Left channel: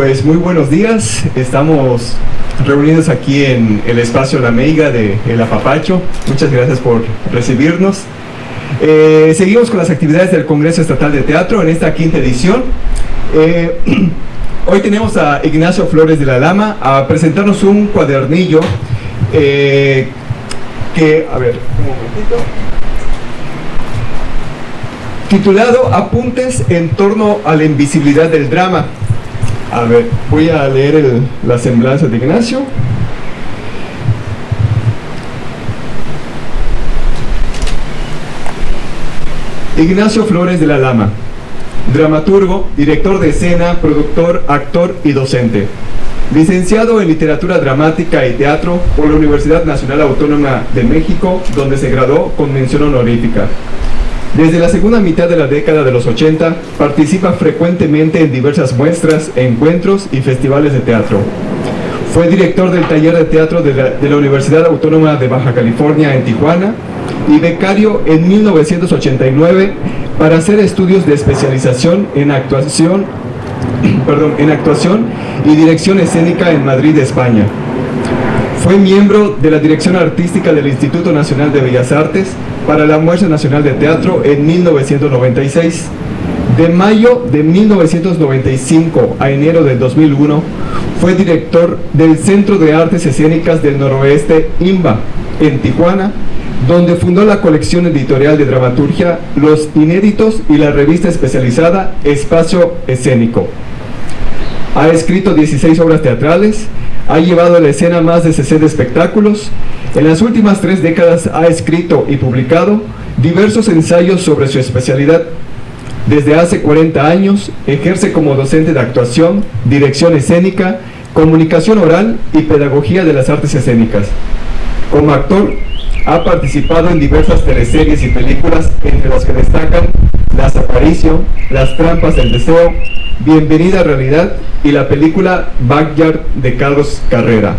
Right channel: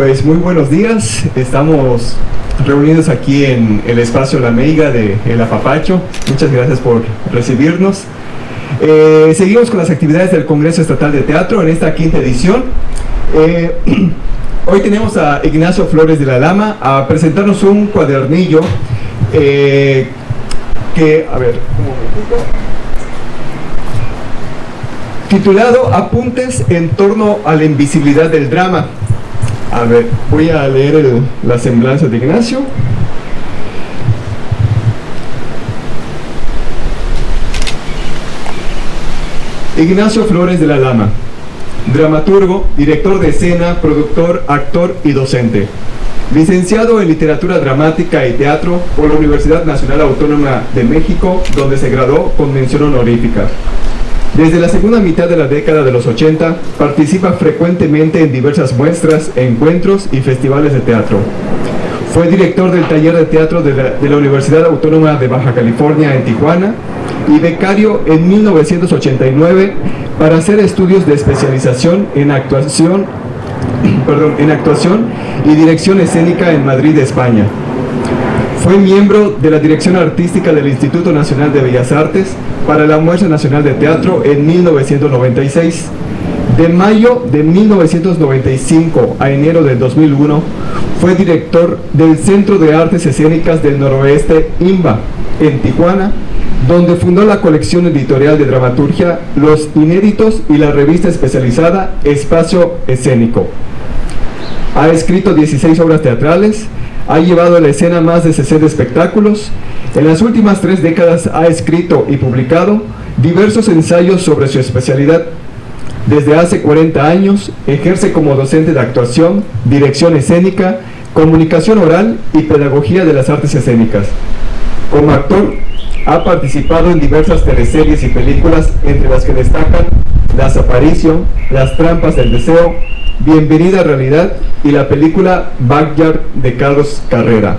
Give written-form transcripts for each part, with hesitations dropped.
Pues muy buenos días, estamos reunidos aquí en el espacio La Meiga de El Apapacho. Muchas gracias por recibirnos. Seguimos con las actividades del Congreso Estatal de Teatro en esta quinta edición. Hoy tenemos a Ignacio Flores de la Lama a presentarnos un cuadernillo titulado Apuntes en torno a la invisibilidad del drama. A ver, voy a leer la semblanza de Ignacio. Ignacio Flores de la Lama, dramaturgo, director de escena, productor, actor y docente. Licenciado en Literatura Dramática y Teatro por la Universidad Nacional Autónoma de México, donde se graduó con mención honorífica. Desde la segunda mitad de la década de los 80, participa frecuentemente en diversas muestras, encuentros y festivales de teatro. Fue director del taller de teatro de la Universidad Autónoma de Baja California en Tijuana y becario en 1989 para hacer estudios de especialización en actuación y dirección escénica en Madrid, España. Fue miembro de la dirección artística del Instituto Nacional de Bellas Artes para la Muestra Nacional de Teatro en 1996. De mayo de 1995 a enero del 2001, fue director del Centro de Artes Escénicas del Noroeste, INBA, en Tijuana, donde fundó la colección editorial de dramaturgia Los Inéditos y la revista especializada Espacio Escénico. Ha escrito 16 obras teatrales, ha llevado a la escena más de 60 espectáculos. En las últimas 3 décadas ha escrito y publicado diversos ensayos sobre su especialidad. Desde hace 40 años ejerce como docente de actuación, dirección escénica, comunicación oral y pedagogía de las artes escénicas. Como actor, ha participado en diversas teleseries y películas, entre las que destacan Las Aparicio, Las Trampas del Deseo, Bienvenida a Realidad y la película Backyard de Carlos Carrera.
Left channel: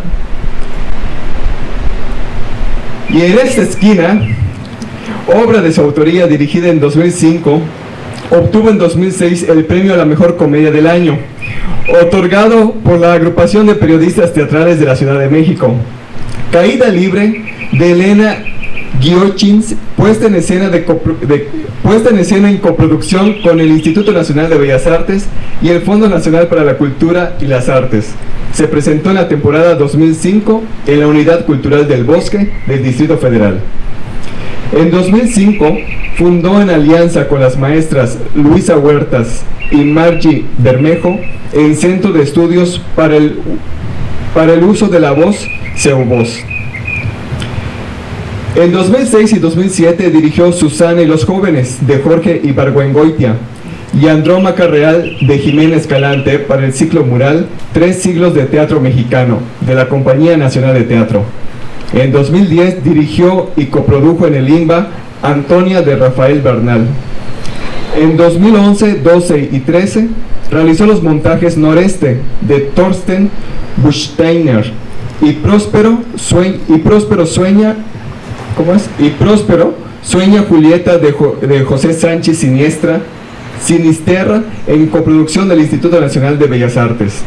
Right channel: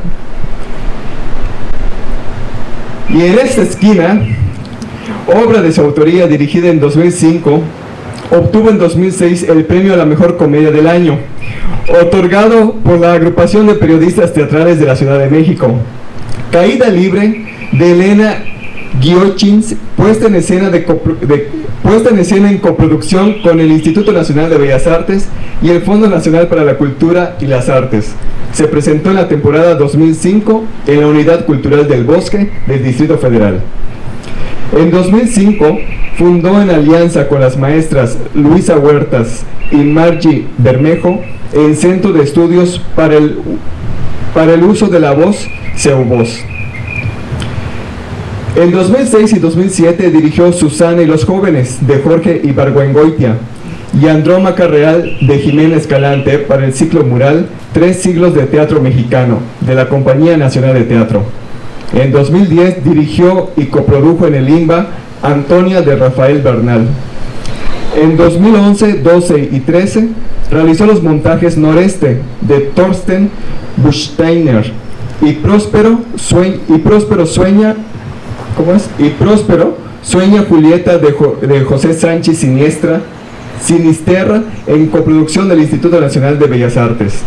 Y en esta esquina, obra de su autoría dirigida en 2005, obtuvo en 2006 el premio a la mejor comedia del año, otorgado por la Agrupación de Periodistas Teatrales de la Ciudad de México. Caída Libre, de Elena Giochins, puesta en escena en coproducción con el Instituto Nacional de Bellas Artes y el Fondo Nacional para la Cultura y las Artes. Se presentó en la temporada 2005 en la Unidad Cultural del Bosque del Distrito Federal. En 2005 fundó en alianza con las maestras Luisa Huertas y Margie Bermejo el Centro de Estudios para el Uso de la Voz, CEUVOZ. En 2006 y 2007 dirigió Susana y los Jóvenes, de Jorge Ibargüengoitia, y Andrómaca Real, de Jimena Escalante, para el ciclo mural 3 siglos de teatro mexicano, de la Compañía Nacional de Teatro. En 2010 dirigió y coprodujo en el INBA Antonia, de Rafael Bernal. En 2011, 12 y 13 realizó los montajes Noreste, de Thorsten Buchsteiner, y Próspero Sueña Julieta, de José Sánchez Sinisterra, en coproducción del Instituto Nacional de Bellas Artes.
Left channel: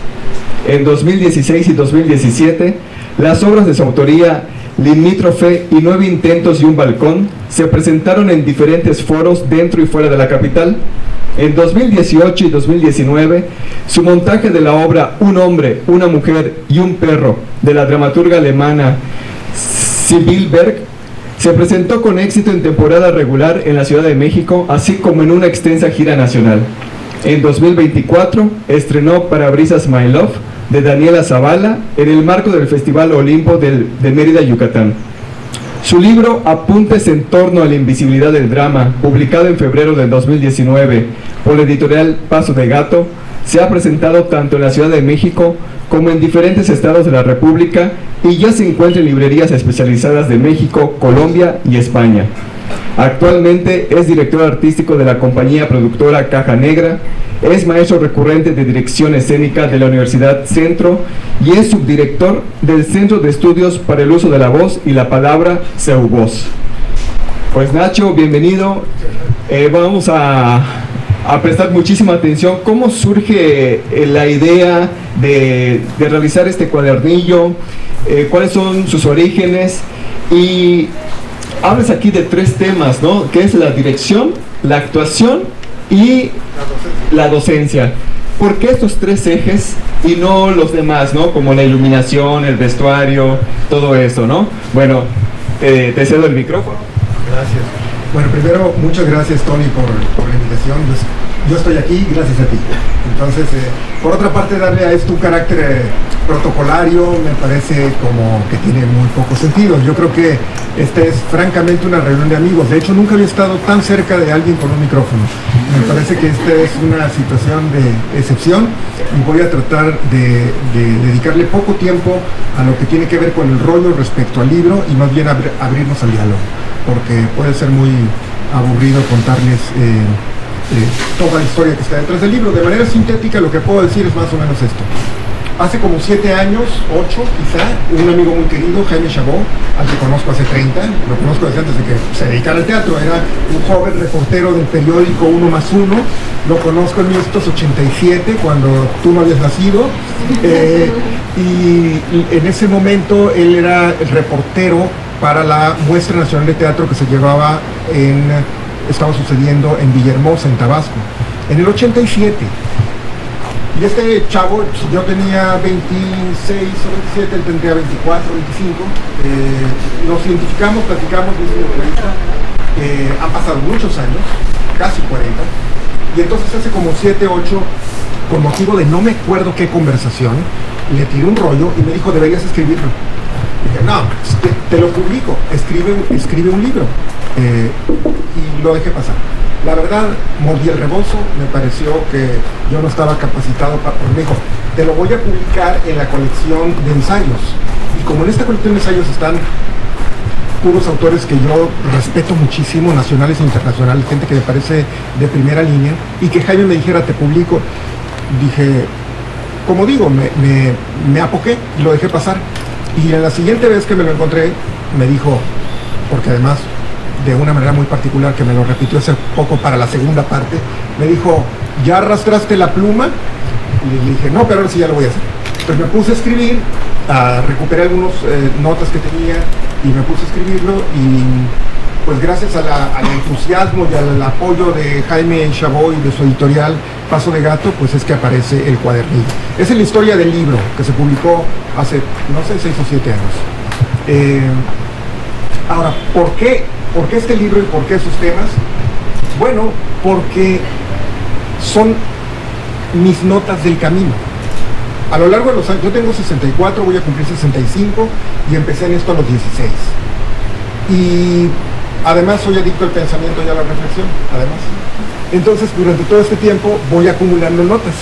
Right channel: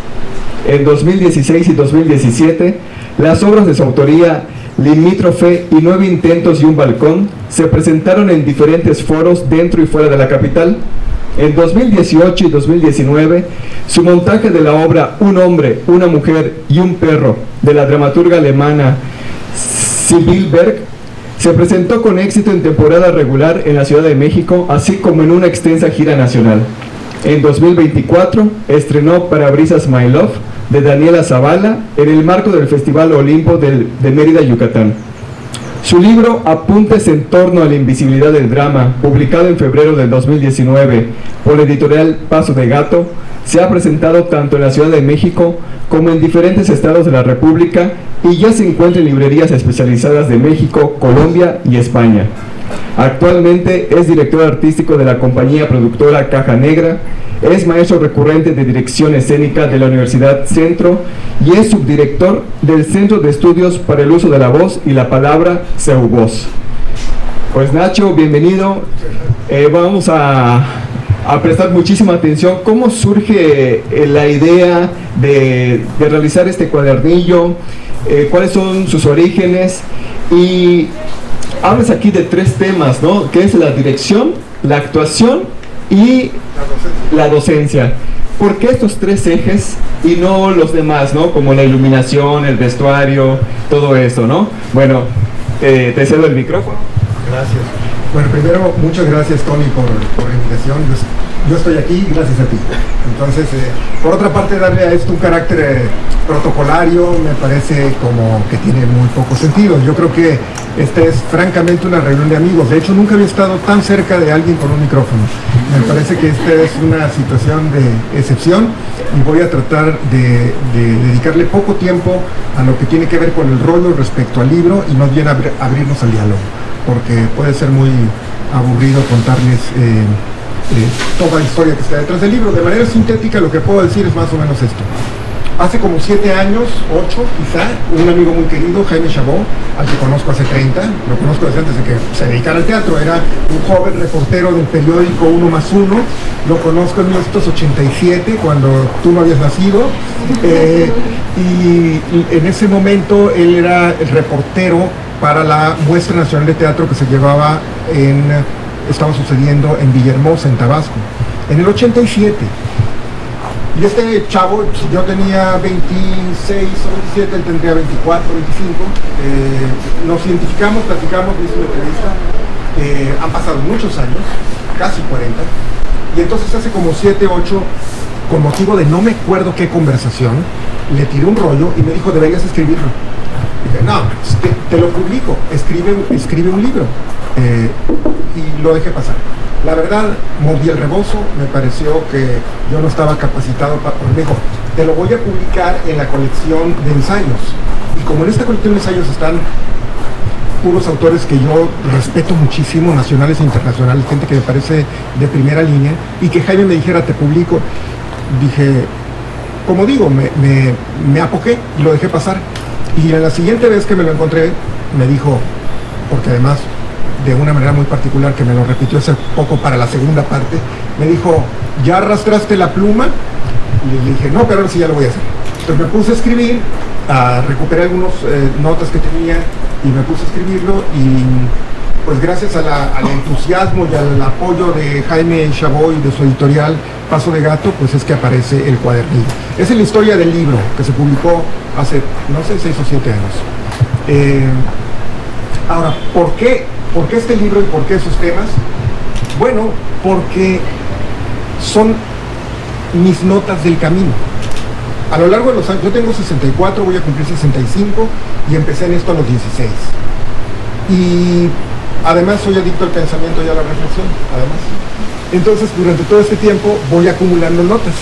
En 2016 y 2017, las obras de su autoría Limítrofe y 9 intentos y un balcón se presentaron en diferentes foros dentro y fuera de la capital. En 2018 y 2019, su montaje de la obra Un hombre, una mujer y un perro, de la dramaturga alemana Sibylle Berg, se presentó con éxito en temporada regular en la Ciudad de México, así como en una extensa gira nacional. En 2024 estrenó Parabrisas My Love, de Daniela Zavala, en el marco del Festival Olimpo de Mérida, Yucatán. Su libro Apuntes en torno a la invisibilidad del drama, publicado en febrero del 2019 por la editorial Paso de Gato, se ha presentado tanto en la Ciudad de México como en diferentes estados de la República y ya se encuentra en librerías especializadas de México, Colombia y España. Actualmente es director artístico de la compañía productora Caja Negra, es maestro recurrente de dirección escénica de la Universidad Centro y es subdirector del Centro de Estudios para el Uso de la Voz y la Palabra, CEUVOZ. Pues Nacho, bienvenido. Vamos a a prestar muchísima atención cómo surge la idea de realizar este cuadernillo, cuáles son sus orígenes, y hablas aquí de 3 temas, ¿no? Que es la dirección, la actuación y la docencia. ¿Por qué estos 3 ejes y no los demás, ¿no? Como la iluminación, el vestuario, todo eso, ¿no? Bueno, te cedo el micrófono. Gracias. Bueno, primero, muchas gracias, Tony, por la invitación. Yo estoy aquí gracias a ti. Entonces, por otra parte, darle a esto un carácter protocolario me parece como que tiene muy poco sentido. Yo creo que esta es francamente una reunión de amigos. De hecho, nunca había estado tan cerca de alguien con un micrófono. Me parece que esta es una situación de excepción y voy a tratar de dedicarle poco tiempo a lo que tiene que ver con el rollo respecto al libro y más bien abrirnos al diálogo, porque puede ser muy aburrido contarles toda la historia que está detrás del libro. De manera sintética, lo que puedo decir es más o menos esto. Hace como 7 años, 8 quizá, un amigo muy querido, Jaime Chabot, al que conozco hace 30, lo conozco desde antes de que se dedicara al teatro, era un joven reportero del periódico 1+1, lo conozco en 1987, cuando tú no habías nacido, y en ese momento él era el reportero para la Muestra Nacional de Teatro que se llevaba estaba sucediendo en Villahermosa, en Tabasco, en el 87. Y este chavo, yo tenía 26 o 27, él tendría 24, 25. Nos identificamos, platicamos, me hizo una entrevista. Han pasado muchos años, casi 40. Y entonces hace como 7, 8, con motivo de no me acuerdo qué conversación, le tiré un rollo y me dijo, deberías escribirlo. Dije, no, te lo publico, escribe un libro. Y lo dejé pasar. La verdad, mordí el rebozo, me pareció que yo no estaba capacitado para... Me dijo, te lo voy a publicar en la colección de ensayos. Y como en esta colección de ensayos están puros autores que yo respeto muchísimo, nacionales e internacionales, gente que me parece de primera línea, y que Jaime me dijera, te publico, dije, como digo, me apoqué y lo dejé pasar. Y en la siguiente vez que me lo encontré, me dijo, porque además de una manera muy particular que me lo repitió hace poco para la segunda parte, me dijo, ¿ya arrastraste la pluma? Y le dije, no, pero ahora sí ya lo voy a hacer. Entonces me puse a escribir, recuperé algunas notas que tenía y me puse a escribirlo, y pues gracias al entusiasmo y al apoyo de Jaime Chabot y de su editorial Paso de Gato, pues es que aparece el cuadernillo. Esa es la historia del libro que se publicó hace, no sé, 6 o 7 años. Ahora, ¿por qué este libro y por qué esos temas? Bueno, porque son mis notas del camino. A lo largo de los años, yo tengo 64, voy a cumplir 65 y empecé en esto a los 16. Y además soy adicto al pensamiento y a la reflexión, además. Entonces, durante todo este tiempo voy acumulando notas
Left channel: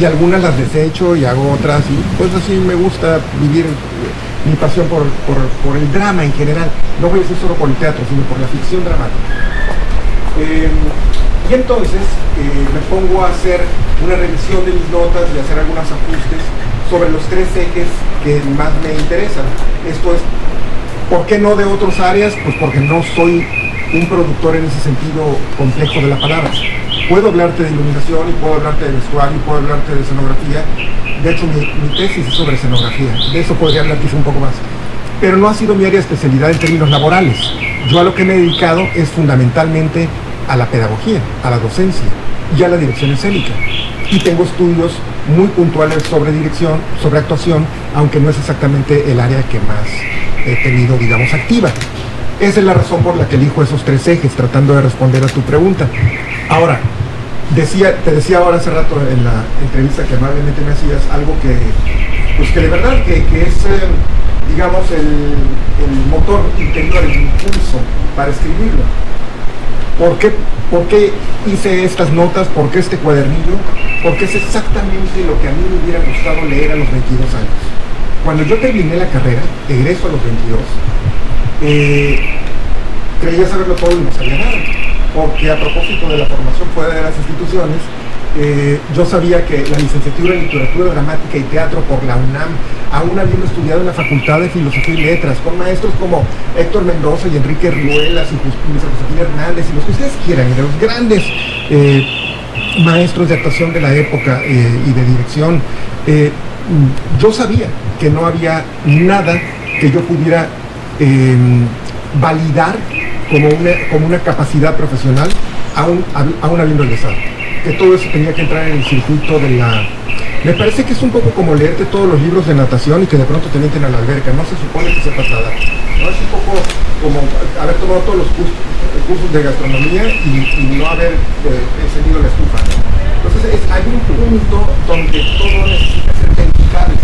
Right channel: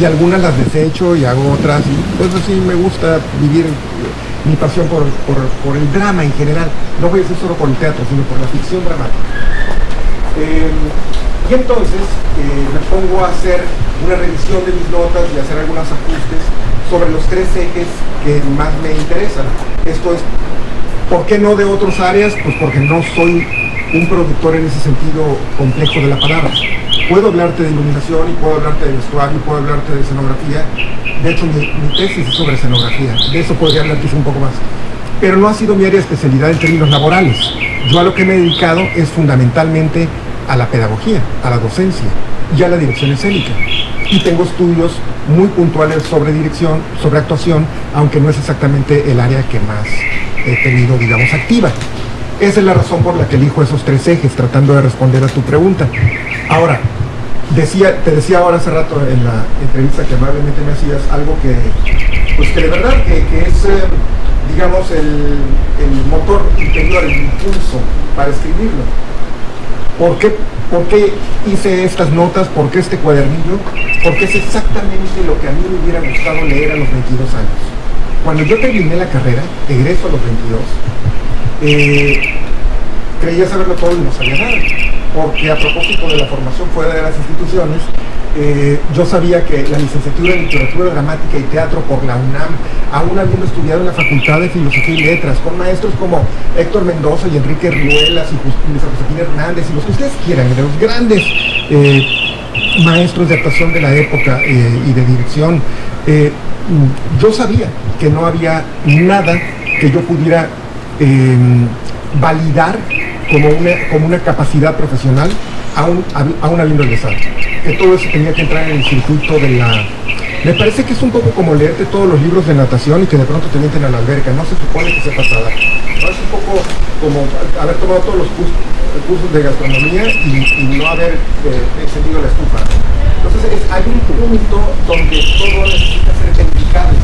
y algunas las desecho y hago otras, y pues así me gusta vivir mi pasión por el drama en general. No voy a decir solo por el teatro, sino por la ficción dramática. Y entonces me pongo a hacer una revisión de mis notas y hacer algunos ajustes sobre los 3 ejes que más me interesan. Esto es, ¿por qué no de otras áreas? Pues porque no soy un productor en ese sentido complejo de la palabra. Puedo hablarte de iluminación y puedo hablarte de vestuario y puedo hablarte de escenografía. De hecho, mi tesis es sobre escenografía. De eso podría hablar quizá un poco más. Pero no ha sido mi área de especialidad en términos laborales. Yo a lo que me he dedicado es fundamentalmente a la pedagogía, a la docencia y a la dirección escénica. Y tengo estudios muy puntuales sobre dirección, sobre actuación, aunque no es exactamente el área que más he tenido, digamos, activa. Esa es la razón por la que elijo esos 3 ejes, tratando de responder a tu pregunta. Ahora, te decía ahora hace rato en la entrevista que amablemente me hacías, algo que, pues que de verdad que es, digamos, el motor interior, el impulso para escribirlo. ¿Por qué hice estas notas? ¿Por qué este cuadernillo? Porque es exactamente lo que a mí me hubiera gustado leer a los 22 años. Cuando yo terminé la carrera, egreso a los 22, creía saberlo todo y no sabía nada. Porque a propósito de la formación fuera de las instituciones, yo sabía que la licenciatura en Literatura Dramática y Teatro por la UNAM, aún habiendo estudiado en la Facultad de Filosofía y Letras, con maestros como Héctor Mendoza y Enrique Ruelas y Josefina Hernández y los que ustedes quieran, de los grandes maestros de actuación de la época y de dirección, yo sabía que no había nada que yo pudiera validar como una capacidad profesional aún habiendo egresado. Que todo eso tenía que entrar en el circuito de la... Me parece que es un poco como leerte todos los libros de natación y que de pronto te meten a la alberca. No se supone que sepas nadar, ¿no? Es un poco como haber tomado todos los cursos de gastronomía y no haber encendido la estufa, ¿no? Entonces hay un punto donde todo necesita ser verificable.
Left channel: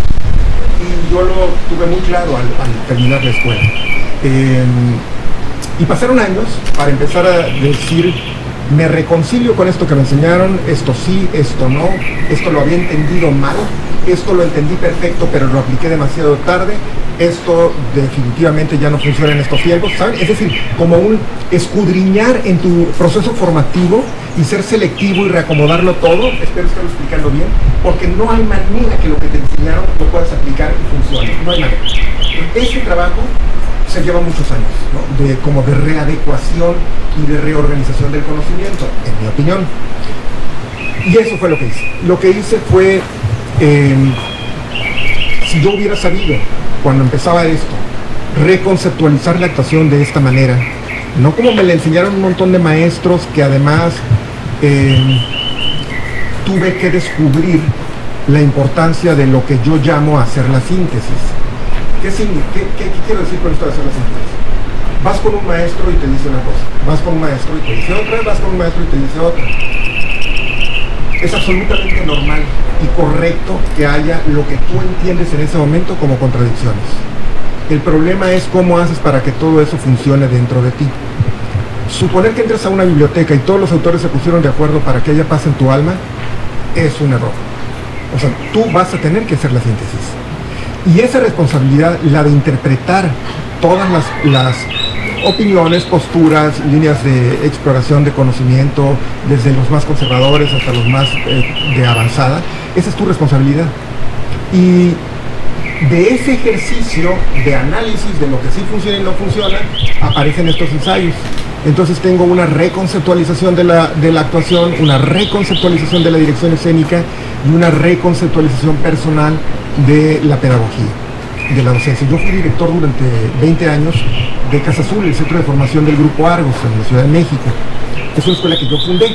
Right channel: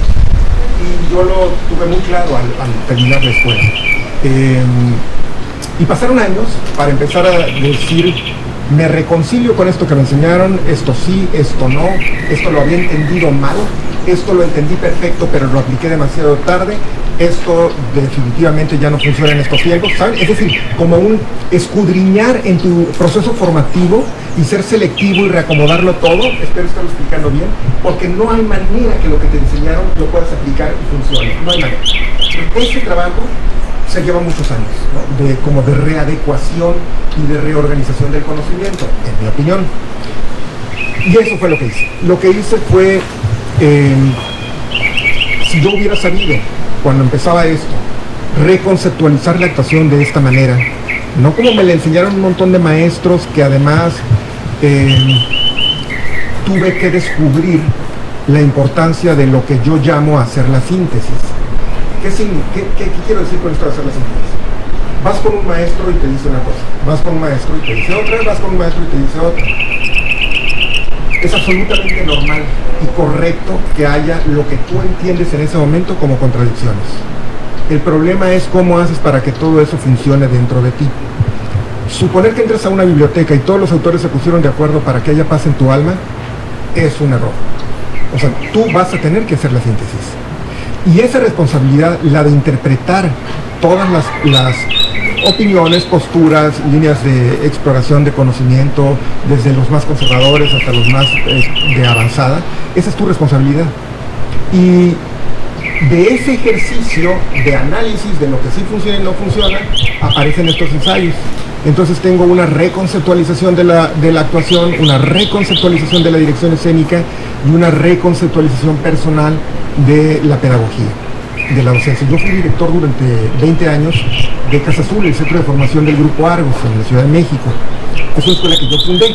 Y yo lo tuve muy claro al terminar la escuela. Y pasaron años para empezar a decir, me reconcilio con esto que me enseñaron, esto sí, esto no, esto lo había entendido mal, esto lo entendí perfecto pero lo apliqué demasiado tarde, esto definitivamente ya no funciona en estos tiempos, ¿saben? Es decir, como un escudriñar en tu proceso formativo y ser selectivo y reacomodarlo todo, espero estarlo explicando bien, porque no hay manera que lo que te enseñaron lo puedas aplicar y funcione, no hay manera. Ese trabajo se lleva muchos años, ¿no? Como de readecuación y de reorganización del conocimiento, en mi opinión. Y eso fue lo que hice. Lo que hice fue, si yo hubiera sabido, cuando empezaba esto, reconceptualizar la actuación de esta manera, no como me la enseñaron un montón de maestros que además tuve que descubrir la importancia de lo que yo llamo hacer la síntesis. ¿Qué quiero decir con esto de hacer la síntesis? Vas con un maestro y te dice una cosa, vas con un maestro y te dice otra, vas con un maestro y te dice otra. Es absolutamente normal y correcto que haya lo que tú entiendes en ese momento como contradicciones. El problema es cómo haces para que todo eso funcione dentro de ti. Suponer que entras a una biblioteca y todos los autores se pusieron de acuerdo para que haya paz en tu alma es un error. O sea, tú vas a tener que hacer la síntesis. Y esa responsabilidad, la de interpretar todas las opiniones, posturas, líneas de exploración de conocimiento, desde los más conservadores hasta los más de avanzada, esa es tu responsabilidad. Y de ese ejercicio de análisis de lo que sí funciona y no funciona, aparecen estos ensayos. Entonces tengo una reconceptualización de la actuación, una reconceptualización de la dirección escénica y una reconceptualización personal de la pedagogía, de la docencia. Yo fui director durante 20 años de Casa Azul, el centro de formación del Grupo Argos en la Ciudad de México. Es una escuela que yo fundé.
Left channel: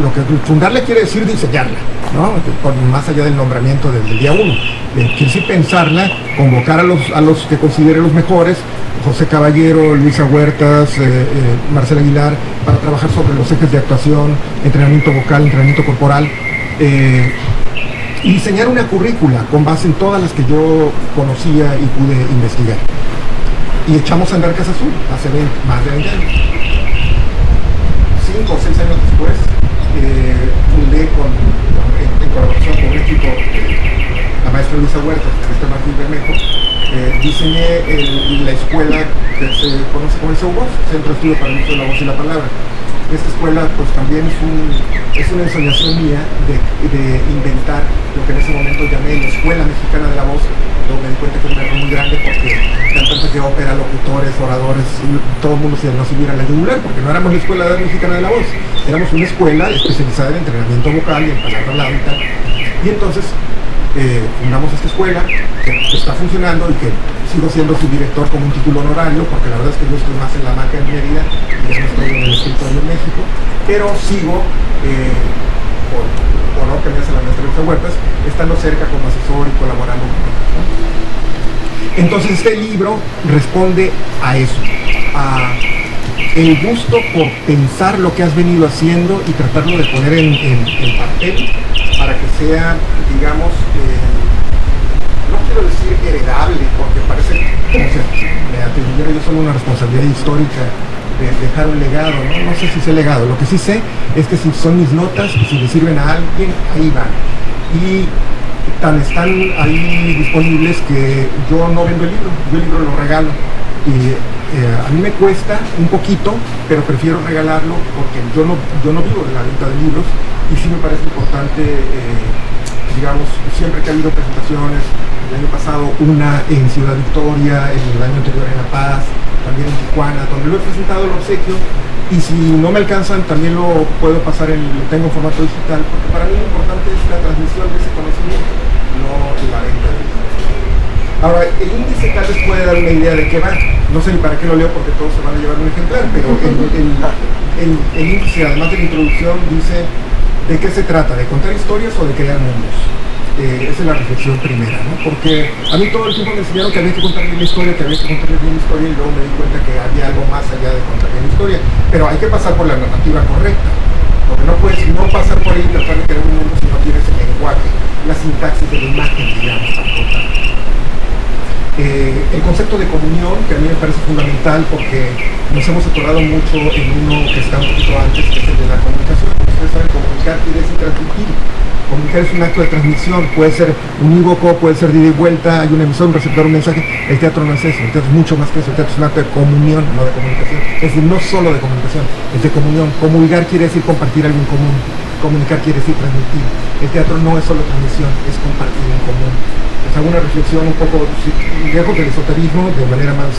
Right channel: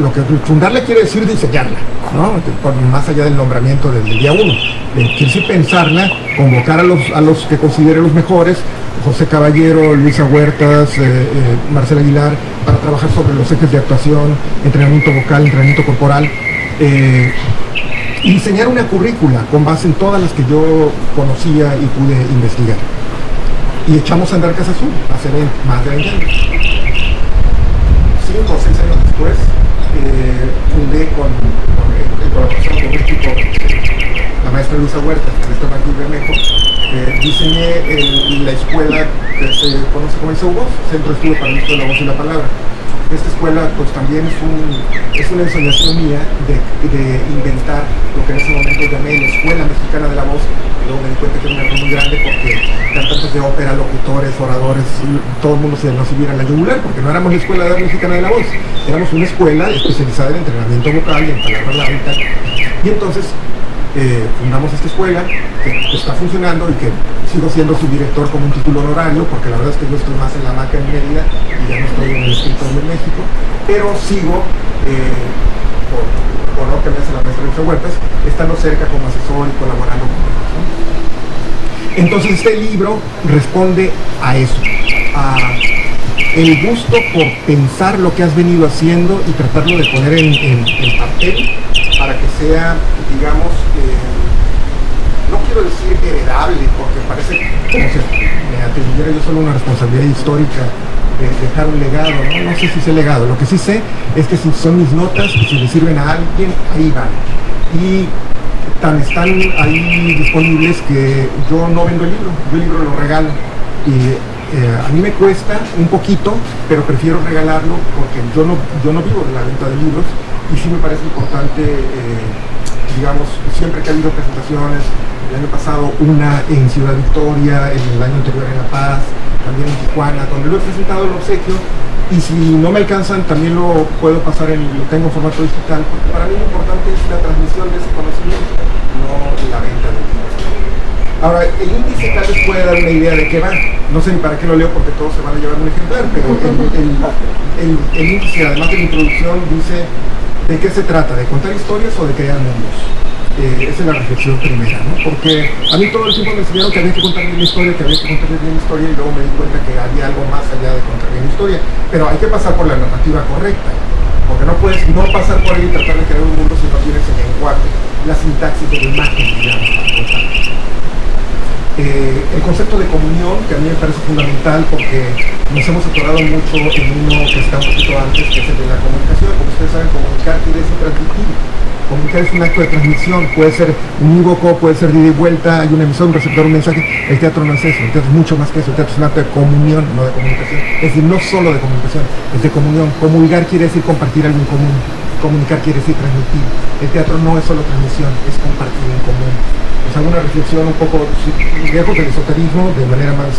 Lo que fundarla quiere decir diseñarla, ¿no? Más allá del nombramiento del día 1. Quiere decir pensarla, convocar a los que considere los mejores, José Caballero, Luisa Huertas, Marcela Aguilar, para trabajar sobre los ejes de actuación, entrenamiento vocal, entrenamiento corporal, y diseñar una currícula con base en todas las que yo conocía y pude investigar. Y echamos a andar Casa Azul hace más de 20 años. 5 o 6 años después, fundé en colaboración con un equipo, la maestra Luisa Huertas, el maestro Martín Bermejo, diseñé la escuela que se conoce como el CEUVOS, Centro de Estudio para el Uso de la Voz y la Palabra. Esta escuela pues también es una ensoñación mía de inventar lo que en ese momento llamé la Escuela Mexicana de la Voz. Luego me di cuenta que era un error muy grande porque cantantes de ópera, locutores, oradores, todo el mundo se nos iba a la yugular porque no éramos la Escuela Mexicana de la Voz, éramos una escuela especializada en entrenamiento vocal y en palabra lábica. Y entonces fundamos esta escuela que está funcionando y que sigo siendo su director como un título honorario, porque la verdad es que yo estoy más en la Maca en Mérida y ya no estoy en el escritorio en México, pero sigo, por honor que me hace la maestra Luisa Huertas, estando cerca como asesor y colaborando con ellos, ¿no? Entonces este libro responde a eso, a el gusto por pensar lo que has venido haciendo y tratarlo de poner en papel para que sea, digamos, no quiero decir heredable, porque parece como si me atribuyera yo solo una responsabilidad histórica de dejar un legado, ¿no? No sé si sé legado, lo que sí sé es que si son mis notas y si le sirven a alguien, ahí van. Y tan están ahí disponibles que yo no vendo el libro, yo el libro lo regalo. Y a mí me cuesta un poquito, pero prefiero regalarlo porque yo no vivo de la venta de libros y sí me parece importante, digamos, siempre que ha habido presentaciones, el año pasado una en Ciudad Victoria, el año anterior en La Paz, también en Tijuana, donde lo he presentado el obsequio, Y si no me alcanzan, también lo puedo pasar, lo tengo en formato digital, porque para mí lo importante es la transmisión de ese conocimiento, no la venta del conocimiento. Ahora, el índice tal vez puede dar una idea de qué va. No sé ni para qué lo leo porque todos se van a llevar un ejemplar, pero el índice, además de la introducción, dice de qué se trata, de contar historias o de crear mundos. Esa es la reflexión primera, ¿no? Porque a mí todo el tiempo me enseñaron que había que contar bien la historia, que había que contar bien la historia, y luego me di cuenta que había algo más allá de contar bien la historia. Pero hay que pasar por la narrativa correcta, porque no puedes no pasar por ahí y tratar de crear un mundo si no tienes el lenguaje, la sintaxis de la imagen, digamos, para contar. El concepto de comunión, que a mí me parece fundamental porque nos hemos atorado mucho en uno que está un poquito antes, que es el de la comunicación. Como ustedes saben, comunicar quiere decir transmitir. Comunicar es un acto de transmisión, puede ser unívoco, puede ser de ida y vuelta, hay un emisor, un receptor, un mensaje. El teatro no es eso, el teatro es mucho más que eso, el teatro es un acto de comunión, no de comunicación. Es decir, no solo de comunicación, es de comunión. Comulgar quiere decir compartir algo en común, comunicar quiere decir transmitir. El teatro no es solo transmisión, es compartir en común. Pues hago una reflexión un poco lejos del esoterismo, de manera más,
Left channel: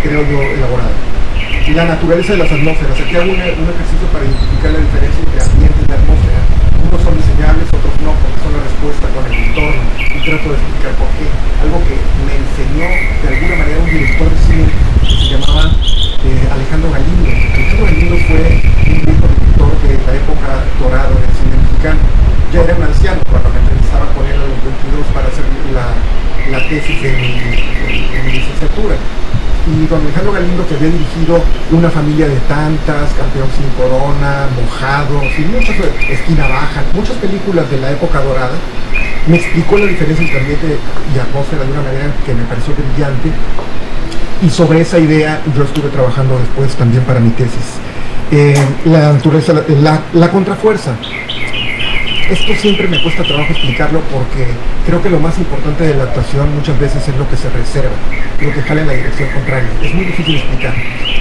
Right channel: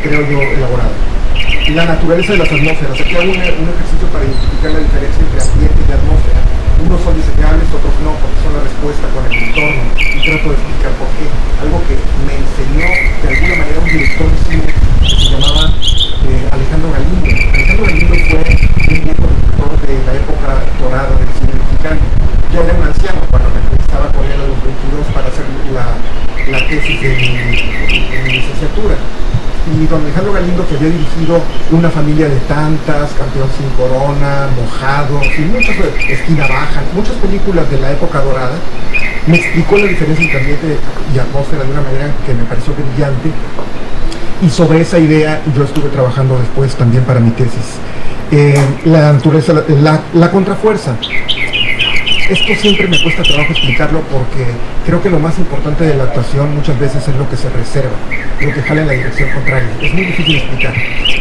creo yo, elaborada. La naturaleza de las atmósferas. Aquí hago un ejercicio para identificar la diferencia entre ambiente y atmósfera. Unos son diseñables, otros no, porque son la respuesta con el entorno, y trato de explicar por qué. Algo que me enseñó de alguna manera un director de cine que se llamaba Alejandro Galindo. Alejandro Galindo fue un viejo director de la época dorada del cine mexicano. Ya era un anciano cuando me entrevistaba con él a los 22 para hacer la tesis de mi licenciatura. Y don Alejandro Galindo, que había dirigido Una familia de tantas, Campeón sin corona, Mojados, y muchas, Esquina baja, muchas películas de la época dorada, me explicó la diferencia entre ambiente y atmósfera de una manera que me pareció brillante. Y sobre esa idea yo estuve trabajando después también para mi tesis. La naturaleza, la contrafuerza. Esto siempre me cuesta trabajo explicarlo porque creo que lo más importante de la actuación muchas veces es lo que se reserva, lo que jala en la dirección contraria. Es muy difícil explicar.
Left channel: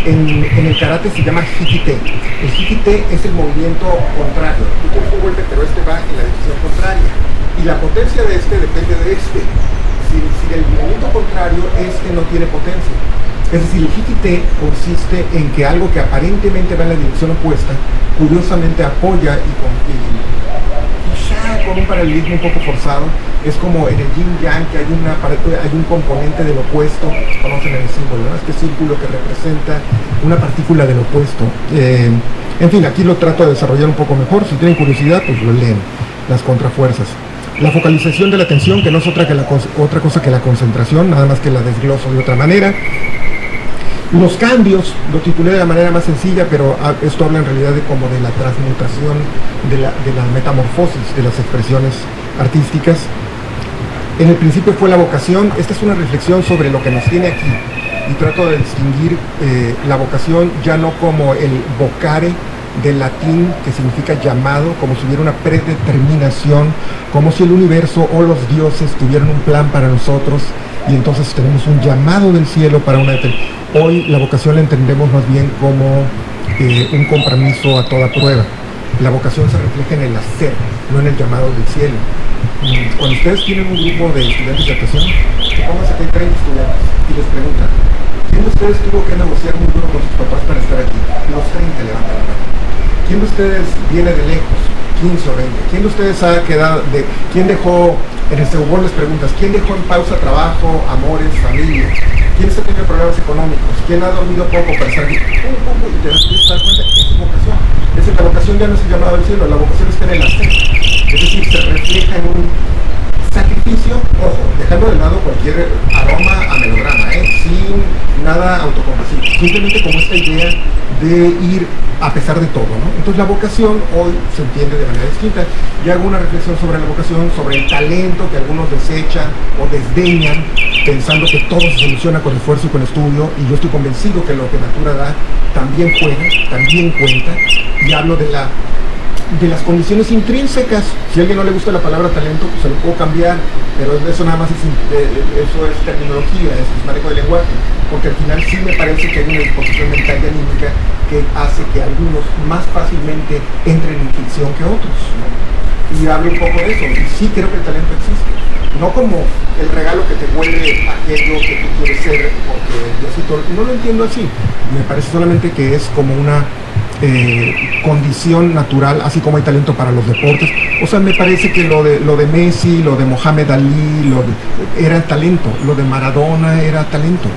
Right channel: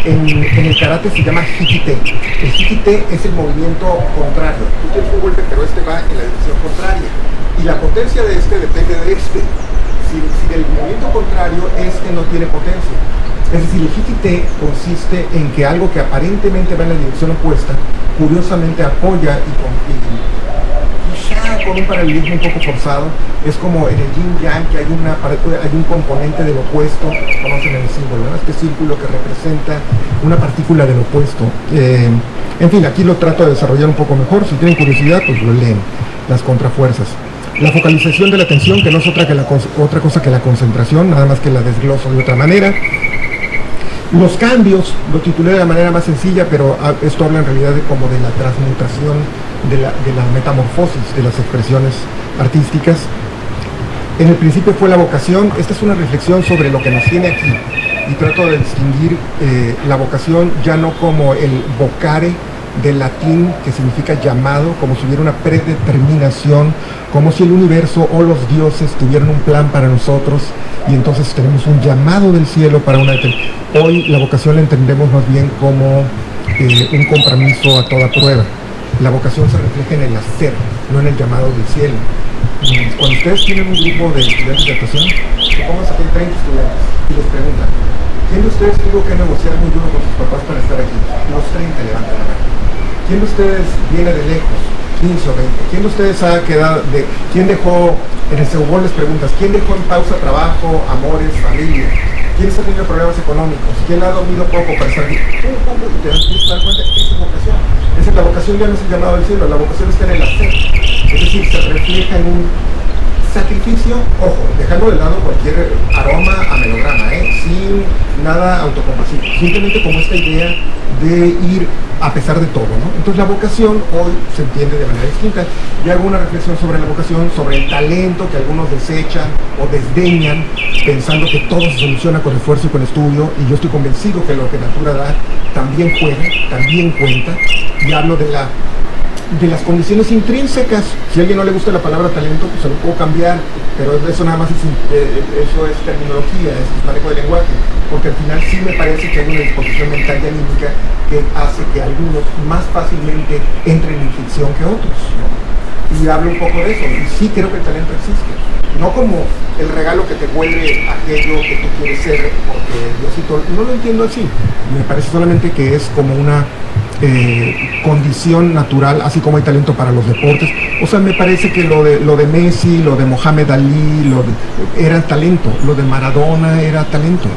En el karate se llama hikite. El hikite es el movimiento contrario. Tú tienes un golpe, pero este va en la dirección contraria. Y la potencia de este depende de este. Si el movimiento contrario, este no tiene potencia. Es decir, el hikite consiste en que algo que aparentemente va en la dirección opuesta, curiosamente apoya y con un paralelismo un poco forzado. Es como en el yin yang, que hay un componente del opuesto. Conocen el símbolo, ¿no? Este círculo que representa una partícula del opuesto. En fin, aquí lo trato de desarrollar un poco mejor. Si tienen curiosidad, pues lo leen. Las contrafuerzas. La focalización de la atención, que no es otra cosa que la concentración, nada más que la desgloso de otra manera. Los cambios, lo titulé de la manera más sencilla, pero esto habla en realidad como de la transmutación, de la metamorfosis de las expresiones artísticas. En el principio fue la vocación. Esta es una reflexión sobre lo que nos tiene aquí, y trato de distinguir la vocación ya no como el vocare del latín, que significa llamado, como si hubiera una predeterminación, como si el universo o los dioses tuvieran un plan para nosotros, y entonces tenemos un llamado del cielo para una determinación. Hoy la vocación la entendemos más bien como un compromiso a toda prueba. La vocación se refleja en el hacer, no en el llamado del cielo. Cuando ustedes tienen un grupo de estudiantes de actuación, supongamos que hay 30 estudiantes y les preguntan, ¿quién de ustedes tuvo que negociar muy duro con sus papás para estar aquí? Los 30 levantan la mano. ¿Quién de ustedes viene de lejos? 15 o 20. ¿Quién de ustedes ha quedado quién dejó, en el Segubón les preguntas, ¿quién dejó en pausa trabajo, amores, familia? ¿Quién está teniendo problemas económicos? ¿Quién ha dormido poco para estar aquí? Y te das cuenta, esa es vocación. Es decir, la vocación ya no es el llamado del cielo, la vocación está en el hacer. Es decir, se refleja en un sacrificio, ojo, dejando de lado cualquier aroma a melodrama, sin nada autocompasivo, simplemente como esta idea de ir a pesar de todo, ¿no? Entonces la vocación hoy se entiende de manera distinta. Yo hago una reflexión sobre la vocación, sobre el talento que algunos desechan o desdeñan, pensando que todo se soluciona con esfuerzo y con estudio, y yo estoy convencido que lo que Natura da también juega, también cuenta, y hablo de las condiciones intrínsecas. Si a alguien no le gusta la palabra talento, pues se lo puedo cambiar, pero eso nada más eso es terminología, es manejo de lenguaje, porque al final sí me parece que hay una disposición mental y anímica que hace que algunos más fácilmente entren en ficción que otros, ¿no? y hablo un poco de eso, y sí creo que el talento existe, no como el regalo que te vuelve aquello que tú quieres ser, porque Diosito, no lo entiendo así, me parece solamente que es como una condición natural, así como hay talento para los deportes. O sea, me parece que lo de Messi, lo de Mohamed Ali, era talento, lo de Maradona era talento.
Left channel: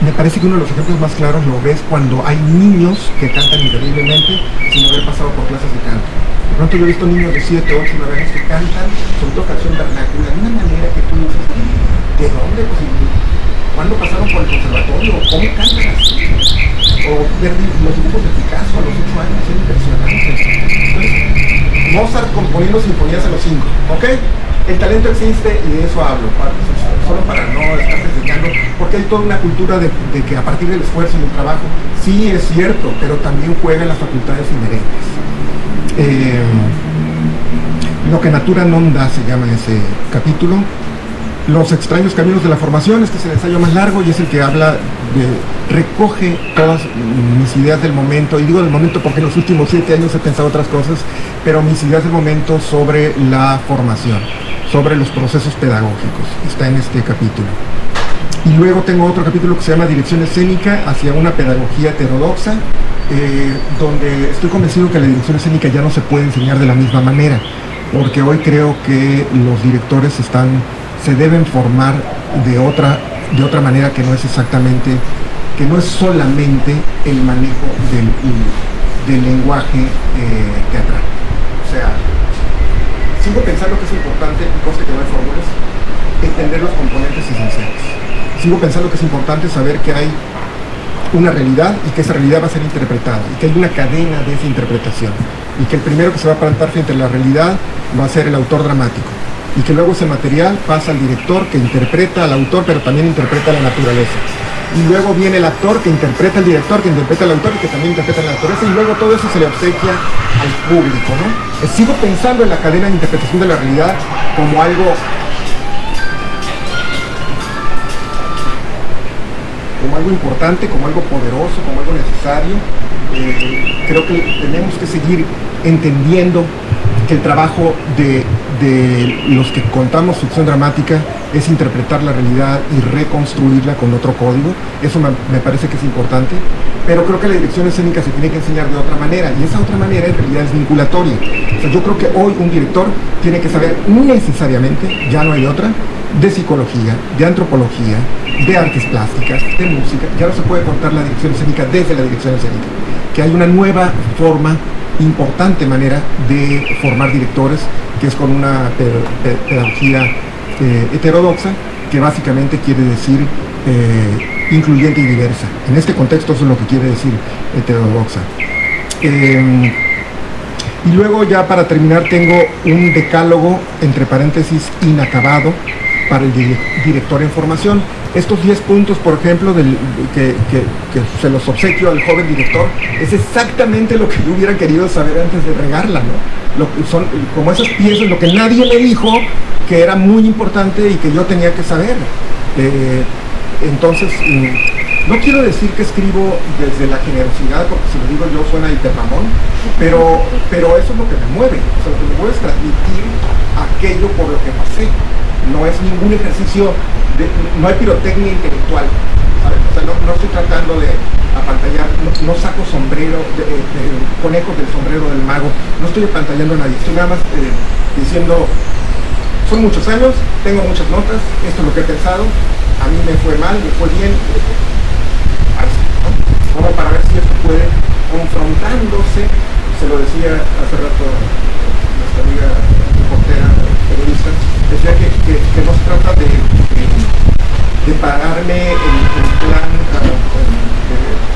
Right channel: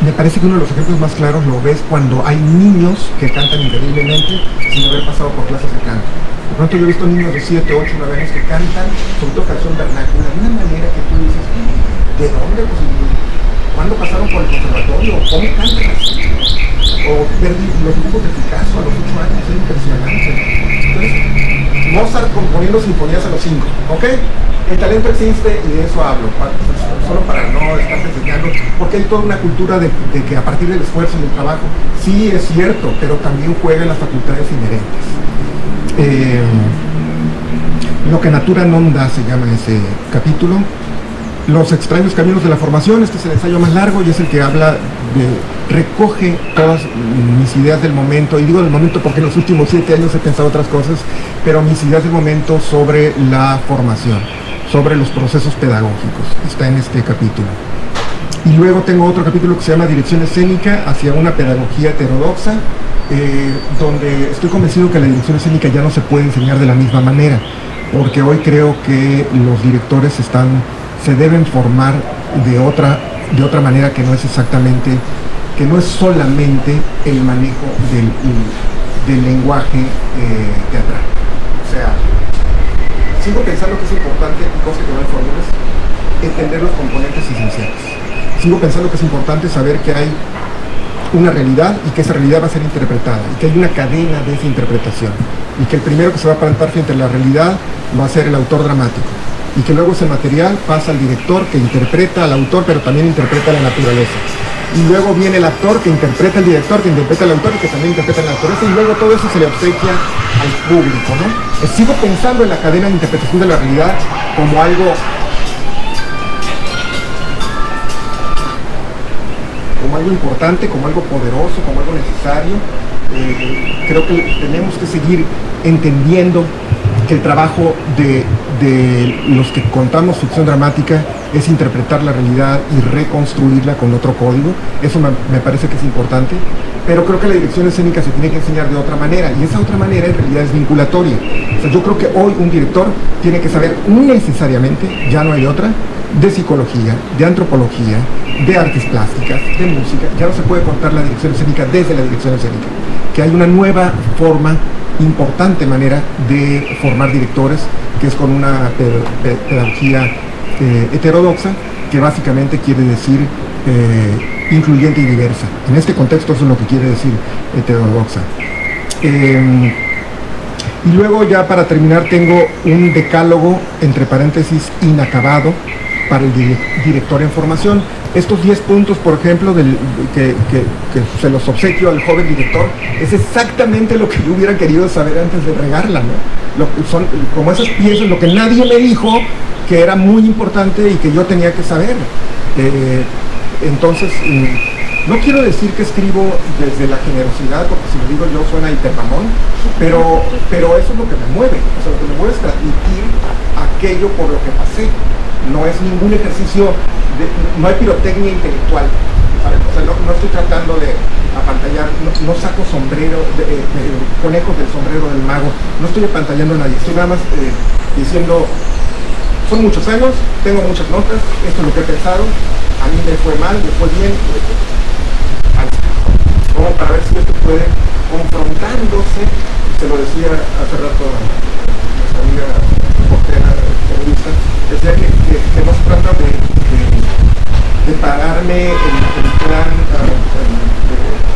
Me parece que uno de los ejemplos más claros lo ves cuando hay niños que cantan increíblemente sin haber pasado por clases de canto. De pronto yo he visto niños de 7, 8, 9 años que cantan, sobre todo canción vernácula, de una manera que tú dices, ¿de dónde? Pues, ¿cuándo pasaron por el conservatorio? ¿Cómo cantan así? O ver los dibujos de Picasso a los 8 años, es impresionante. Entonces, Mozart componiendo sinfonías a los 5, ¿ok? El talento existe y de eso hablo, solo para no estar enseñando, porque hay toda una cultura de que a partir del esfuerzo y del trabajo, sí es cierto, pero también juegan las facultades inherentes. Lo que Natura non da se llama ese capítulo. Los extraños caminos de la formación, este es el ensayo más largo y es el que habla recoge todas mis ideas del momento, y digo del momento porque en los últimos 7 años he pensado otras cosas, pero mis ideas del momento sobre la formación, sobre los procesos pedagógicos, está en este capítulo. Y luego tengo otro capítulo que se llama Dirección Escénica hacia una pedagogía heterodoxa, donde estoy convencido que la dirección escénica ya no se puede enseñar de la misma manera, porque hoy creo que los directores se deben formar de otra manera que no es exactamente, que no es solamente el manejo del lenguaje teatral. O sea, sigo pensando que es importante, y conste que no hay fórmulas, entender los componentes esenciales. Sigo pensando que es importante saber que hay una realidad y que esa realidad va a ser interpretada, y que hay una cadena de esa interpretación, y que el primero que se va a plantar frente a la realidad va a ser el autor dramático, y que luego ese material pasa al director que interpreta al autor, pero también interpreta la naturaleza. Y luego viene el actor que interpreta al director, que interpreta al autor y que también interpreta la naturaleza, y luego todo eso se le obsequia al público, ¿no? Sigo pensando en la cadena de interpretación de la realidad como algo importante, como algo poderoso, como algo necesario. Creo que tenemos que seguir entendiendo que el trabajo de los que contamos ficción dramática es interpretar la realidad y reconstruirla con otro código. Eso me parece que es importante, pero creo que la dirección escénica se tiene que enseñar de otra manera, y esa otra manera en realidad es vinculatoria. O sea, yo creo que hoy un director tiene que saber necesariamente, ya no hay otra, de psicología, de antropología, de artes plásticas, de música. Ya no se puede contar la dirección escénica desde la dirección escénica, que hay una nueva forma, importante manera de formar directores, que es con una pedagogía heterodoxa, que básicamente quiere decir incluyente y diversa. En este contexto eso es lo que quiere decir heterodoxa. Y luego, ya para terminar, tengo un decálogo, entre paréntesis, inacabado, para el director en formación. Estos 10 puntos, por ejemplo, que se los obsequio al joven director, es exactamente lo que yo hubiera querido saber antes de regarla, ¿no? Son como esas piezas, lo que nadie me dijo que era muy importante y que yo tenía que saber. Entonces, no quiero decir que escribo desde la generosidad, porque si lo digo yo suena hipermamón, pero eso es lo que me mueve. O sea, lo que me mueve es transmitir aquello por lo que pasé. No es ningún ejercicio, no hay pirotecnia intelectual, ¿sabes? O sea, no estoy tratando de apantallar, no saco conejos del sombrero del mago, no estoy apantallando a nadie, estoy nada más diciendo, son muchos años, tengo muchas notas, esto es lo que he pensado, a mí me fue mal, me fue bien, ¿no? Como para ver si esto puede, confrontándose, se lo decía hace rato nuestra amiga reportera, periodista, decía que no se trata de pararme en plan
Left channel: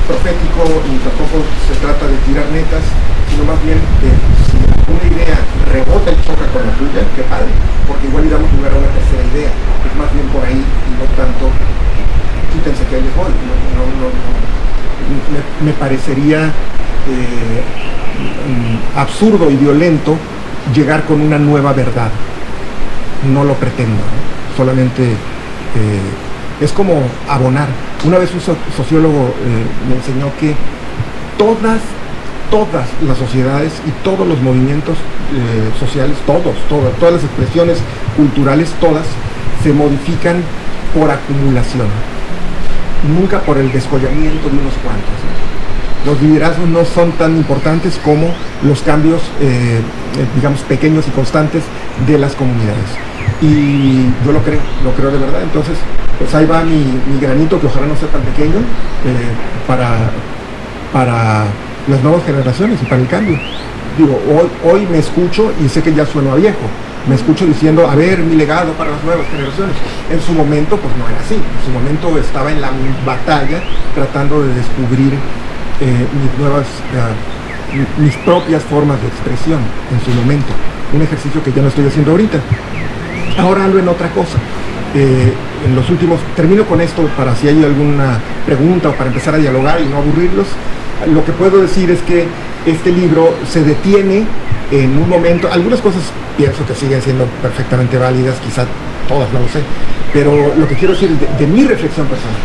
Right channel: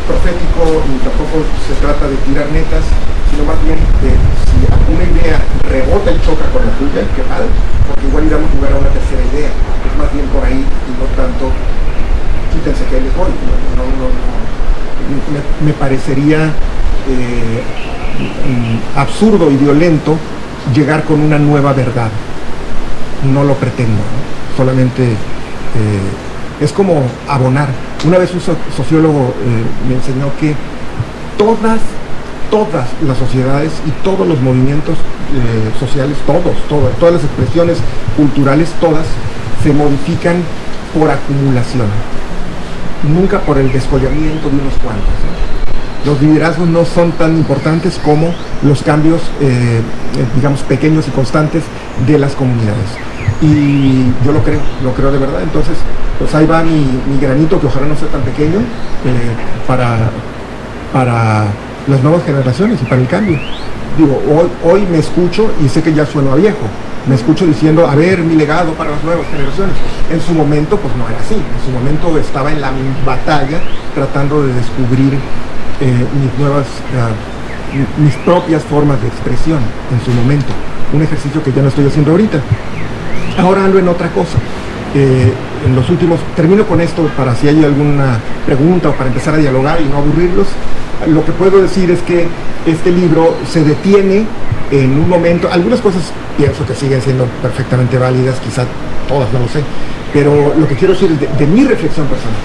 profético, ni tampoco se trata de tirar netas, sino más bien de si alguna idea rebota y choca con la tuya, qué padre, porque igual íbamos a jugar a una tercera idea, es más bien por ahí y no tanto, quítense que ahí les voy, me parecería absurdo y violento llegar con una nueva verdad. No lo pretendo, ¿no? Solamente es como abonar. Una vez un sociólogo me enseñó que todas todas las sociedades y todos los movimientos sociales, todas las expresiones culturales, todas se modifican por acumulación, nunca por el descollamiento de unos cuantos, ¿no? Los liderazgos no son tan importantes como los cambios, digamos, pequeños y constantes de las comunidades. Y yo lo creo de verdad. Entonces, pues ahí va mi granito, que ojalá no sea tan pequeño, para las nuevas generaciones y para el cambio. Digo, hoy me escucho y sé que ya sueno a viejo. Me escucho diciendo, a ver, mi legado para las nuevas generaciones. En su momento, pues no era así. En su momento estaba en la batalla tratando de descubrir mis propias formas de expresión en su momento. Un ejercicio que ya no estoy haciendo ahorita. Ahora ando en otra cosa. En los últimos, termino con esto para si hay alguna pregunta o para empezar a dialogar y no aburrirlos. Lo que puedo decir es que este libro se detiene en un momento. Algunas cosas pienso que siguen siendo perfectamente válidas, quizá todas, no lo sé, pero lo que quiero decir es de mi reflexión personal,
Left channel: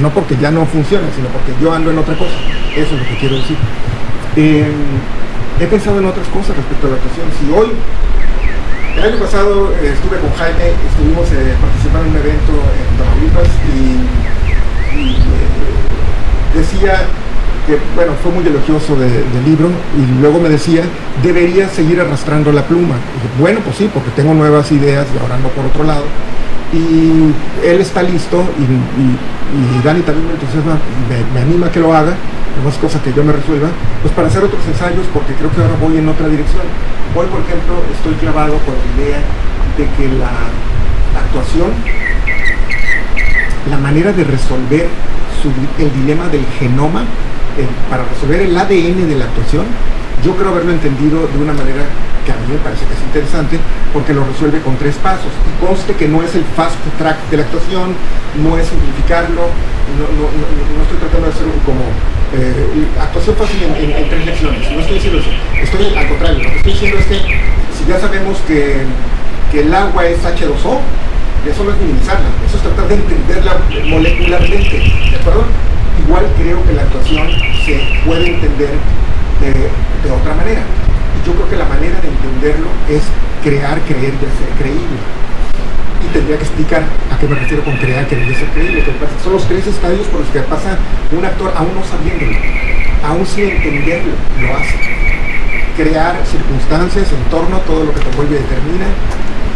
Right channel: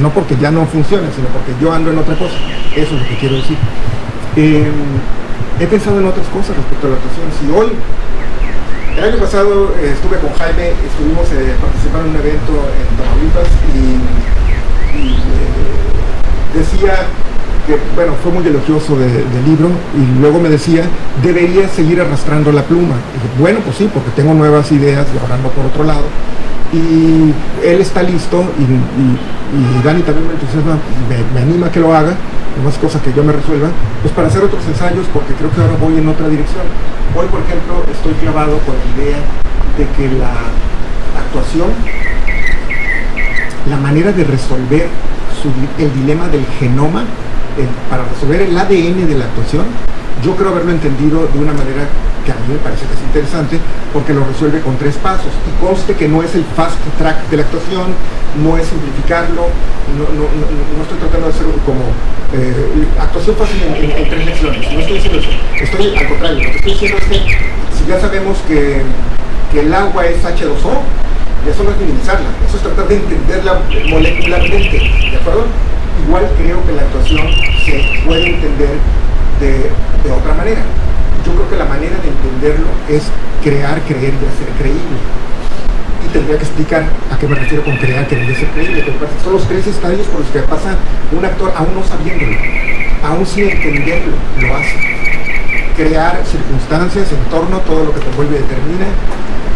no porque ya no funcione, sino porque yo ando en otra cosa. Eso es lo que quiero decir. He pensado en otras cosas respecto a la actuación. Si hoy, el año pasado estuve con Jaime, estuvimos participando en un evento en Tamaulipas y decía que, bueno, fue muy elogioso del libro, y luego me decía, debería seguir arrastrando la pluma. Y dije, bueno, pues sí, porque tengo nuevas ideas y ahora ando por otro lado. Y él está listo, y Dani también me entusiasma, me anima a que lo haga, no es cosa que yo me resuelva, pues para hacer otros ensayos, porque creo que ahora voy en otra dirección. Hoy, por ejemplo, estoy clavado con la idea de que la actuación, la manera de resolver el dilema del genoma, para resolver el ADN de la actuación, yo creo haberlo entendido de una manera que a mí me parece que es interesante, porque lo resuelve con 3 pasos, y conste que no es el fast track de la actuación, no es simplificarlo, no estoy tratando de hacer como actuación fácil en 3 lecciones, no estoy diciendo eso, estoy al contrario, lo que estoy diciendo es que si ya sabemos que el agua es H2O, eso no es minimizarla, eso es tratar de entenderla molecularmente, ¿de acuerdo? Igual creo que la actuación se puede entender de otra manera. Y yo creo que la manera de entenderlo es crear, creer y hacer creíble. Y tendría que explicar a qué me refiero con crear, creer y hacer creíble. Son los 3 estadios por los que pasa un actor aún no sabiéndolo, aún sin entenderlo, lo hace. Crear circunstancias, entorno, todo lo que te envuelve y determina.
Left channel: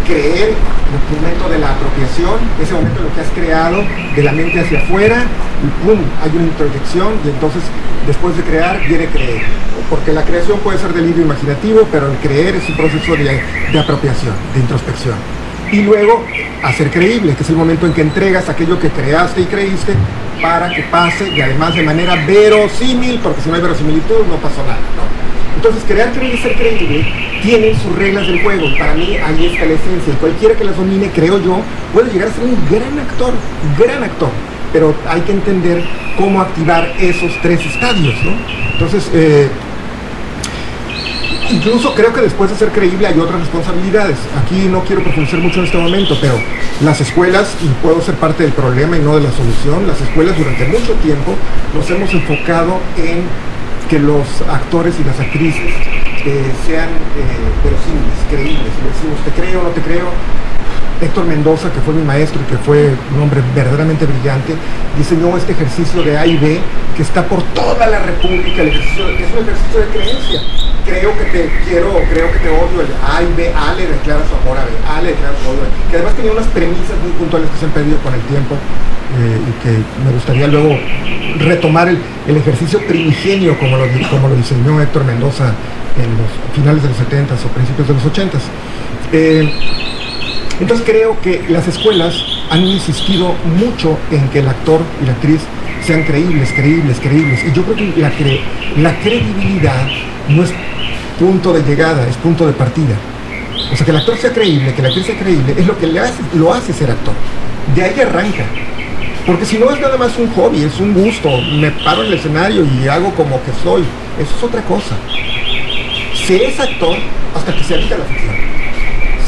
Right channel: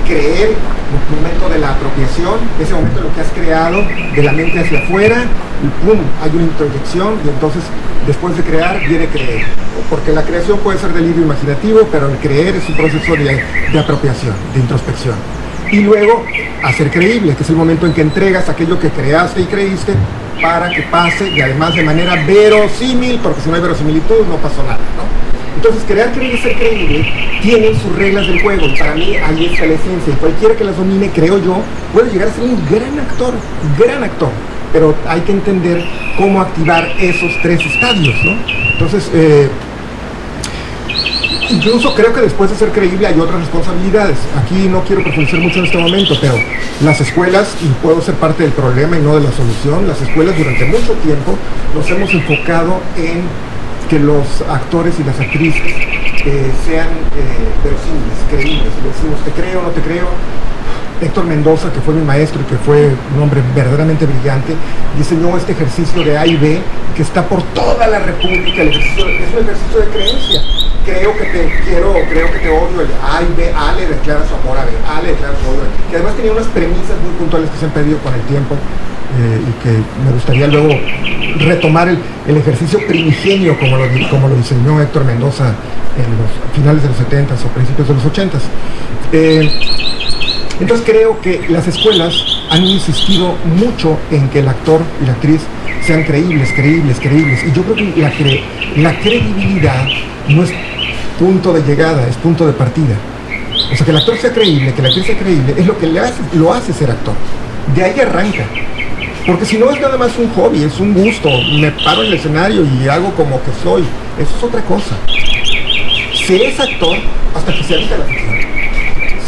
Creer, el momento de la apropiación, ese momento en lo que has creado, de la mente hacia afuera, y ¡pum!, hay una introyección, y entonces después de crear viene creer, porque la creación puede ser delirio imaginativo, pero el creer es un proceso de apropiación, de introspección. Y luego hacer creíble, que es el momento en que entregas aquello que creaste y creíste para que pase, y además de manera verosímil, porque si no hay verosimilitud no pasó nada, ¿no? Entonces, crear, creer y ser creíble tienen sus reglas del juego, y para mí ahí está la esencia, y cualquiera que las domine, creo yo, puede llegar a ser un gran actor, pero hay que entender cómo activar esos 3 estadios, ¿no? Entonces, incluso creo que después de ser creíble hay otras responsabilidades. Aquí no quiero profundizar mucho en este momento, pero las escuelas, y puedo ser parte del problema y no de la solución, las escuelas durante mucho tiempo nos hemos enfocado en que los actores y las actrices sean verosímiles, creíbles. Le decimos, te creo, no te creo. Héctor Mendoza, que fue mi maestro y que fue un hombre verdaderamente brillante, diseñó este ejercicio de A y B que está por toda la República. Es un ejercicio de creencia. Creo que te quiero o creo que te odio. El A y B, A le declara su amor a B, A le declara su odio a B, que además tenía unas premisas muy puntuales que se han perdido con el tiempo, y que me gustaría luego retomar el ejercicio primigenio como lo diseñó Héctor Mendoza en los finales de los 70s o principios de los 80s. Entonces creo que las escuelas han insistido mucho en que el actor y la actriz sean creíbles, y yo creo que la credibilidad no es punto de llegada, es punto de partida. O sea, que el actor sea creíble, que la actriz sea creíble, es lo que lo hace ser actor. De ahí arranca. Porque si no es nada más un hobby, es un gusto, me paro en el escenario y hago como que soy, eso es otra cosa. Se es actor hasta que se habita la ficción.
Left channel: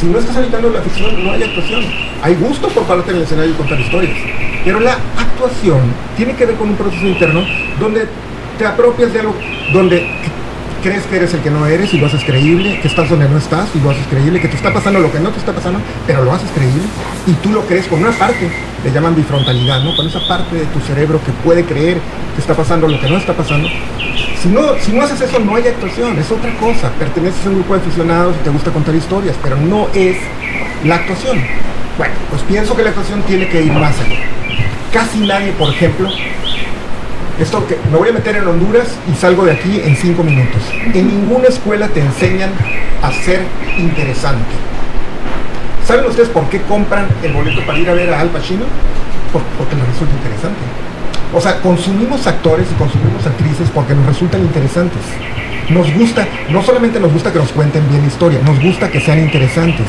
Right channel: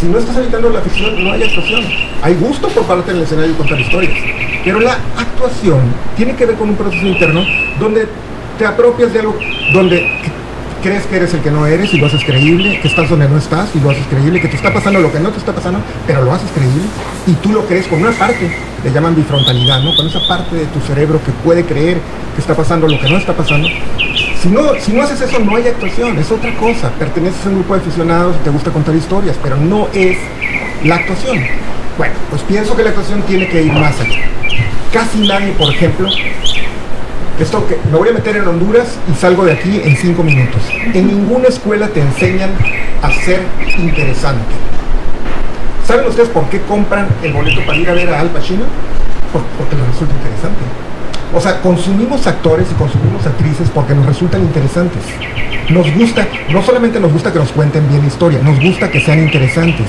Si no estás habitando la ficción, no hay actuación. Hay gusto por pararte en el escenario y contar historias. Pero la actuación tiene que ver con un proceso interno donde te apropias de algo, donde crees que eres el que no eres y lo haces creíble, que estás donde no estás y lo haces creíble, que te está pasando lo que no te está pasando, pero lo haces creíble y tú lo crees con una parte, le llaman bifrontalidad, ¿no? Con esa parte de tu cerebro que puede creer que está pasando lo que no está pasando. Si no haces eso, no hay actuación, es otra cosa. Perteneces a un grupo de aficionados y te gusta contar historias, pero no es la actuación. Bueno, pues pienso que la actuación tiene que ir más allá. Casi nadie, por ejemplo, esto que me voy a meter en Honduras y salgo de aquí en 5 minutos. En ninguna escuela te enseñan a ser interesante. ¿Saben ustedes por qué compran el boleto para ir a ver a Al Pacino? Porque les resulta interesante. O sea, consumimos actores y consumimos actrices porque nos resultan interesantes. Nos gusta, no solamente nos gusta que nos cuenten bien historia, nos gusta que sean interesantes.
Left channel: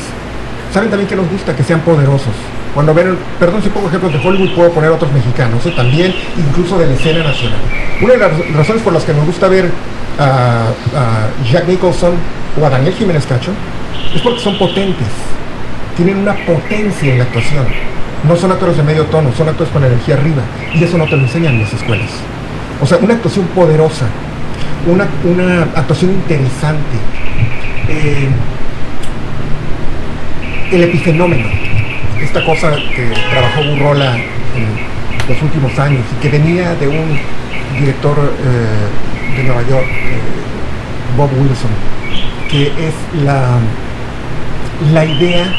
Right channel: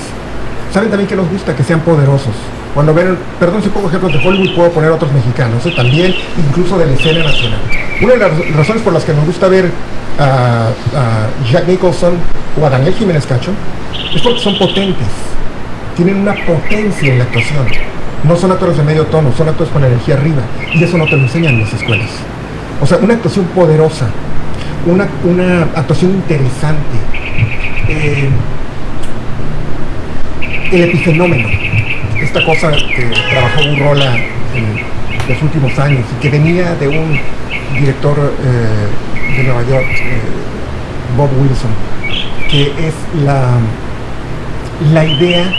¿Saben también que nos gusta? Que sean poderosos. Cuando ven, perdón si pongo ejemplos de Hollywood, puedo poner otros mexicanos, también, incluso de la escena nacional. Una de las razones por las que nos gusta ver a Jack Nicholson o a Daniel Jiménez Cacho es porque son potentes, tienen una potencia en la actuación. No son actores de medio tono, son actores con energía arriba, y eso no te lo enseñan en las escuelas. O sea, una actuación poderosa, una actuación interesante, el epifenómeno, esta cosa que trabajó Burrola en los últimos años y que venía de un director de Nueva York, Bob Wilson, que es la idea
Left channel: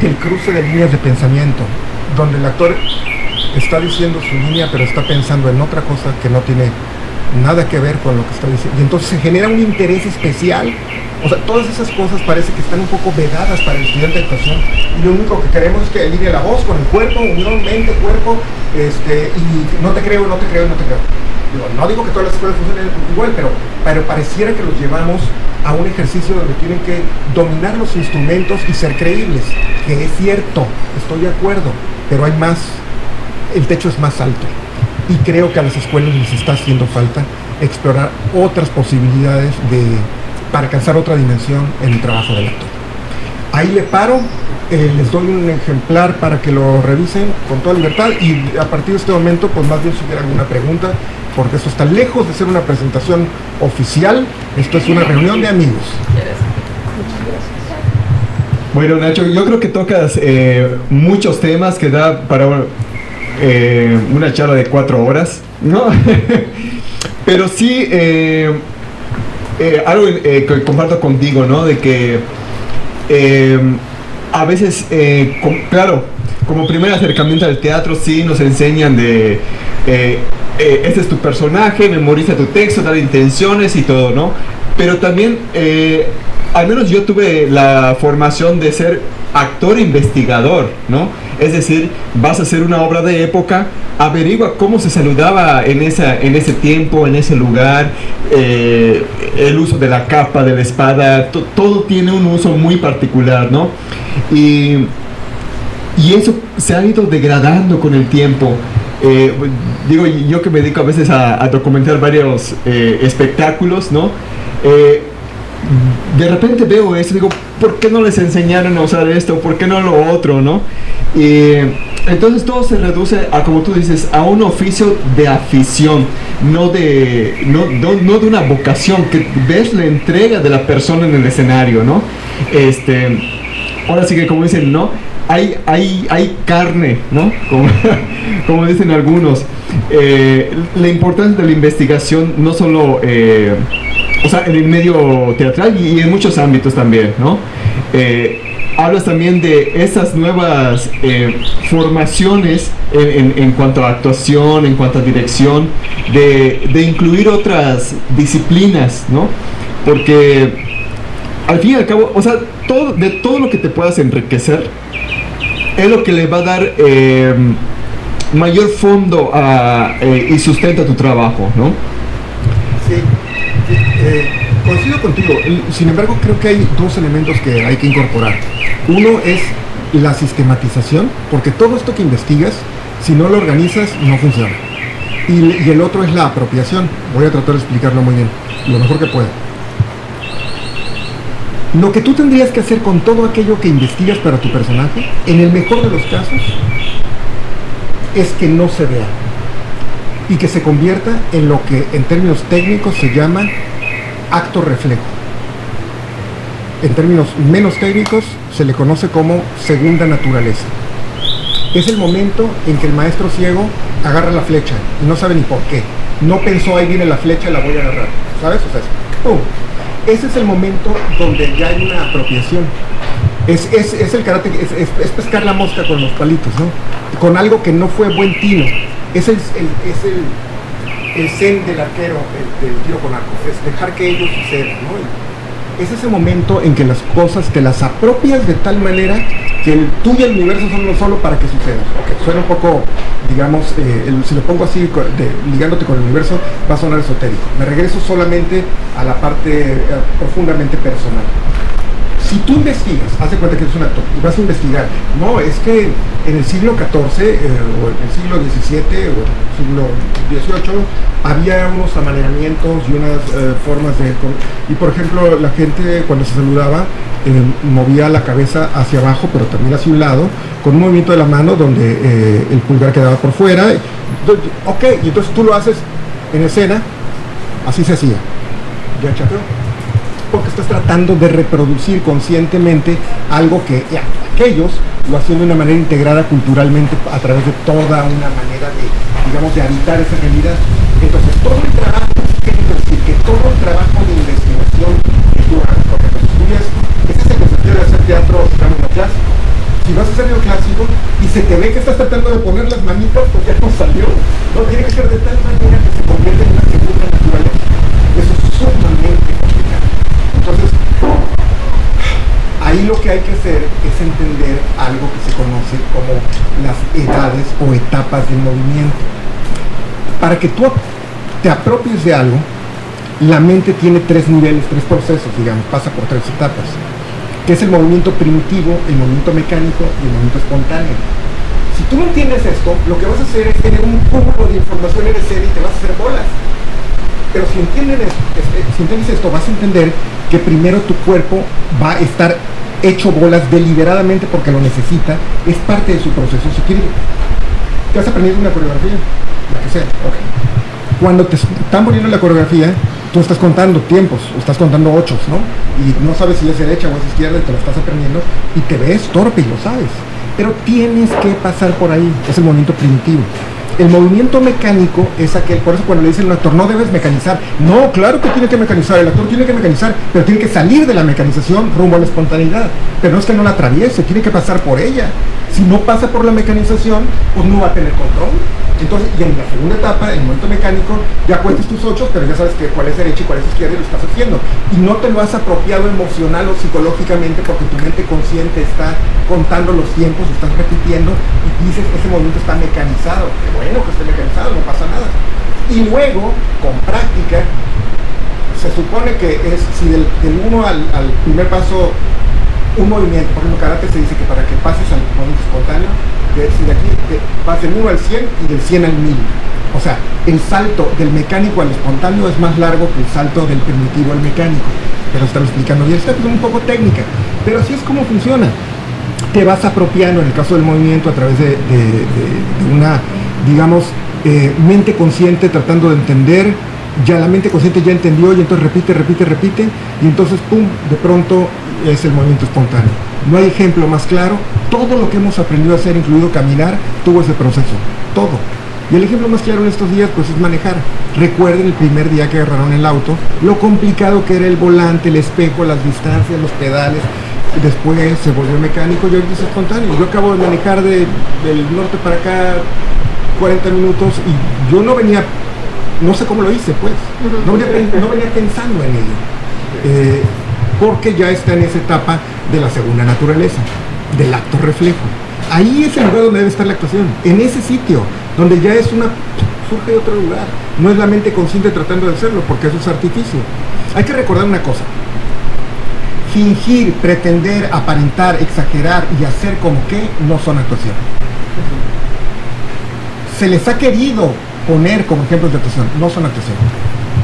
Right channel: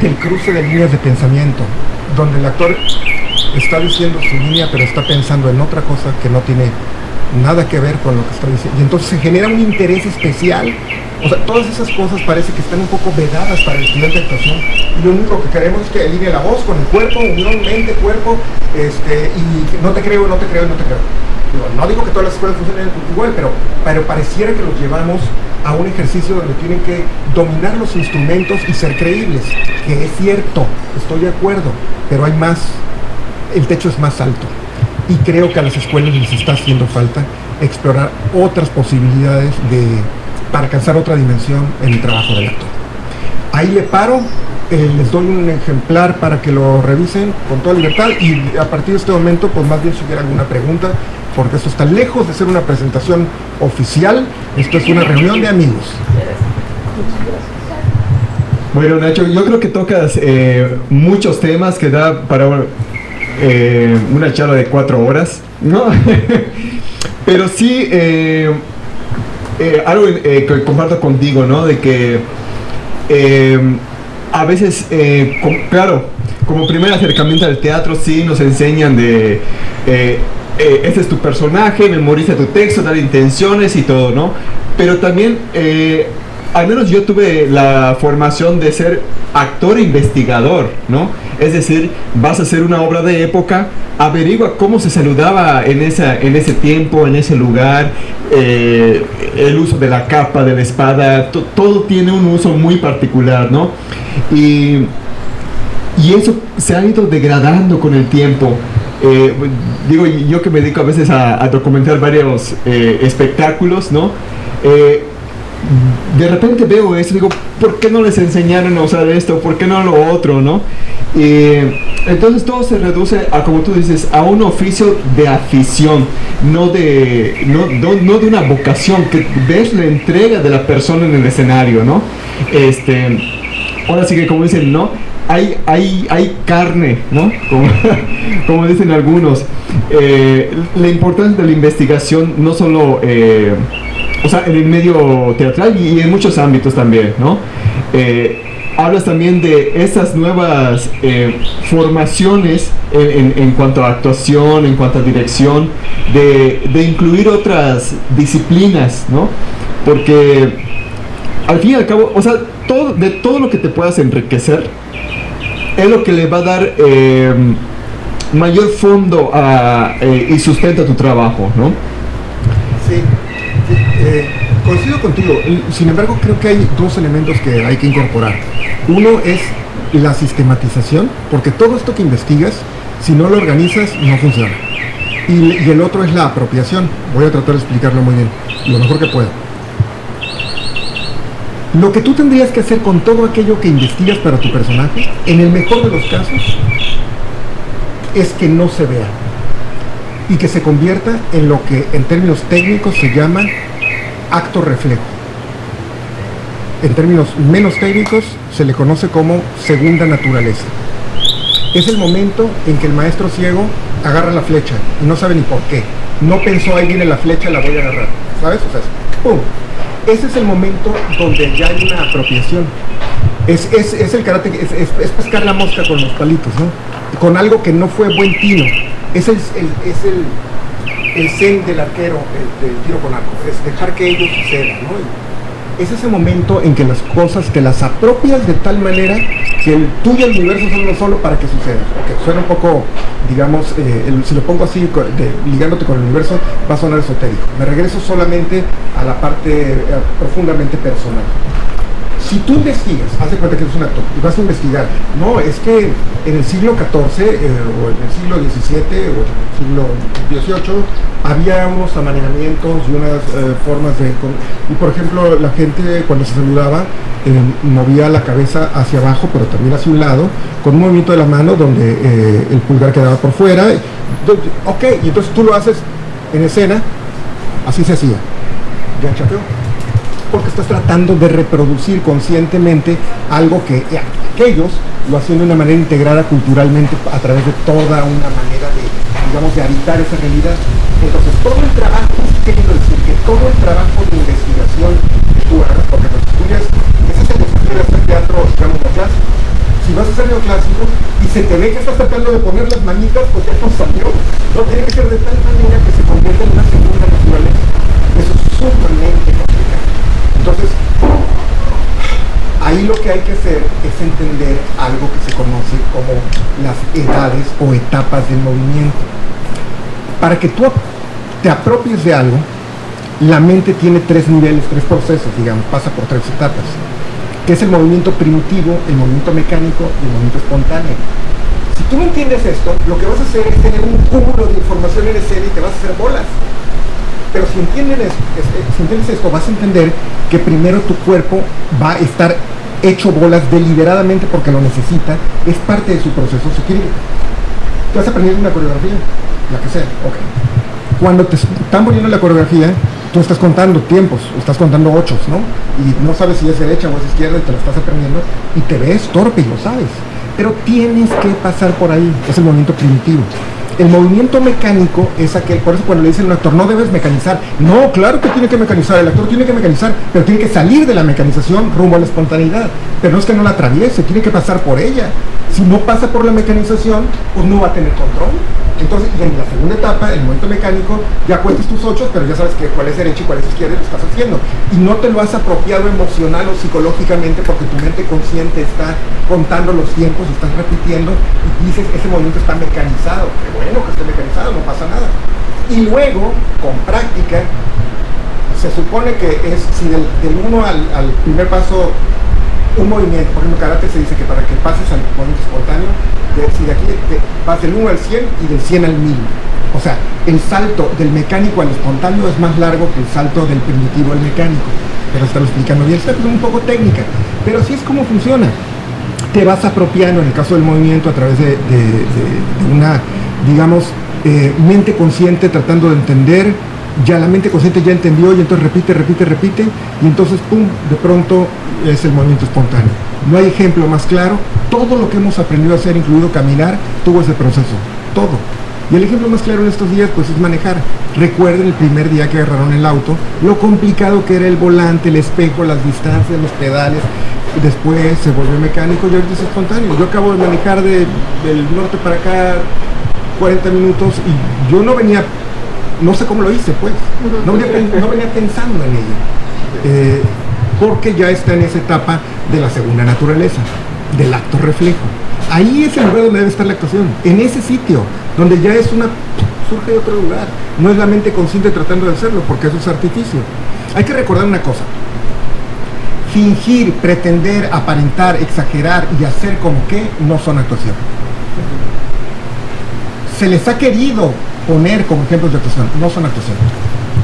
del cruce de líneas de pensamiento, donde el actor está diciendo su línea pero está pensando en otra cosa que no tiene nada que ver con lo que está diciendo, y entonces se genera un interés especial. O sea, todas esas cosas parece que están un poco vedadas para el estudiante de actuación, y lo único que queremos es que alinee la voz con el cuerpo, unión, mente, cuerpo, y no te creo. Digo, no digo que todas las escuelas funcionen igual, pero pareciera que los llevamos a un ejercicio donde tienen que dominar los instrumentos y ser creíbles, que es cierto, estoy de acuerdo, pero hay más, el techo es más alto, y creo que a las escuelas les está haciendo falta explorar otras posibilidades para alcanzar otra dimensión en el trabajo del actor. Ahí le paro, les doy un ejemplar para que lo revisen con toda libertad, y a partir de este momento, pues más bien si hubiera alguna pregunta, porque esto está lejos de ser una presentación oficial, esto es una reunión de amigos. Bueno, Nacho, yo creo que tocas muchos temas que da para una charla de 4 horas, ¿no? Pero sí, algo que comparto contigo, ¿no? De que a veces, claro, como primer acercamiento al teatro, sí nos enseñan de este es tu personaje, memoriza tu texto, dar intenciones y todo, ¿no? Pero también, al menos yo tuve la formación de ser actor investigador, ¿no? Es decir, vas a hacer una obra de época, averigua cómo se saludaba en ese tiempo, en ese lugar, el uso de la capa, de la espada, todo tiene un uso muy particular, ¿no? Y eso se ha ido degradando con el tiempo. Digo, yo que me dedico a veces a documentar varios espectáculos, ¿no? De repente veo esto, digo, ¿por qué no les enseñaron a usar esto? ¿Por qué no lo otro, no? Entonces todo se reduce a, como tú dices, a un oficio de afición, no de una vocación, que ves la entrega de la persona en el escenario, ¿no? Ahora sí que, como dicen, ¿no? Hay carne, ¿no? Como dicen algunos. La importancia de la investigación, no solo o sea, en el medio teatral y en muchos ámbitos también, ¿no? Hablas también de esas nuevas formaciones en cuanto a actuación, en cuanto a dirección, de incluir otras disciplinas, ¿no? Porque al fin y al cabo, o sea, todo lo que te puedas enriquecer es lo que le va a dar mayor fondo y sustento a tu trabajo, ¿no? Sí. Coincido contigo, sin embargo creo que hay 2 elementos que hay que incorporar. Uno es la sistematización, porque todo esto que investigas, si no lo organizas, no funciona. Y el otro es la apropiación. Voy a tratar de explicarlo muy bien, lo mejor que puedo. Lo que tú tendrías que hacer con todo aquello que investigas para tu personaje, en el mejor de los casos, es que no se vea y que se convierta en lo que en términos técnicos se llama acto reflejo. En términos menos técnicos, se le conoce como segunda naturaleza. Es el momento en que el maestro ciego agarra la flecha y no sabe ni por qué. No pensó, ahí viene la flecha, la voy a agarrar. ¿Sabes? O sea, ¡pum! Ese es el momento donde ya hay una apropiación. Es el karate, es pescar la mosca con los palitos, ¿no? Con algo que no fue buen tino. Es el zen del arquero, del tiro con arco. Es dejar que ello suceda, ¿no? Es ese momento en que las cosas te las apropias de tal manera que tú y el universo son uno solo para que suceda. Okay, suena un poco, digamos, si lo pongo así, ligándote con el universo, va a sonar esotérico. Me regreso solamente a la parte profundamente personal. Si tú investigas, haz de cuenta que eres un actor y vas a investigar, no, es que en el siglo XIV o en el siglo XVII o en el siglo XVIII había unos amaneramientos y unas formas de... Y por ejemplo, la gente cuando se saludaba movía la cabeza hacia abajo, pero también hacia un lado, con un movimiento de la mano donde el pulgar quedaba por fuera. Ok, y entonces tú lo haces en escena, así se hacía. Ya chateó. Porque estás tratando de reproducir conscientemente algo que aquellos lo hacían de una manera integrada culturalmente a través de toda una manera de, digamos, de habitar esa realidad. Entonces, todo el trabajo, ¿qué quiero decir? Que todo el trabajo de investigación que tú hagas, porque pues estudias, ese es el desafío de hacer teatro, digamos, neoclásico. Si vas a hacer neoclásico y se te ve que estás tratando de poner las manitas, pues ya no salió. No, tiene que ser de tal manera que se convierta en una segunda naturaleza. Eso es sumamente complicado. Entonces, ahí lo que hay que hacer es entender algo que se conoce como las edades o etapas del movimiento. Para que tú te apropies de algo, la mente tiene tres niveles, tres procesos, digamos, pasa por tres etapas, que es el movimiento primitivo, el movimiento mecánico y el movimiento espontáneo. Si tú no entiendes esto, lo que vas a hacer es tener un cúmulo de información en escena y te vas a hacer bolas. Pero si entiendes esto, vas a entender que primero tu cuerpo va a estar hecho bolas deliberadamente porque lo necesita, es parte de su proceso. Si quieres, te vas a aprender una coreografía, la que sea, ok. Cuando te están poniendo la coreografía, tú estás contando tiempos, estás contando ochos, ¿no? Y no sabes si es derecha o es izquierda y te lo estás aprendiendo y te ves torpe y lo sabes. Pero tienes que pasar por ahí, es el movimiento primitivo. El movimiento mecánico es aquel, por eso cuando le dicen a un actor, no debes mecanizar. No, claro que tiene que mecanizar, el actor tiene que mecanizar, pero tiene que salir de la mecanización rumbo a la espontaneidad. Pero no es que no la atraviese, tiene que pasar por ella. Si no pasa por la mecanización, pues no va a tener control. Entonces, y en la segunda etapa, el movimiento mecánico, ya cuentas tus ochos, pero ya sabes que cuál es derecha y cuál es izquierda y lo estás haciendo. Y no te lo has apropiado emocional o psicológicamente porque tu mente consciente está contando los tiempos, estás repitiendo y dices, ese movimiento está mecanizado. Qué bueno que esté mecanizado, no pasa nada. Y luego, con práctica, se supone que es, si del 1 al primer paso, un movimiento, por ejemplo, karate se dice que para que pases al movimiento espontáneo, si de aquí vas del 1 al 100 y del 100 al 1000. O sea, el salto del mecánico al espontáneo es más largo que el salto del primitivo al mecánico. Pero está explicando bien, está un poco técnica, pero así es como funciona. Te vas apropiando, en el caso del movimiento, a través de una, digamos, mente consciente tratando de entender. Ya la mente consciente ya entendió y entonces repite y entonces pum, de pronto es el movimiento espontáneo. No hay ejemplo más claro. Todo lo que hemos aprendido a hacer, incluido caminar, tuvo ese proceso, todo. Y el ejemplo más claro en estos días pues es manejar. Recuerden el primer día que agarraron el auto, lo complicado que era el volante, el espejo, las distancias, los pedales. Después se volvió mecánico y ahorita es espontáneo. Yo acabo de manejar del norte para acá 40 minutos y yo no venía, no sé cómo lo hice, pues. No venía pensando en ello. Porque ya está en esa etapa de la segunda naturaleza, del acto reflejo. Ahí es el lugar donde debe estar la actuación, en ese sitio, donde ya es surge de otro lugar. No es la mente consciente tratando de hacerlo, porque eso es artificio. Hay que recordar una cosa. Fingir, pretender, aparentar, exagerar y hacer como que no son actuación. Se les ha querido poner como ejemplos de actuación, no son actuación.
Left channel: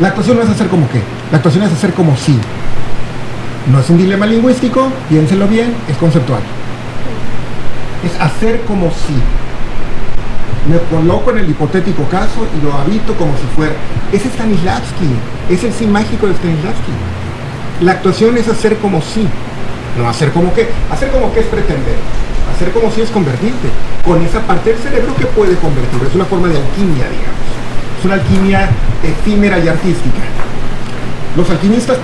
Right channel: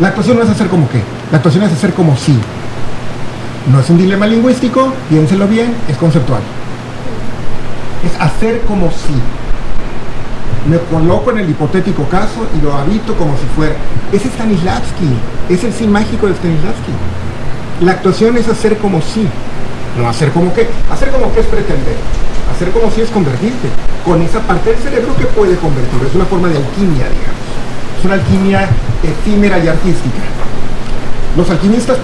La actuación no es hacer como que, la actuación es hacer como si. No es un dilema lingüístico, piénsenlo bien, es conceptual. Es hacer como si. Me coloco en el hipotético caso y lo habito como si fuera. Es Stanislavski, es el sí mágico de Stanislavski. La actuación es hacer como sí, no hacer como que. Hacer como que es pretender. Hacer como si es convertirte con esa parte del cerebro que puede convertir. Es una forma de alquimia, digamos. Es una alquimia efímera y artística. Los alquimistas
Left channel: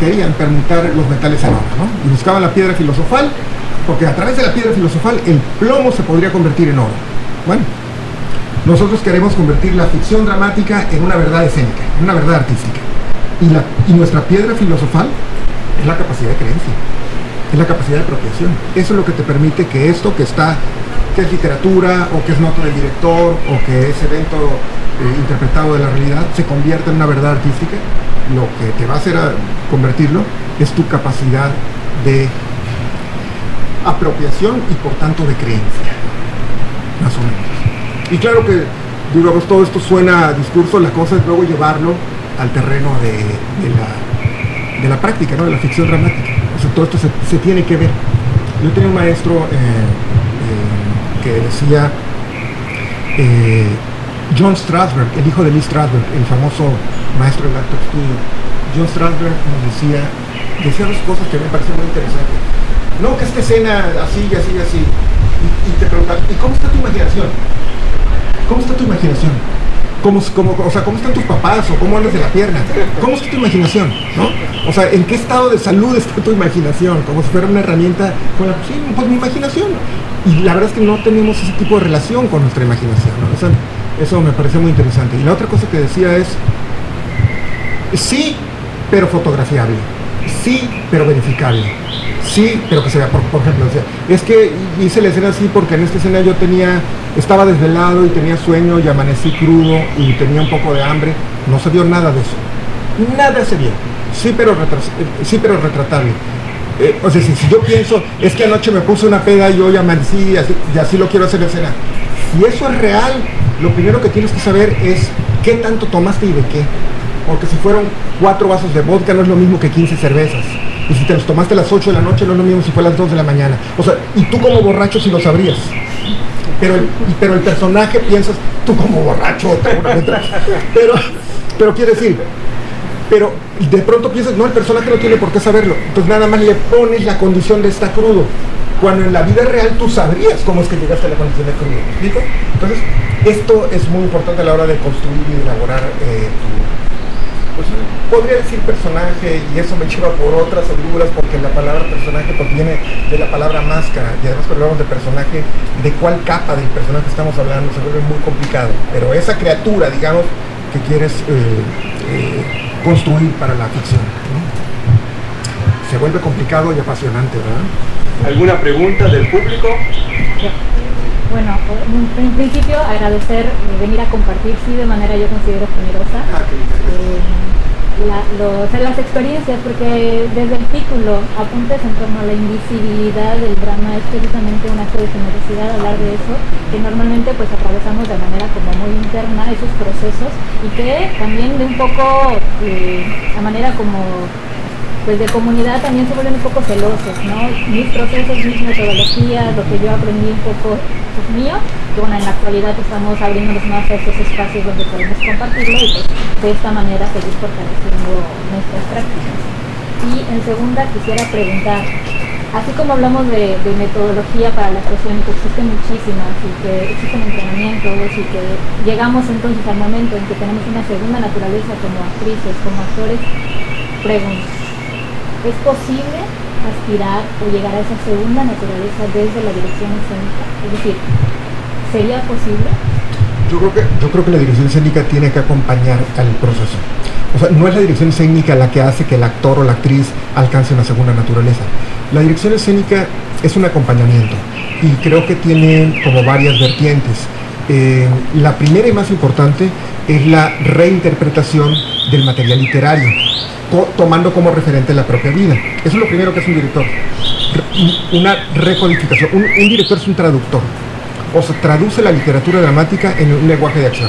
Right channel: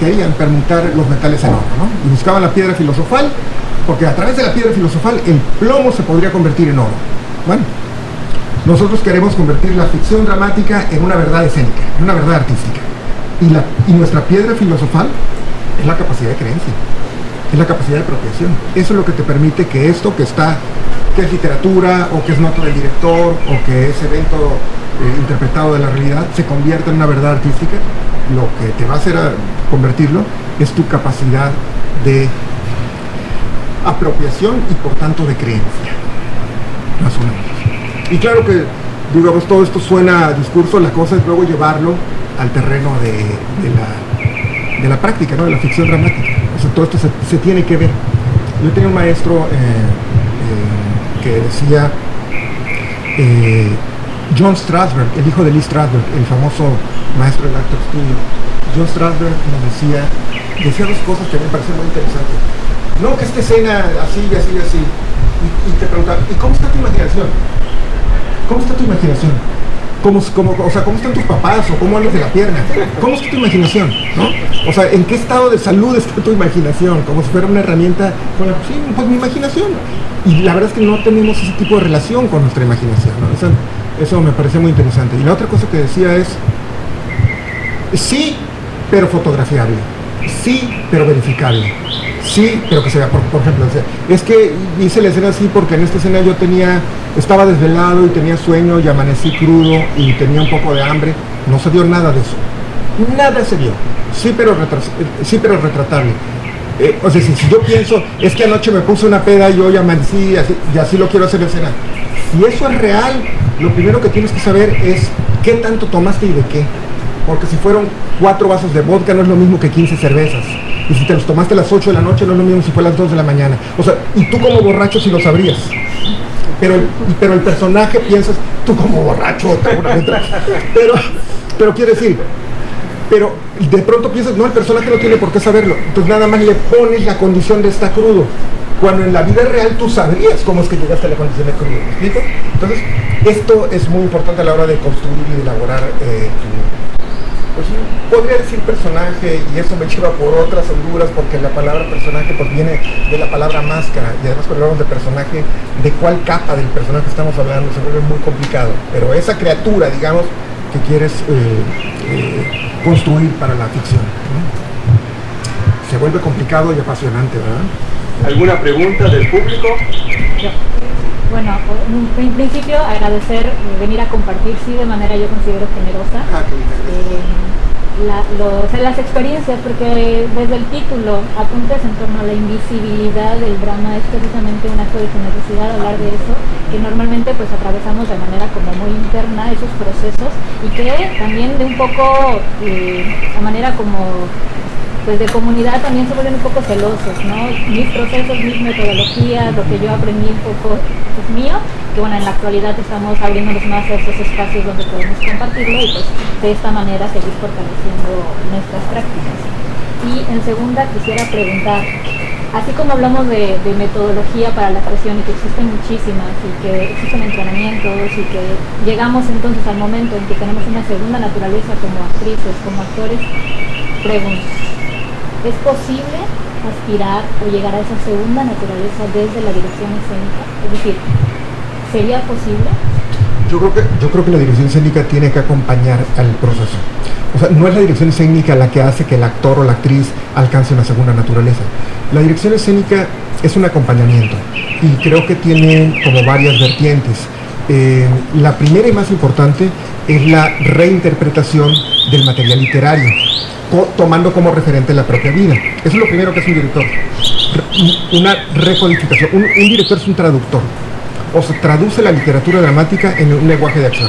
querían permutar los metales en oro, ¿no? Y buscaban la piedra filosofal, porque a través de la piedra filosofal el plomo se podría convertir en oro. Bueno, nosotros queremos convertir la ficción dramática en una verdad escénica, en una verdad artística. Y nuestra piedra filosofal es la capacidad de creencia. Es la capacidad de apropiación. Eso es lo que te permite que esto que es literatura, o que es nota del director, o que es evento interpretado de la realidad, se convierta en una verdad artística. Lo que te va a hacer convertirlo es tu capacidad de apropiación y por tanto de creencia. Más o menos. Y claro que, digamos, todo esto suena a discurso, la cosa es luego llevarlo al terreno de la práctica, ¿no? De la ficción dramática. O sea, todo esto se tiene que ver. Yo tenía un maestro que decía, John Strasberg, el hijo de Lee Strasberg, el famoso maestro del actor studio. John Strasberg nos decía dos cosas que me parecían muy interesantes. No, que esta escena así y así y así. Y te preguntaba, ¿y cómo está tu imaginación? ¿Cómo está tu imaginación? ¿Cómo están tus papás? ¿O cómo andas de la pierna? ¿Cómo está tu imaginación? ¿No? O sea, ¿en qué estado de salud está tu imaginación? Como si fuera una herramienta. Sí, pues mi imaginación. Y la verdad es que no tenemos ese tipo de relación con nuestra imaginación, ¿no? Eso me pareció muy interesante. Y la otra cosa que decía es, sí, pero fotografiable. Sí, pero verificable. Sí, pero que se vea, por ejemplo, es que hice la escena así porque en esta escena yo estaba desvelado y tenía sueño y amanecí crudo y tenía un poco de hambre. No se vio nada de eso. Nada se vio. Sí, pero retratable. O sea, si yo pienso, es que anoche me puse una peda y hoy amanecí y así lo quiero hacer en escena. Si eso es real, lo primero que tienes que saber es qué tanto tomaste y de qué. Porque si fueron 4 vasos de vodka no es lo mismo que 15 cervezas. Y si te los tomaste a las 8 de la noche no es lo mismo si fue a las 2 de la mañana. O sea, y tú como borracho sí lo sabrías. Pero el personaje piensas, tú como borracho, pero quiere decir, pero de pronto piensas, no, el personaje no tiene por qué saberlo. Entonces nada más le pones la condición de estar crudo. Cuando en la vida real tú sabrías cómo es que llegaste a la condición de crudo. ¿Me explico? Entonces, esto es muy importante a la hora de construir y de elaborar pues podría decir personaje, y eso me lleva por otras honduras, porque la palabra personaje pues viene de la palabra máscara, y además cuando hablamos de personaje, de cuál capa del personaje estamos hablando, se vuelve muy complicado, pero esa criatura, digamos, que quieres construir para la ficción, ¿no? Se vuelve complicado y apasionante, ¿verdad? ¿Alguna pregunta del público? Bueno, en principio agradecer venir a compartir, sí, de manera yo considero generosa, las experiencias, porque desde el título, apuntes en torno a la invisibilidad del drama, es precisamente un acto de generosidad hablar de eso, que normalmente pues atravesamos de manera como muy interna esos procesos, y que también de un poco, a manera como pues de comunidad también se vuelven un poco celosos, ¿no? Mis procesos, mis metodologías, lo que yo aprendí un poco es mío, que bueno, en la actualidad estamos abriéndonos más a estos espacios donde podemos compartirlo y pues de esta manera seguir fortaleciendo nuestras prácticas. Y en segunda quisiera preguntar, así como hablamos de metodología para la actuación y que existen muchísimas y que existen entrenamientos y que llegamos entonces al momento en que tenemos una segunda naturaleza como actrices, como actores, pregunto, ¿es posible aspirar o llegar a esa segunda naturaleza desde la dirección escénica? Es decir, ¿sería posible? Yo creo que la dirección escénica tiene que acompañar al proceso. O sea, no es la dirección escénica la que hace que el actor o la actriz alcance una segunda naturaleza. La dirección escénica es un acompañamiento y creo que tiene como varias vertientes. La primera y más importante es la reinterpretación del material literario, tomando como referente la propia vida. Eso es lo primero que hace un director. Una recodificación. Un director es un traductor. O se traduce la literatura dramática en un lenguaje de acción.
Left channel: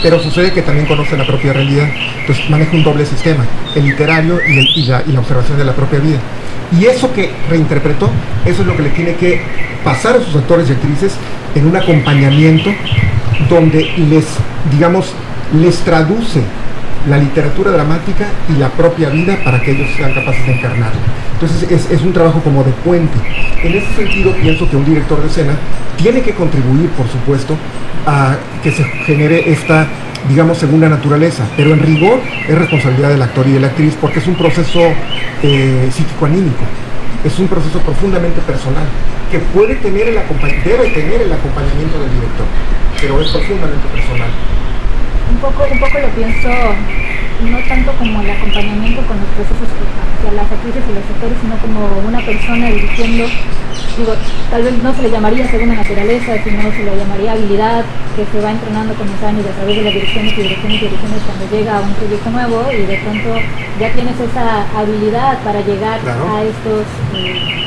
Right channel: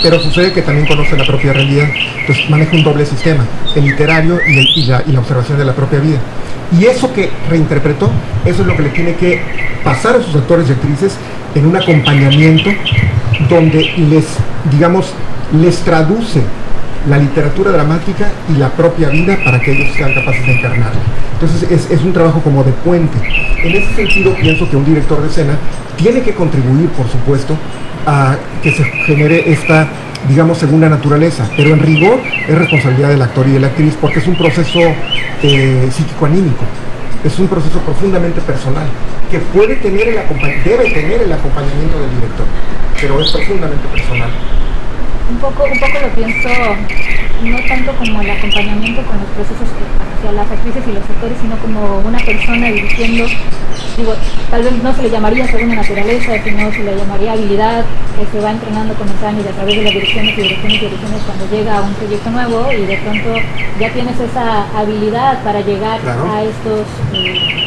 Pero sucede que también conoce la propia realidad. Entonces maneja un doble sistema, el literario y la observación de la propia vida. Y eso que reinterpretó, eso es lo que le tiene que pasar a sus actores y actrices en un acompañamiento donde les traduce la literatura dramática y la propia vida para que ellos sean capaces de encarnarla. Entonces es un trabajo como de puente. En ese sentido pienso que un director de escena tiene que contribuir, por supuesto, a que se genere esta, segunda naturaleza, pero en rigor es responsabilidad del actor y de la actriz, porque es un proceso psíquico-anímico, es un proceso profundamente personal, que debe tener el acompañamiento del director, pero es profundamente personal. Un poco lo pienso, no tanto como el acompañamiento con los procesos hacia las actrices y los actores, sino como una persona dirigiendo. Tal vez no se le llamaría segunda naturaleza, sino se le llamaría habilidad, que se va entrenando con los años a través de las direcciones cuando llega a un proyecto nuevo, y de pronto ya tienes esa habilidad para llegar a estos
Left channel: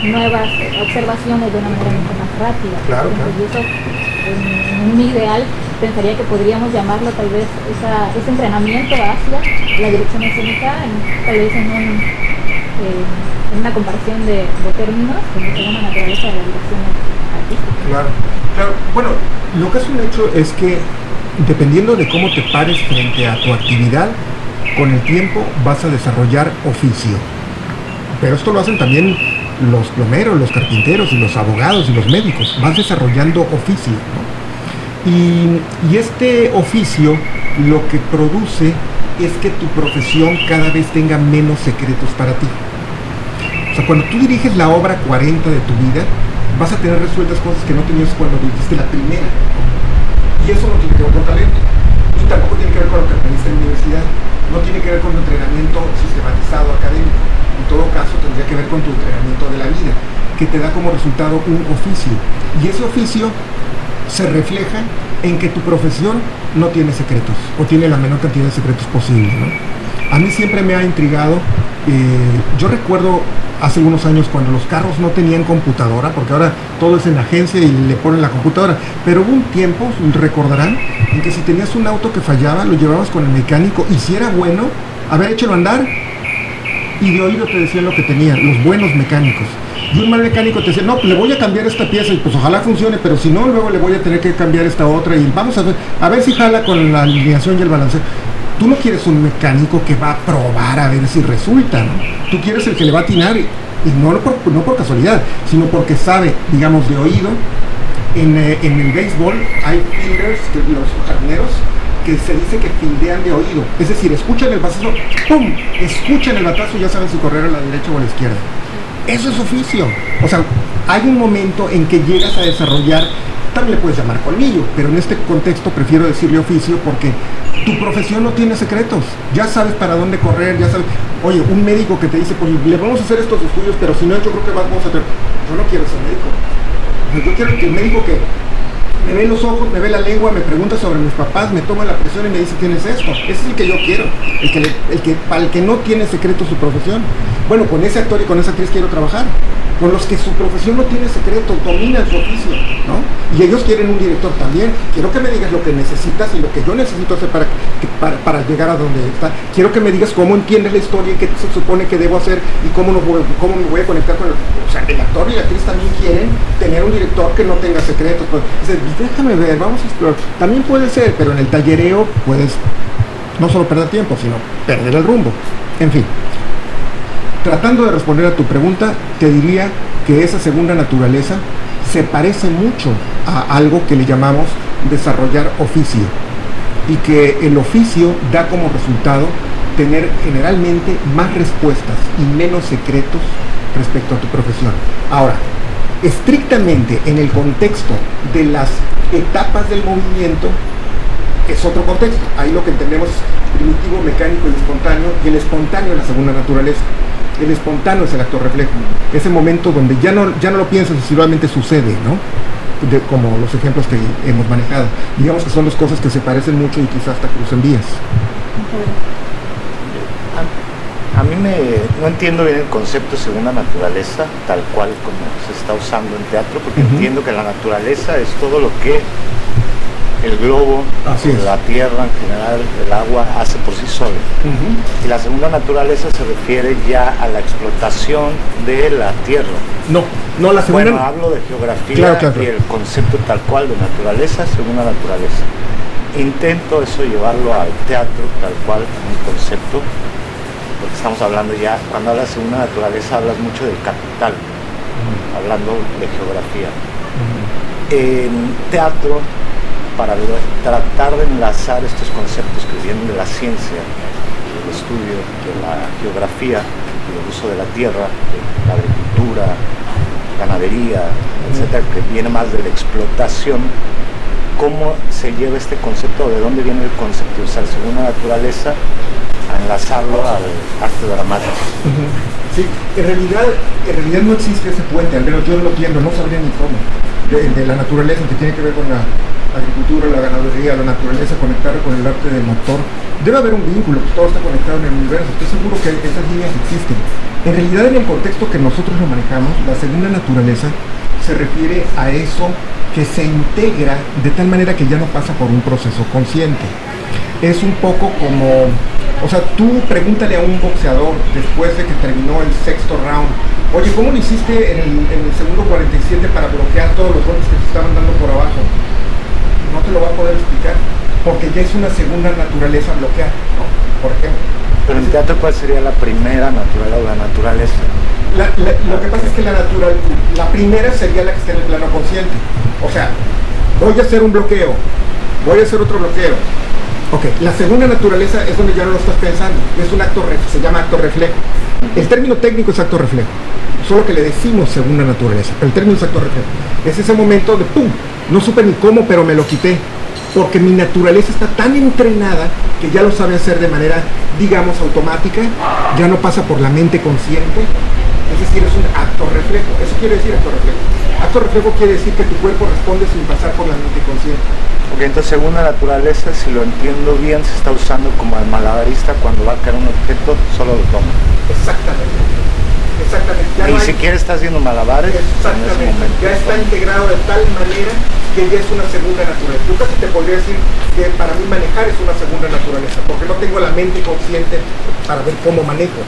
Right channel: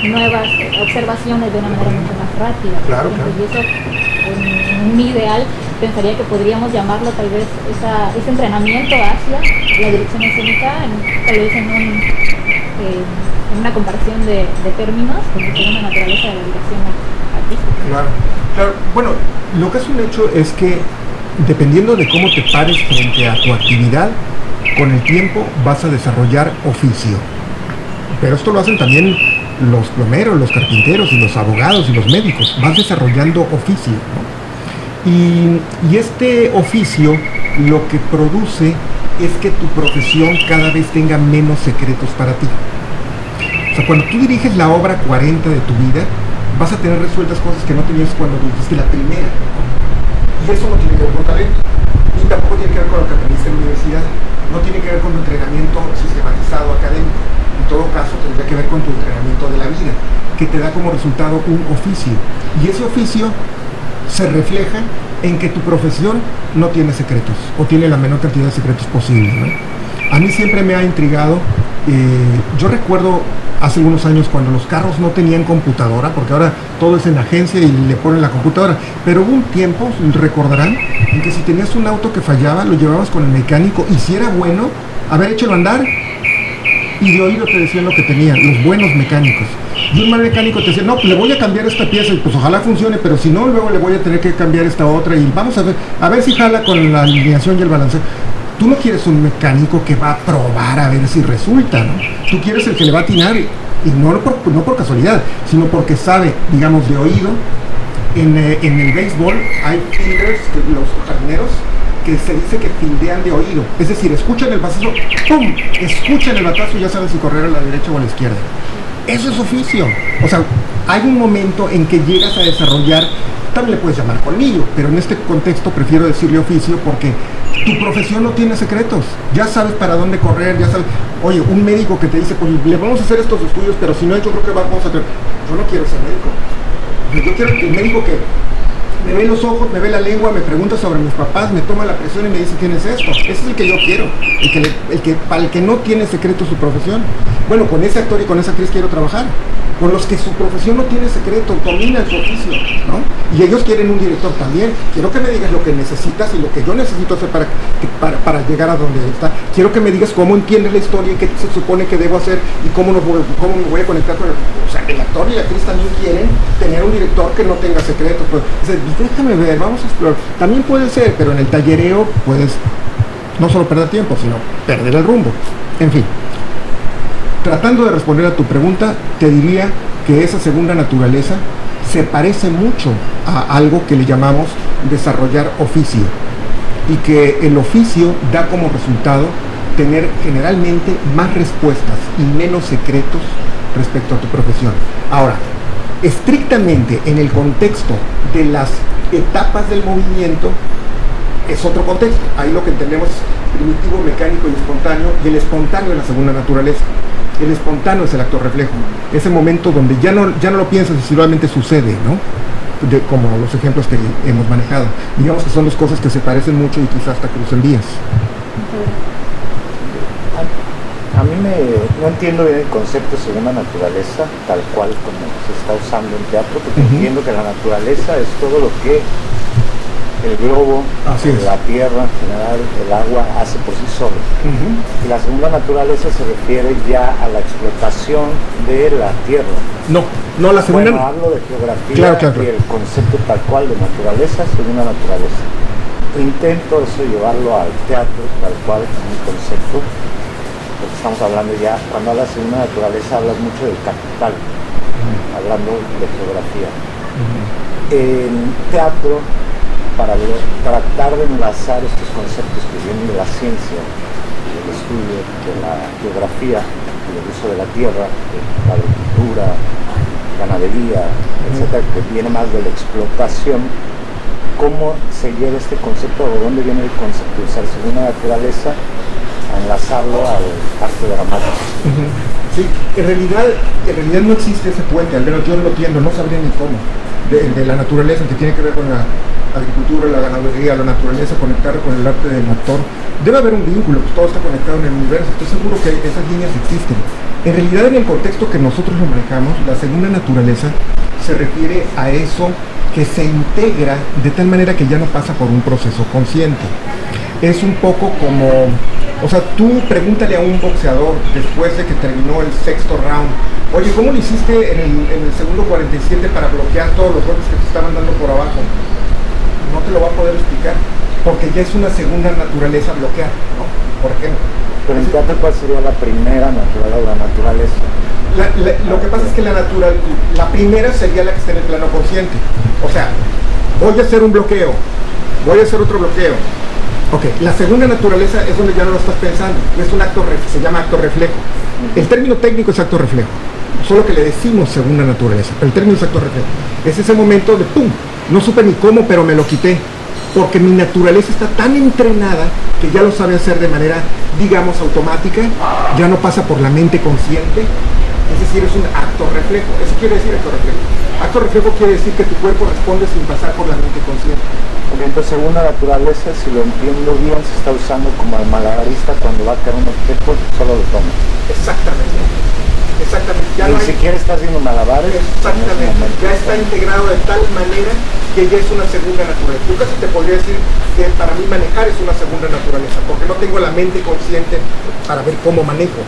nuevas observaciones de una manera mucho más rápida. Claro. Y eso, en mi ideal, pensaría que podríamos llamarlo tal vez ese entrenamiento hacia la dirección escénica, tal vez en una comparación de términos, como segunda naturaleza de la dirección artística. Claro. Bueno, lo que es un hecho es que dependiendo de cómo te pares frente a tu actividad, con el tiempo vas a desarrollar oficio. Pero esto lo hacen también los plomeros, los carpinteros y los abogados y los médicos. Vas desarrollando oficio, ¿no? Y este oficio lo que produce es que tu profesión cada vez tenga menos secretos para ti. O sea, cuando tú diriges la obra 40 de tu vida, vas a tener resueltas cosas que no tenías cuando dirigiste la primera, ¿no? Y eso no tiene que ver con talento, ni tampoco tiene que ver con lo que aprendiste en la universidad, no tiene que ver con un entrenamiento sistematizado académico. En todo caso, tendría que ver con tu entrenamiento de la vida, que te da como resultado un oficio. Y ese oficio se refleja en que tu profesión no tiene secretos, o tiene la menor cantidad de secretos posible, ¿no? A mí siempre me ha intrigado, yo recuerdo hace algunos años cuando los carros no tenían computadora, porque ahora todo es en agencia y le ponen la computadora, pero hubo un tiempo, recordarán, en que si tenías un auto que fallaba, lo llevabas con el mecánico, y si era bueno, a ver, échalo a andar, y de oído te decían lo que tenían, los buenos mecánicos. Y un mal mecánico te decía, no, le voy a cambiar esta pieza y pues ojalá funcione, pero si no, luego le voy a tener que cambiar esta otra y vamos a ver si jala con la alineación y el balanceo. Tú no quieres un mecánico que va a probar a ver si resulta, ¿no? Tú quieres el que le va a atinar, y no por casualidad, sino porque sabe, de oído. En el béisbol hay fielders, los jardineros, que se dice que fildean de oído, es decir, escuchan el batazo, ¡pum!, escuchan el batazo y ya saben si correr a la derecha o a la izquierda. Eso es oficio. O sea, hay un momento en que llegas a desarrollar, también le puedes llamar colmillo, pero en este contexto prefiero decirle oficio porque tu profesión no tiene secretos. Ya sabes para dónde correr, ya sabes. Oye, un médico que te dice, pues le vamos a hacer estos estudios, pero si no, yo creo que vamos a tener. Yo no quiero ser médico. Yo quiero que el médico que me ve los ojos, me ve la lengua, me pregunta sobre mis papás, me toma la presión y me dice, tienes esto. Ese es el que yo quiero, para el que no tiene secreto su profesión. Bueno, con ese actor y con esa actriz quiero trabajar. Con los que su profesión no tiene secreto, dominan su oficio, ¿no? Y ellos quieren un director también. Quiero que me digas lo que necesitas y lo que yo necesito hacer para llegar a donde está. Quiero que me digas cómo entiendes la historia y qué se supone que debo hacer y cómo me voy a conectar con el... O sea, el actor y la actriz también quieren tener un director que no tenga secretos. Pues, déjame ver, vamos a explorar. También puede ser, pero en el tallereo puedes no solo perder tiempo, sino perder el rumbo. En fin. Tratando de responder a tu pregunta, te diría que esa segunda naturaleza se parece mucho a algo que le llamamos desarrollar oficio, y que el oficio da como resultado tener generalmente más respuestas y menos secretos respecto a tu profesión. Ahora, estrictamente en el contexto de las etapas del movimiento, es otro contexto. Ahí lo que entendemos es primitivo, mecánico y espontáneo, y el espontáneo es la segunda naturaleza. El espontáneo es el actor reflejo, ese momento donde ya no lo piensas y solamente sucede, ¿no? Como los ejemplos que hemos manejado. Digamos que son dos cosas que se parecen mucho y quizás hasta crucen vías. A mí no entiendo bien el concepto segunda naturaleza, tal cual como se está usando en teatro, porque entiendo que la naturaleza es todo lo que el globo, la tierra, en general, el agua, hace por sí solo. Y la segunda naturaleza se refiere ya a la explotación de la tierra. No. No, la segunda... Bueno, hablo de geografía Claro. y el concepto tal cual de naturaleza, segunda naturaleza. Intento eso llevarlo al teatro tal cual, un concepto, porque estamos hablando ya, cuando hablas de segunda naturaleza hablas mucho del capital, hablando de geografía. En teatro, para tratar de enlazar estos conceptos que vienen de la ciencia, del estudio de la geografía y el uso de la tierra, de la agricultura, ganadería, etcétera, que viene más de la explotación, ¿cómo se lleva este concepto? ¿De dónde viene el concepto de usar segunda naturaleza a enlazarlo al arte dramático? Sí, en realidad no existe ese puente, al menos yo no lo entiendo, no sabría ni cómo, de la naturaleza, que tiene que ver con la agricultura, la ganadería, la naturaleza, conectar con el arte del actor. Debe haber un vínculo, pues todo está conectado en el universo, estoy seguro que esas líneas existen. En realidad, en el contexto que nosotros lo manejamos, la segunda naturaleza se refiere a eso que se integra de tal manera que ya no pasa por un proceso consciente. Es un poco como, o sea, tú pregúntale a un boxeador después de que terminó el sexto round, oye, ¿cómo lo hiciste en el segundo 47 para bloquear todos los golpes que te estaban dando por abajo? No te lo va a poder explicar, porque ya es una segunda naturaleza bloquear, ¿no? Por ejemplo. Pero en teatro, ¿cuál sería la primera naturaleza o la naturaleza? Lo que pasa es que la primera sería la que está en el plano consciente. O sea, voy a hacer un bloqueo, voy a hacer otro bloqueo. Ok, la segunda naturaleza es donde ya no lo estás pensando, es un acto, se llama acto reflejo. El término técnico es acto reflejo, solo que le decimos segunda naturaleza, pero el término es acto reflejo. Es ese momento de ¡pum! No supe ni cómo, pero me lo quité, porque mi naturaleza está tan entrenada que ya lo sabe hacer de manera, digamos, automática, ya no pasa por la mente consciente, es decir, es un acto reflejo. Eso quiere decir acto reflejo. Acto reflejo quiere decir que tu cuerpo responde sin pasar por la mente consciente. Ok, entonces segunda naturaleza, si lo entiendo bien, se está usando como el malabarista cuando va a caer un objeto, solo lo toma. Exactamente. Exactamente. Ya Ni no hay... siquiera está haciendo malabares. Exactamente, ya está integrado de tal manera que ya es una segunda naturaleza. Yo casi te podría decir que para mí manejar es una segunda naturaleza, porque no tengo la mente consciente para ver cómo manejo.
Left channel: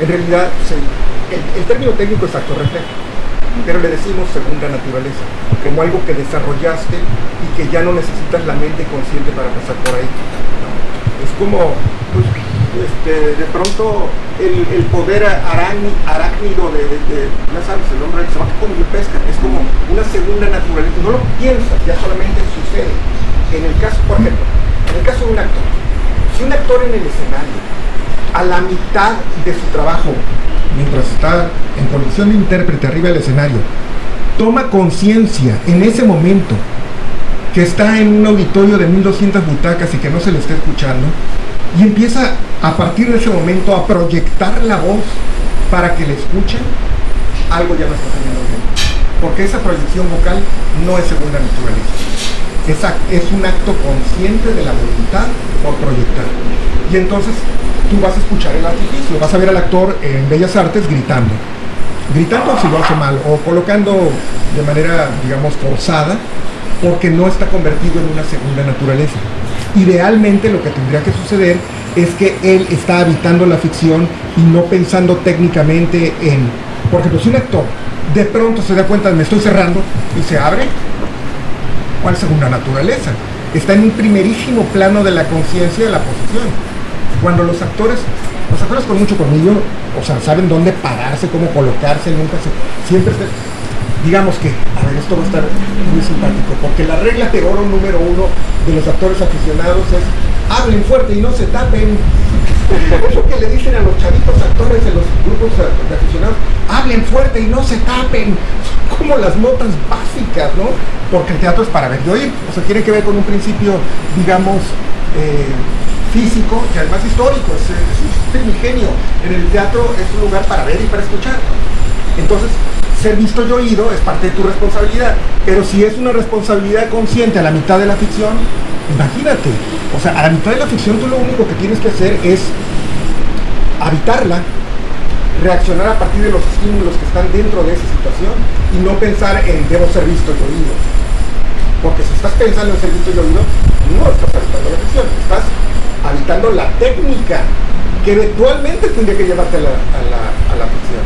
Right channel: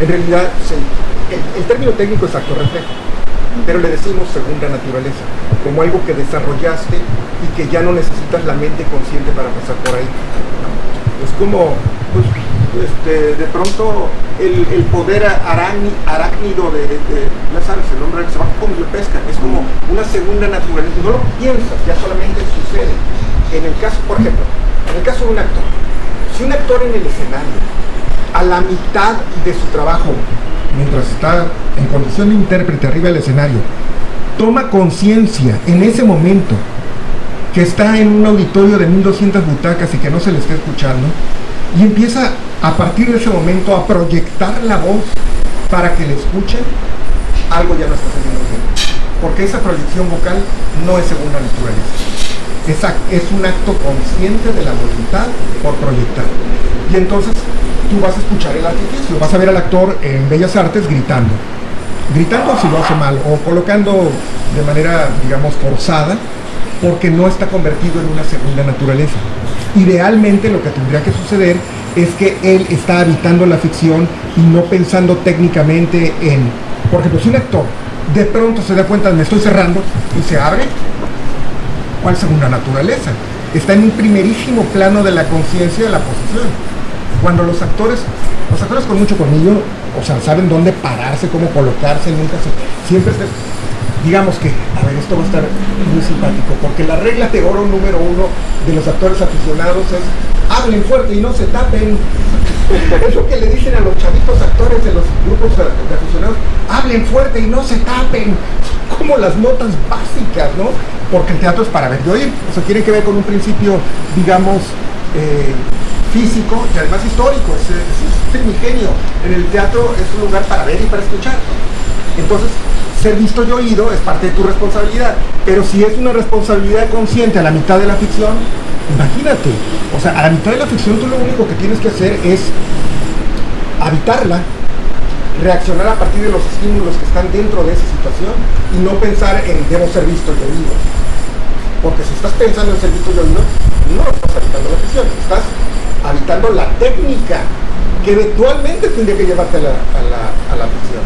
En realidad, el término técnico es acto reflejo, pero le decimos segunda naturaleza, como algo que desarrollaste y que ya no necesitas la mente consciente para pasar por ahí, ¿no? Es como, pues, de pronto el poder arácnido ya sabes, el hombre se va como yo pesca, es como una segunda naturaleza, no lo piensas, ya solamente sucede. En el caso, por ejemplo, en el caso de un actor, si un actor en el escenario, a la mitad de su trabajo, mientras está en condición de intérprete arriba del escenario, toma conciencia en ese momento que está en un auditorio de 1200 butacas y que no se le está escuchando, y empieza a partir de ese momento a proyectar la voz para que le escuchen, algo ya no está saliendo bien, porque esa proyección vocal no es segunda naturaleza, es un acto consciente de la voluntad por proyectar. Y entonces tú vas a escuchar el artificio, vas a ver al actor en Bellas Artes gritando si lo hace mal, o colocando de manera, digamos, forzada, porque no está convertido en una segunda naturaleza. Idealmente lo que tendría que suceder es que él está habitando la ficción y no pensando técnicamente en, por ejemplo, si un actor de pronto se da cuenta de me estoy cerrando y se abre, ¿cuál segunda naturaleza? Está en un primerísimo plano de la conciencia de la posición. Cuando los actores con mucho colmillo, o sea, saben dónde pararse, cómo colocarse, siempre digamos que, a ver, esto va a estar muy simpático, porque la regla de oro número 1 de los actores aficionados es hablen fuerte y no se tapen. Es lo que le dicen a los chavitos actores de los grupos de aficionados, hablen fuerte y no se tapen. Son como las notas básicas, ¿no? Porque el teatro es para ver y oír, o sea, tiene que ver con un principio, digamos, físico y además histórico, es primigenio. En el teatro es un lugar para ver y para escuchar. Entonces, ser visto y oído es parte de tu responsabilidad, pero si es una responsabilidad consciente a la mitad de la ficción, imagínate, o sea, a la mitad de la ficción tú lo único que tienes que hacer es habitarla, reaccionar a partir de los estímulos que están dentro de esa situación y no pensar en debo ser visto y oído, porque si estás pensando en ser visto y oído, no estás habitando la ficción, estás habitando la técnica que eventualmente tendría que llevarte a la ficción.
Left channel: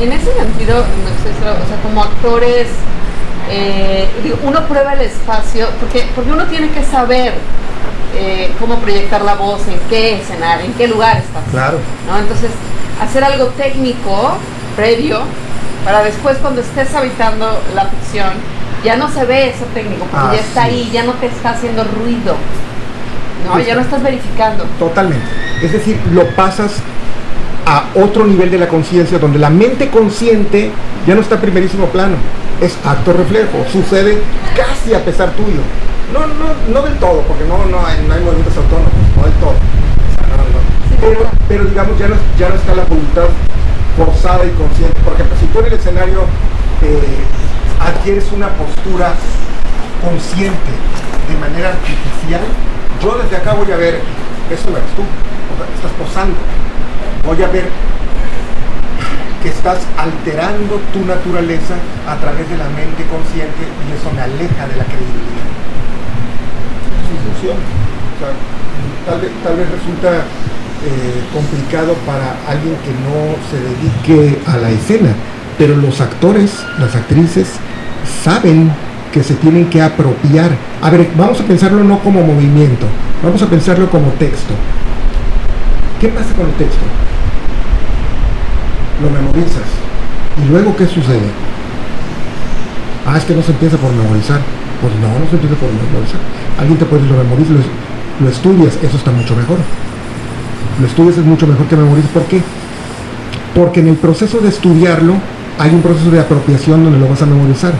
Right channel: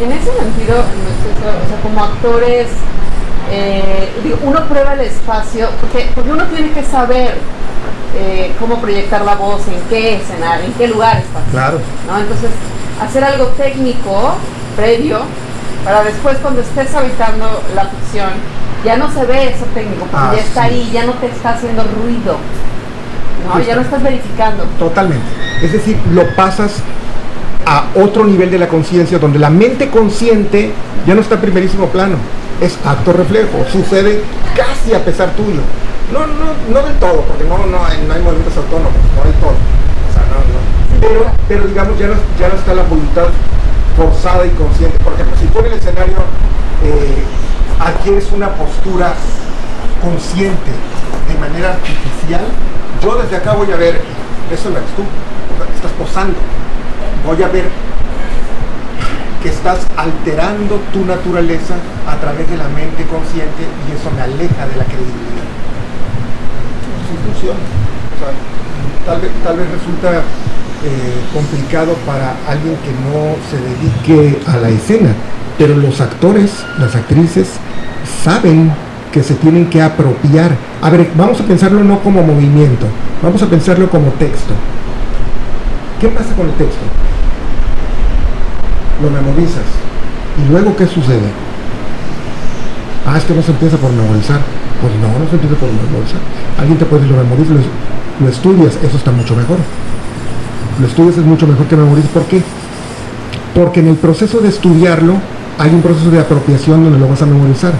en ese sentido, o sea, como actores, uno prueba el espacio, porque uno tiene que saber cómo proyectar la voz, en qué escenario, en qué lugar está. Claro. ¿No? Entonces, hacer algo técnico, previo, para después cuando estés habitando la ficción, ya no se ve eso técnico, porque ya está ahí, ya no te está haciendo ruido, ¿no? Ya no estás verificando. Totalmente. Es decir, lo pasas a otro nivel de la conciencia, donde la mente consciente ya no está en primerísimo plano, es acto reflejo, sucede casi a pesar tuyo. No del todo, porque no hay movimientos autónomos, no del todo. O sea, no. Pero digamos, ya no está la voluntad forzada y consciente. Por ejemplo, si tú en el escenario adquieres una postura consciente de manera artificial, yo desde acá voy a ver, eso lo eres tú, o sea, estás posando, voy a ver que estás alterando tu naturaleza a través de la mente consciente, y eso me aleja de la credibilidad. Sí funciona. O sea, tal vez resulta complicado para alguien que no se dedique a la escena, pero los actores, las actrices saben que se tienen que apropiar. A ver, vamos a pensarlo no como movimiento, vamos a pensarlo como texto. ¿Qué pasa con el texto? Lo memorizas. ¿Y luego qué sucede? Es que no se empieza por memorizar. Pues no se empieza por memorizar. Alguien te puede decir, lo memorizas, lo estudias, eso está mucho mejor. Lo estudias es mucho mejor que memorices. ¿Por qué? Porque en el proceso de estudiarlo hay un proceso de apropiación donde lo vas a memorizar.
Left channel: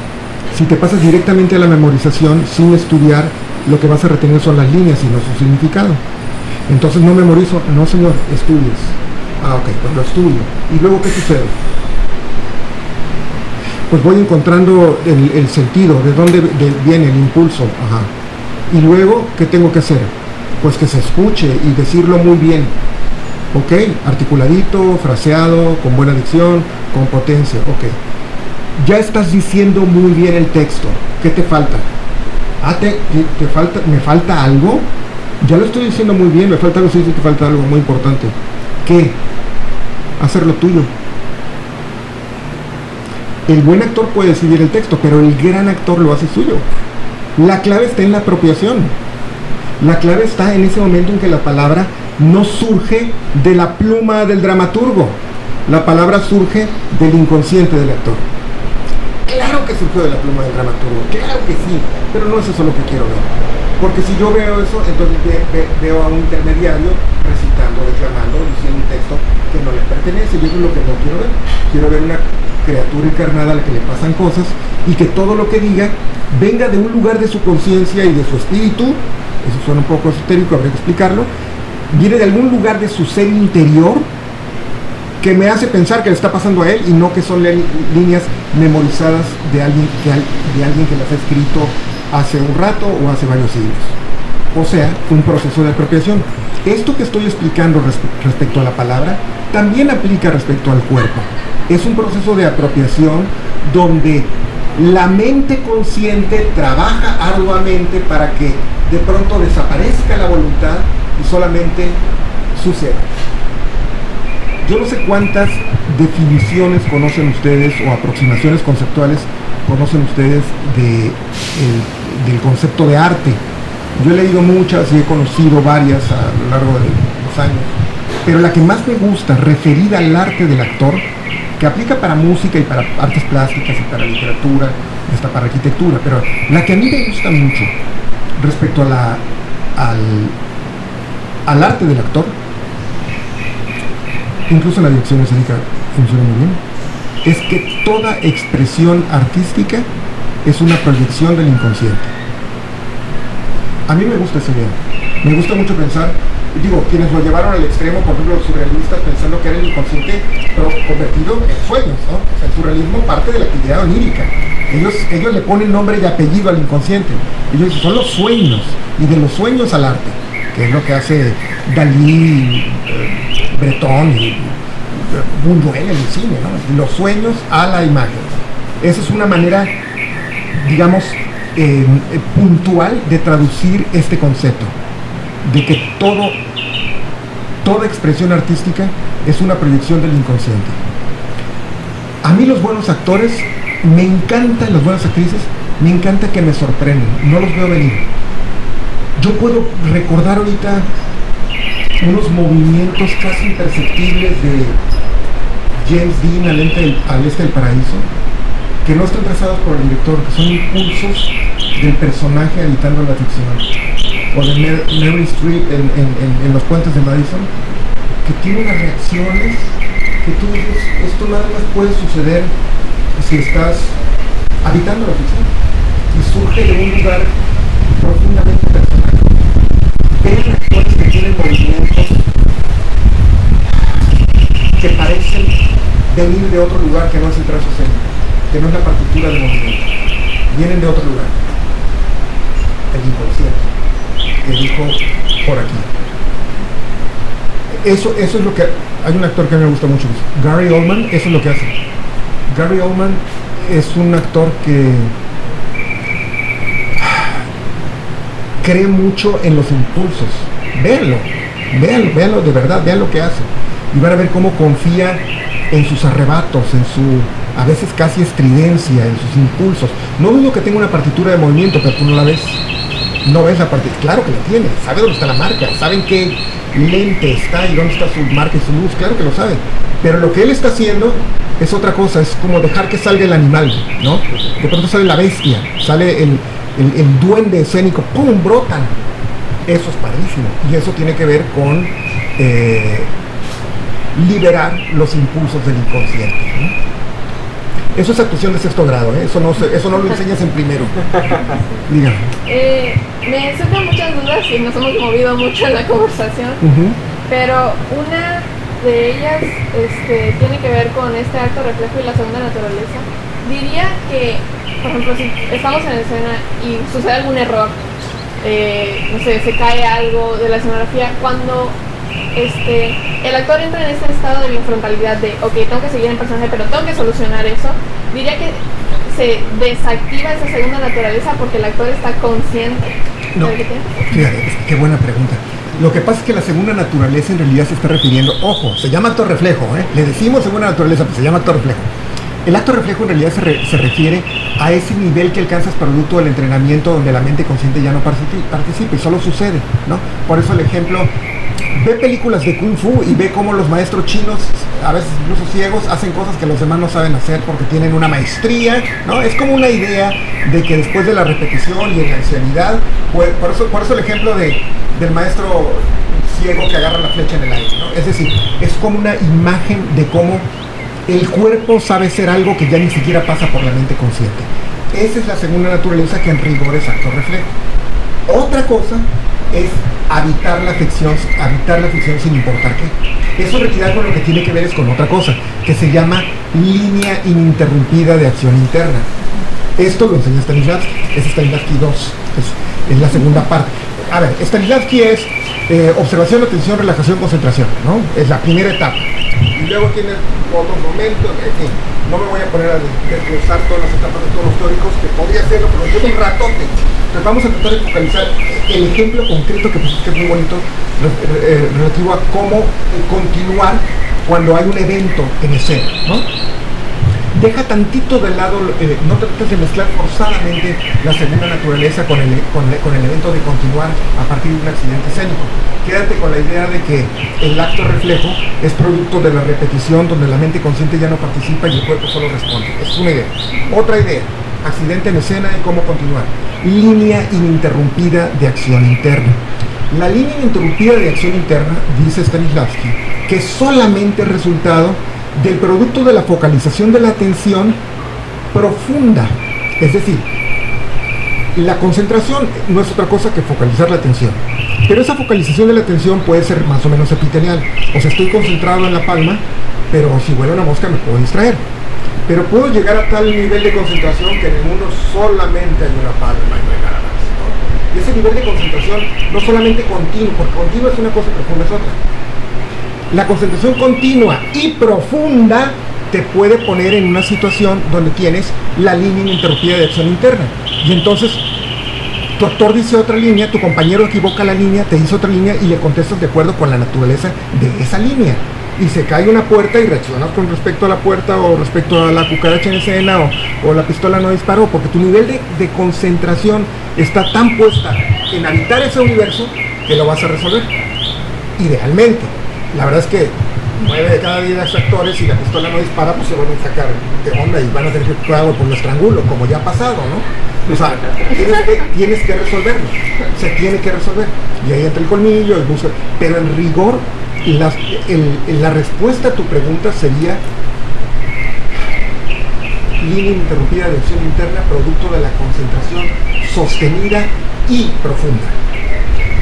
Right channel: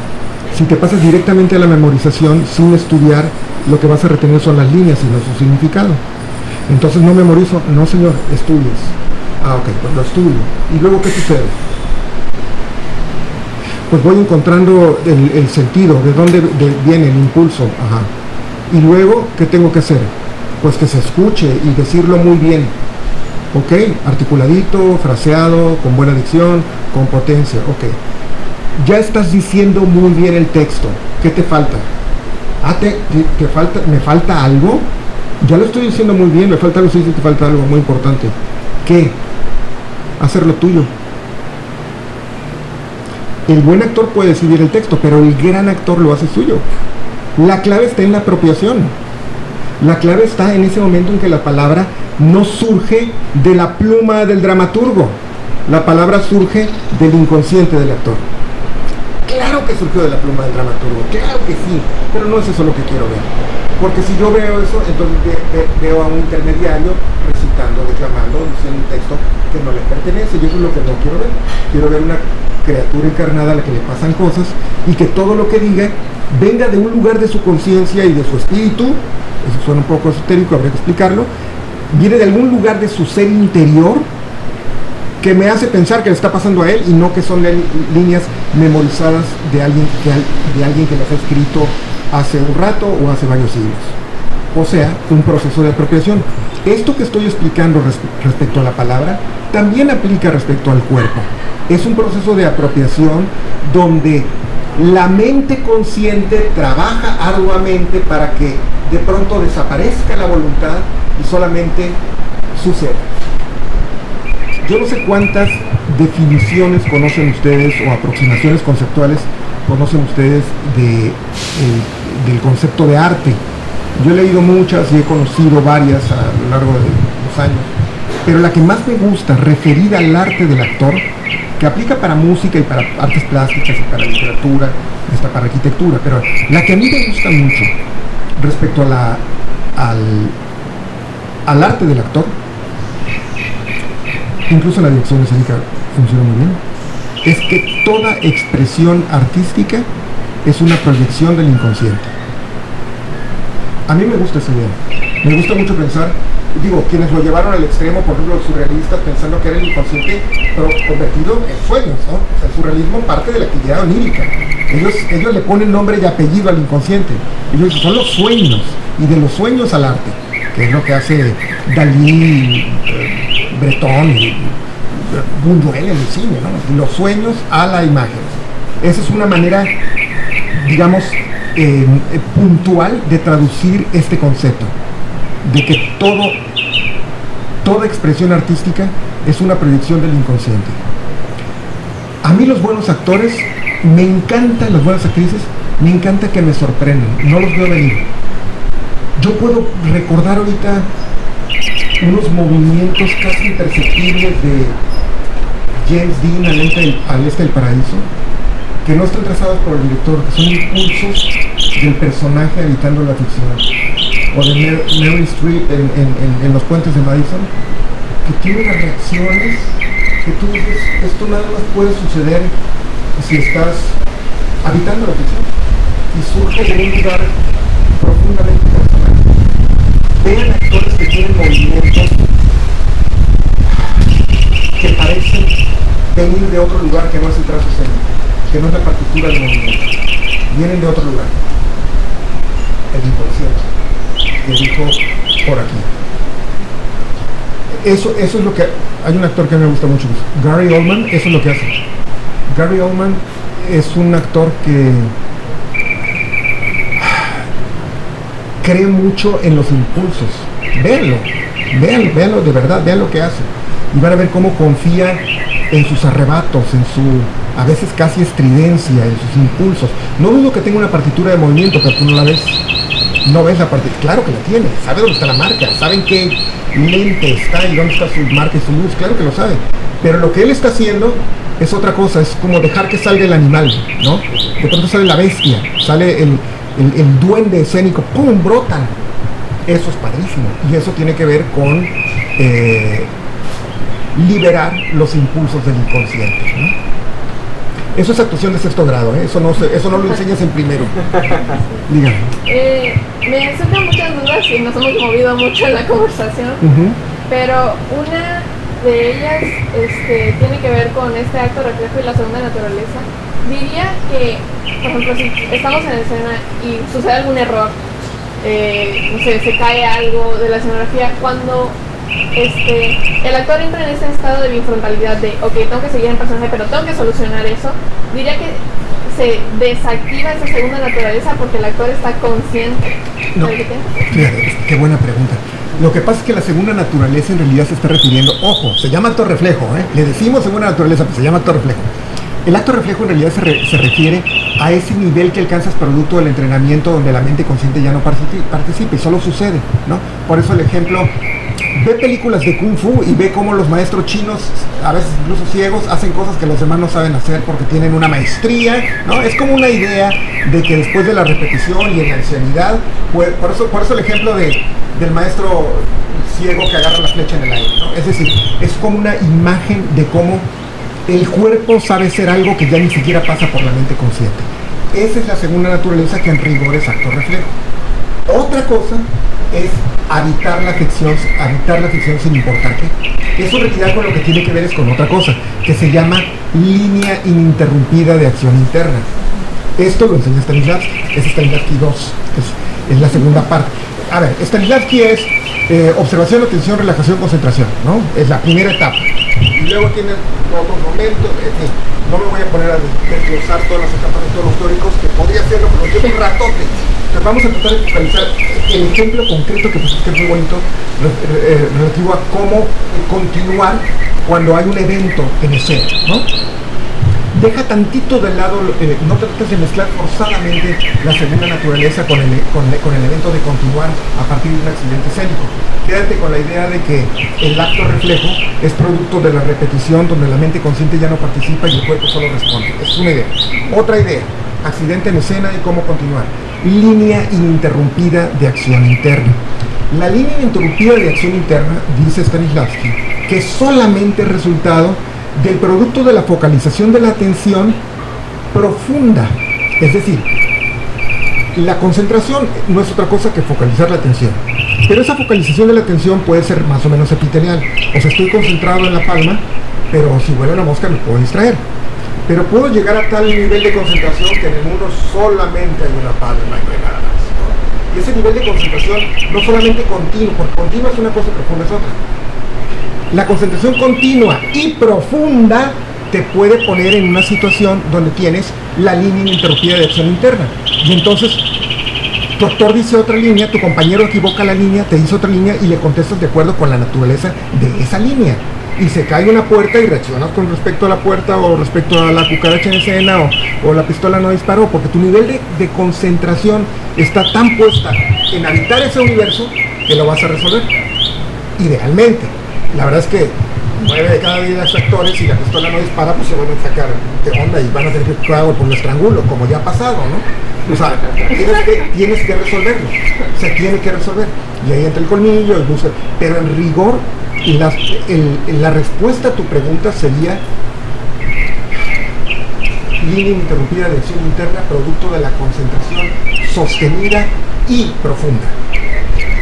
Si te pasas directamente a la memorización sin estudiar, lo que vas a retener son las líneas y no su significado. Entonces no memorizo, no señor, estudias. Ok, pues lo estudio. ¿Y luego qué sucede? Pues voy encontrando el sentido, de dónde viene el impulso. Ajá. Y luego, ¿qué tengo que hacer? Pues que se escuche y decirlo muy bien. Ok, articuladito, fraseado, con buena dicción, con potencia. Ok. Ya estás diciendo muy bien el texto. ¿Qué te falta? ¿Me falta algo? Ya lo estoy diciendo muy bien, me falta algo, sí, te falta algo muy importante. ¿Qué? Hacerlo tuyo. El buen actor puede decidir el texto, pero el gran actor lo hace suyo. La clave está en la apropiación. La clave está en ese momento en que la palabra no surge de la pluma del dramaturgo. La palabra surge del inconsciente del actor. Claro que surgió de la pluma del dramaturgo, claro que sí, pero no es eso lo que quiero ver. Porque si yo veo eso, entonces veo a un intermediario recitando, declamando, diciendo un texto que no le pertenece, y eso es lo que no quiero ver. Quiero ver una criatura encarnada a la que le pasan cosas, y que todo lo que diga venga de un lugar de su conciencia y de su espíritu. Eso suena un poco esotérico, habría que explicarlo. Viene de algún lugar de su ser interior que me hace pensar que le está pasando a él, y no que son líneas memorizadas de alguien que las ha escrito hace un rato o hace varios siglos. O sea, un proceso de apropiación. Esto que estoy explicando respecto a la palabra también aplica respecto al cuerpo. Es un proceso de apropiación donde la mente consciente trabaja arduamente para que de pronto desaparezca la voluntad y solamente suceda. Yo no sé cuántas definiciones conocen ustedes o aproximaciones conceptuales conocen ustedes del concepto de arte. Yo he leído muchas y he conocido varias a lo largo de los años, pero la que más me gusta referida al arte del actor, que aplica para música y para artes plásticas y para literatura, hasta para arquitectura, pero la que a mí me gusta mucho respecto a al arte del actor, incluso la dirección escénica funciona muy bien, es que toda expresión artística es una proyección del inconsciente. A mí me gusta esa idea. Me gusta mucho pensar, digo, quienes lo llevaron al extremo, por ejemplo, los surrealistas, pensando que era el inconsciente, pero convertido en sueños, ¿no? O sea, el surrealismo parte de la actividad onírica. Ellos le ponen nombre y apellido al inconsciente. Ellos son los sueños, y de los sueños al arte, que es lo que hace Dalí, Breton y Buñuel en el cine, ¿no? Los sueños a la imagen. Esa es una manera, digamos, puntual de traducir este concepto, de que toda expresión artística es una proyección del inconsciente. A mí los buenos actores, me encantan las buenas actrices, me encanta que me sorprenden, no los veo venir. Yo puedo recordar ahorita unos movimientos casi imperceptibles de James Dean al este del paraíso, que no están trazados por el director, que son impulsos del personaje habitando la ficción. O de Meryl Streep en Los Puentes de Madison, que tiene unas reacciones que tú dices, esto nada más puede suceder si estás habitando la ficción y surge de un lugar profundamente personal. Vean actores que tienen movimientos que parecen venir de otro lugar que no es el trazo escénico, que no es la partitura de movimiento, vienen de otro lugar. El inconsciente, que dijo por aquí. Eso es lo que... Hay un actor que a mí me gusta mucho, Gary Oldman, eso es lo que hace. Gary Oldman es un actor que cree mucho en los impulsos. Véanlo de verdad, vean lo que hace. Y van a ver cómo confía en sus arrebatos, en su, a veces casi estridencia, en sus impulsos. No dudo que tenga una partitura de movimiento, pero tú no la ves. No ves la partitura. Claro que la tiene, sabe dónde está la marca, saben qué lente está y dónde está su marca y su luz, claro que lo sabe. Pero lo que él está haciendo es otra cosa, es como dejar que salga el animal, ¿no? De pronto sale la bestia, sale el duende escénico, ¡pum!, brotan. Eso es padrísimo. Y eso tiene que ver con liberar los impulsos del inconsciente, ¿no? Eso es actuación de sexto grado, ¿eh? Eso no lo enseñas en primero. Dígame. Me surgen muchas dudas y nos hemos movido mucho en la conversación, pero una de ellas tiene que ver con este acto reflejo y la segunda naturaleza. Diría que, por ejemplo, si estamos en escena y sucede algún error, no sé, se cae algo de la escenografía, cuando el actor entra en ese estado de bifrontalidad de, ok, tengo que seguir en personaje, pero tengo que solucionar eso, diría que se desactiva esa segunda naturaleza porque el actor está consciente de lo que tiene. Fíjate, qué buena pregunta. Lo que pasa es que la segunda naturaleza en realidad se está refiriendo, ojo, se llama acto reflejo, le decimos segunda naturaleza, pero se llama acto reflejo. El acto reflejo en realidad se refiere a ese nivel que alcanzas producto del entrenamiento donde la mente consciente ya no participa y solo sucede, ¿no? Por eso el ejemplo, ve películas de Kung Fu y ve cómo los maestros chinos, a veces incluso ciegos, hacen cosas que los demás no saben hacer porque tienen una maestría, ¿no? Es como una idea de que después de la repetición y en la ancianidad, pues, por eso el ejemplo del maestro ciego que agarra la flecha en el aire, ¿no? Es decir, es como una imagen de cómo el cuerpo sabe ser algo que ya ni siquiera pasa por la mente consciente. Esa es la segunda naturaleza, que en rigor es acto reflejo. Otra cosa es habitar la ficción sin importar qué. Eso en realidad con lo que tiene que ver es con otra cosa, que se llama línea ininterrumpida de acción interna. Esto lo enseña Stanislavski, es Stanislavski 2, es la segunda parte. A ver, Stanislavski es observación, atención, relajación, concentración, ¿no? Es la primera etapa. Y luego tiene otros momentos, en fin, no me voy a poner a desglosar todas las etapas de todos los teóricos, que podría hacerlo, pero llevo un ratote. Entonces vamos a tratar de focalizar el ejemplo concreto que es muy bonito, relativo a cómo continuar cuando hay un evento en escena, ¿no? Deja tantito de lado, no trates de mezclar forzadamente la segunda naturaleza con el evento de continuar a partir de un accidente escénico. Quédate con la idea de que el acto reflejo es producto de la repetición, donde la mente consciente ya no participa y el cuerpo solo responde. Es una idea. Otra idea, accidente en escena y cómo continuar. Línea ininterrumpida de acción interna. La línea ininterrumpida de acción interna, dice Stanislavski, que es solamente resultado del producto de la focalización de la atención profunda. Es decir, la concentración no es otra cosa que focalizar la atención. Pero esa focalización de la atención puede ser más o menos epitelial. O sea, estoy concentrado en la palma, pero si vuela una mosca me puedo distraer. Pero puedo llegar a tal nivel de concentración que en el mundo solamente hay una palma y no hay nada más, ¿no? Y ese nivel de concentración no solamente continuo, porque continuo es una cosa y profunda es otra. La concentración continua y profunda te puede poner en una situación donde tienes la línea ininterrumpida de acción interna. Y entonces tu actor dice otra línea, tu compañero equivoca la línea, te dice otra línea y le contestas de acuerdo con la naturaleza de esa línea. y se cae una puerta y reaccionas con respecto a la puerta o respecto a la cucaracha en escena o la pistola no disparó, porque tu nivel de concentración está tan puesta en habitar ese universo que lo vas a resolver. Idealmente. La verdad es que 9 de cada 10 actores, si la pistola no dispara, pues se van a sacar de onda y van a tener que hago por un estrangulo, como ya ha pasado, ¿no? O sea, tienes que resolverlo, se tiene que resolver. Y ahí entra el colmillo, el buzo, pero en rigor, la respuesta a tu pregunta sería línea interrumpida de acción interna, producto de la concentración sostenida y profunda.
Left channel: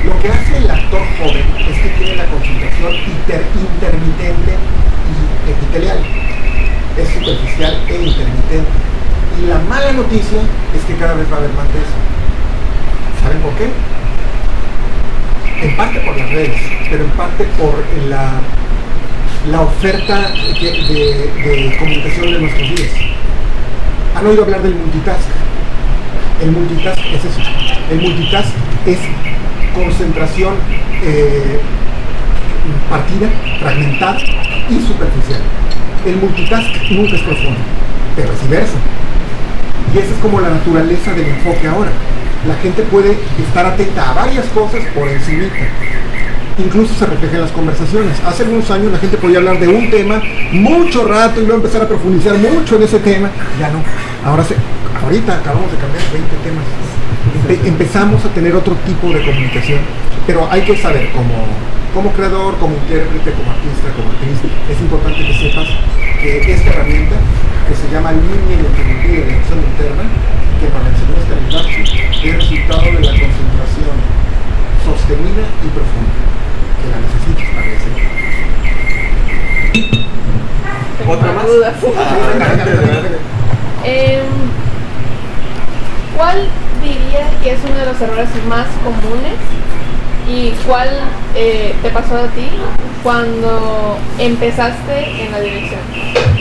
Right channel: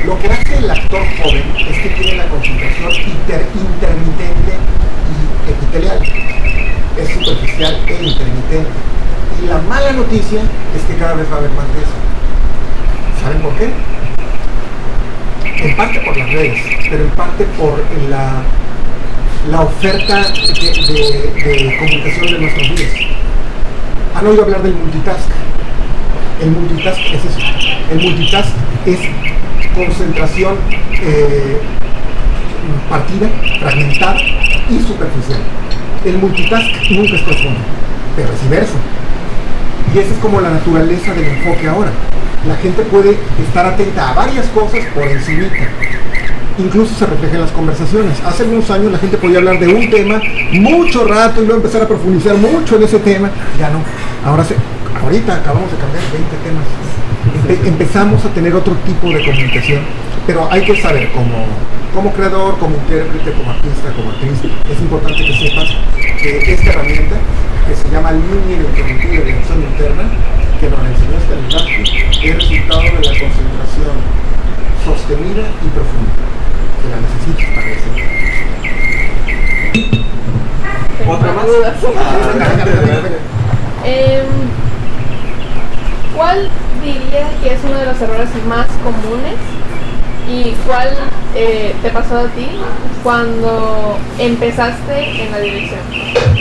Lo que hace el actor joven es que tiene la concentración intermitente y epitelial. Es superficial e intermitente. Y la mala noticia es que cada vez va a haber más de eso. ¿Saben por qué? En parte por las redes, pero en parte por la oferta de comunicación de nuestros días. ¿Han oído hablar del multitask? El multitask es eso. El multitask es concentración partida, fragmentada y superficial. El multitask nunca es profundo, pero es diverso. Y esa es como la naturaleza del enfoque ahora. La gente puede estar atenta a varias cosas por encimita. Incluso se refleja en las conversaciones. Hace algunos años la gente podía hablar de un tema mucho rato y luego empezar a profundizar mucho en ese tema. Ya no. Ahorita acabamos de cambiar 20 temas. Empezamos a tener otro tipo de comunicación, pero hay que saber como creador, como intérprete, como artista, como actriz, es importante que sepas que esta herramienta, que se llama línea interrumpida de acción interna, que nos la enseñó Stanislavski, es resultado de la concentración sostenida y profunda, que la necesitas para ese. ¿Otra más? ¿Cuál dirías que es uno de los errores más comunes y cuál te pasó a ti cuando empezaste en la dirección?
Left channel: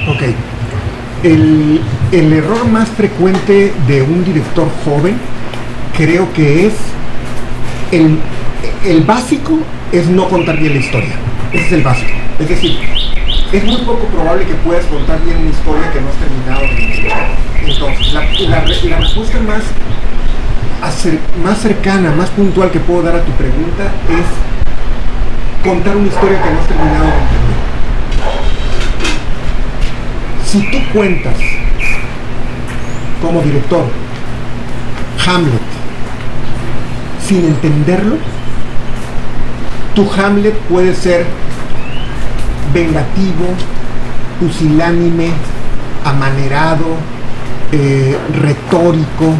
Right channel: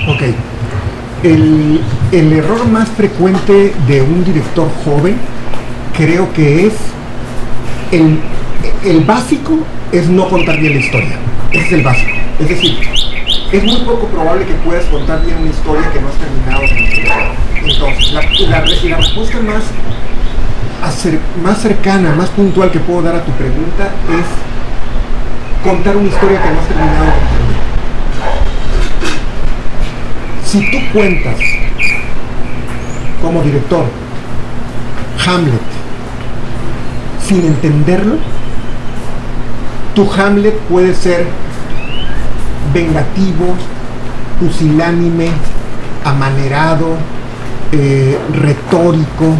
Ok. El error más frecuente de un director joven creo que es el básico es no contar bien la historia. Ese es el básico. Es decir, es muy poco probable que puedas contar bien una historia que no has terminado de entender. Entonces, la respuesta más cercana, más puntual que puedo dar a tu pregunta es contar una historia que no has terminado de entender. Si tú cuentas como director Hamlet sin entenderlo, tu Hamlet puede ser vengativo, pusilánime, amanerado, retórico,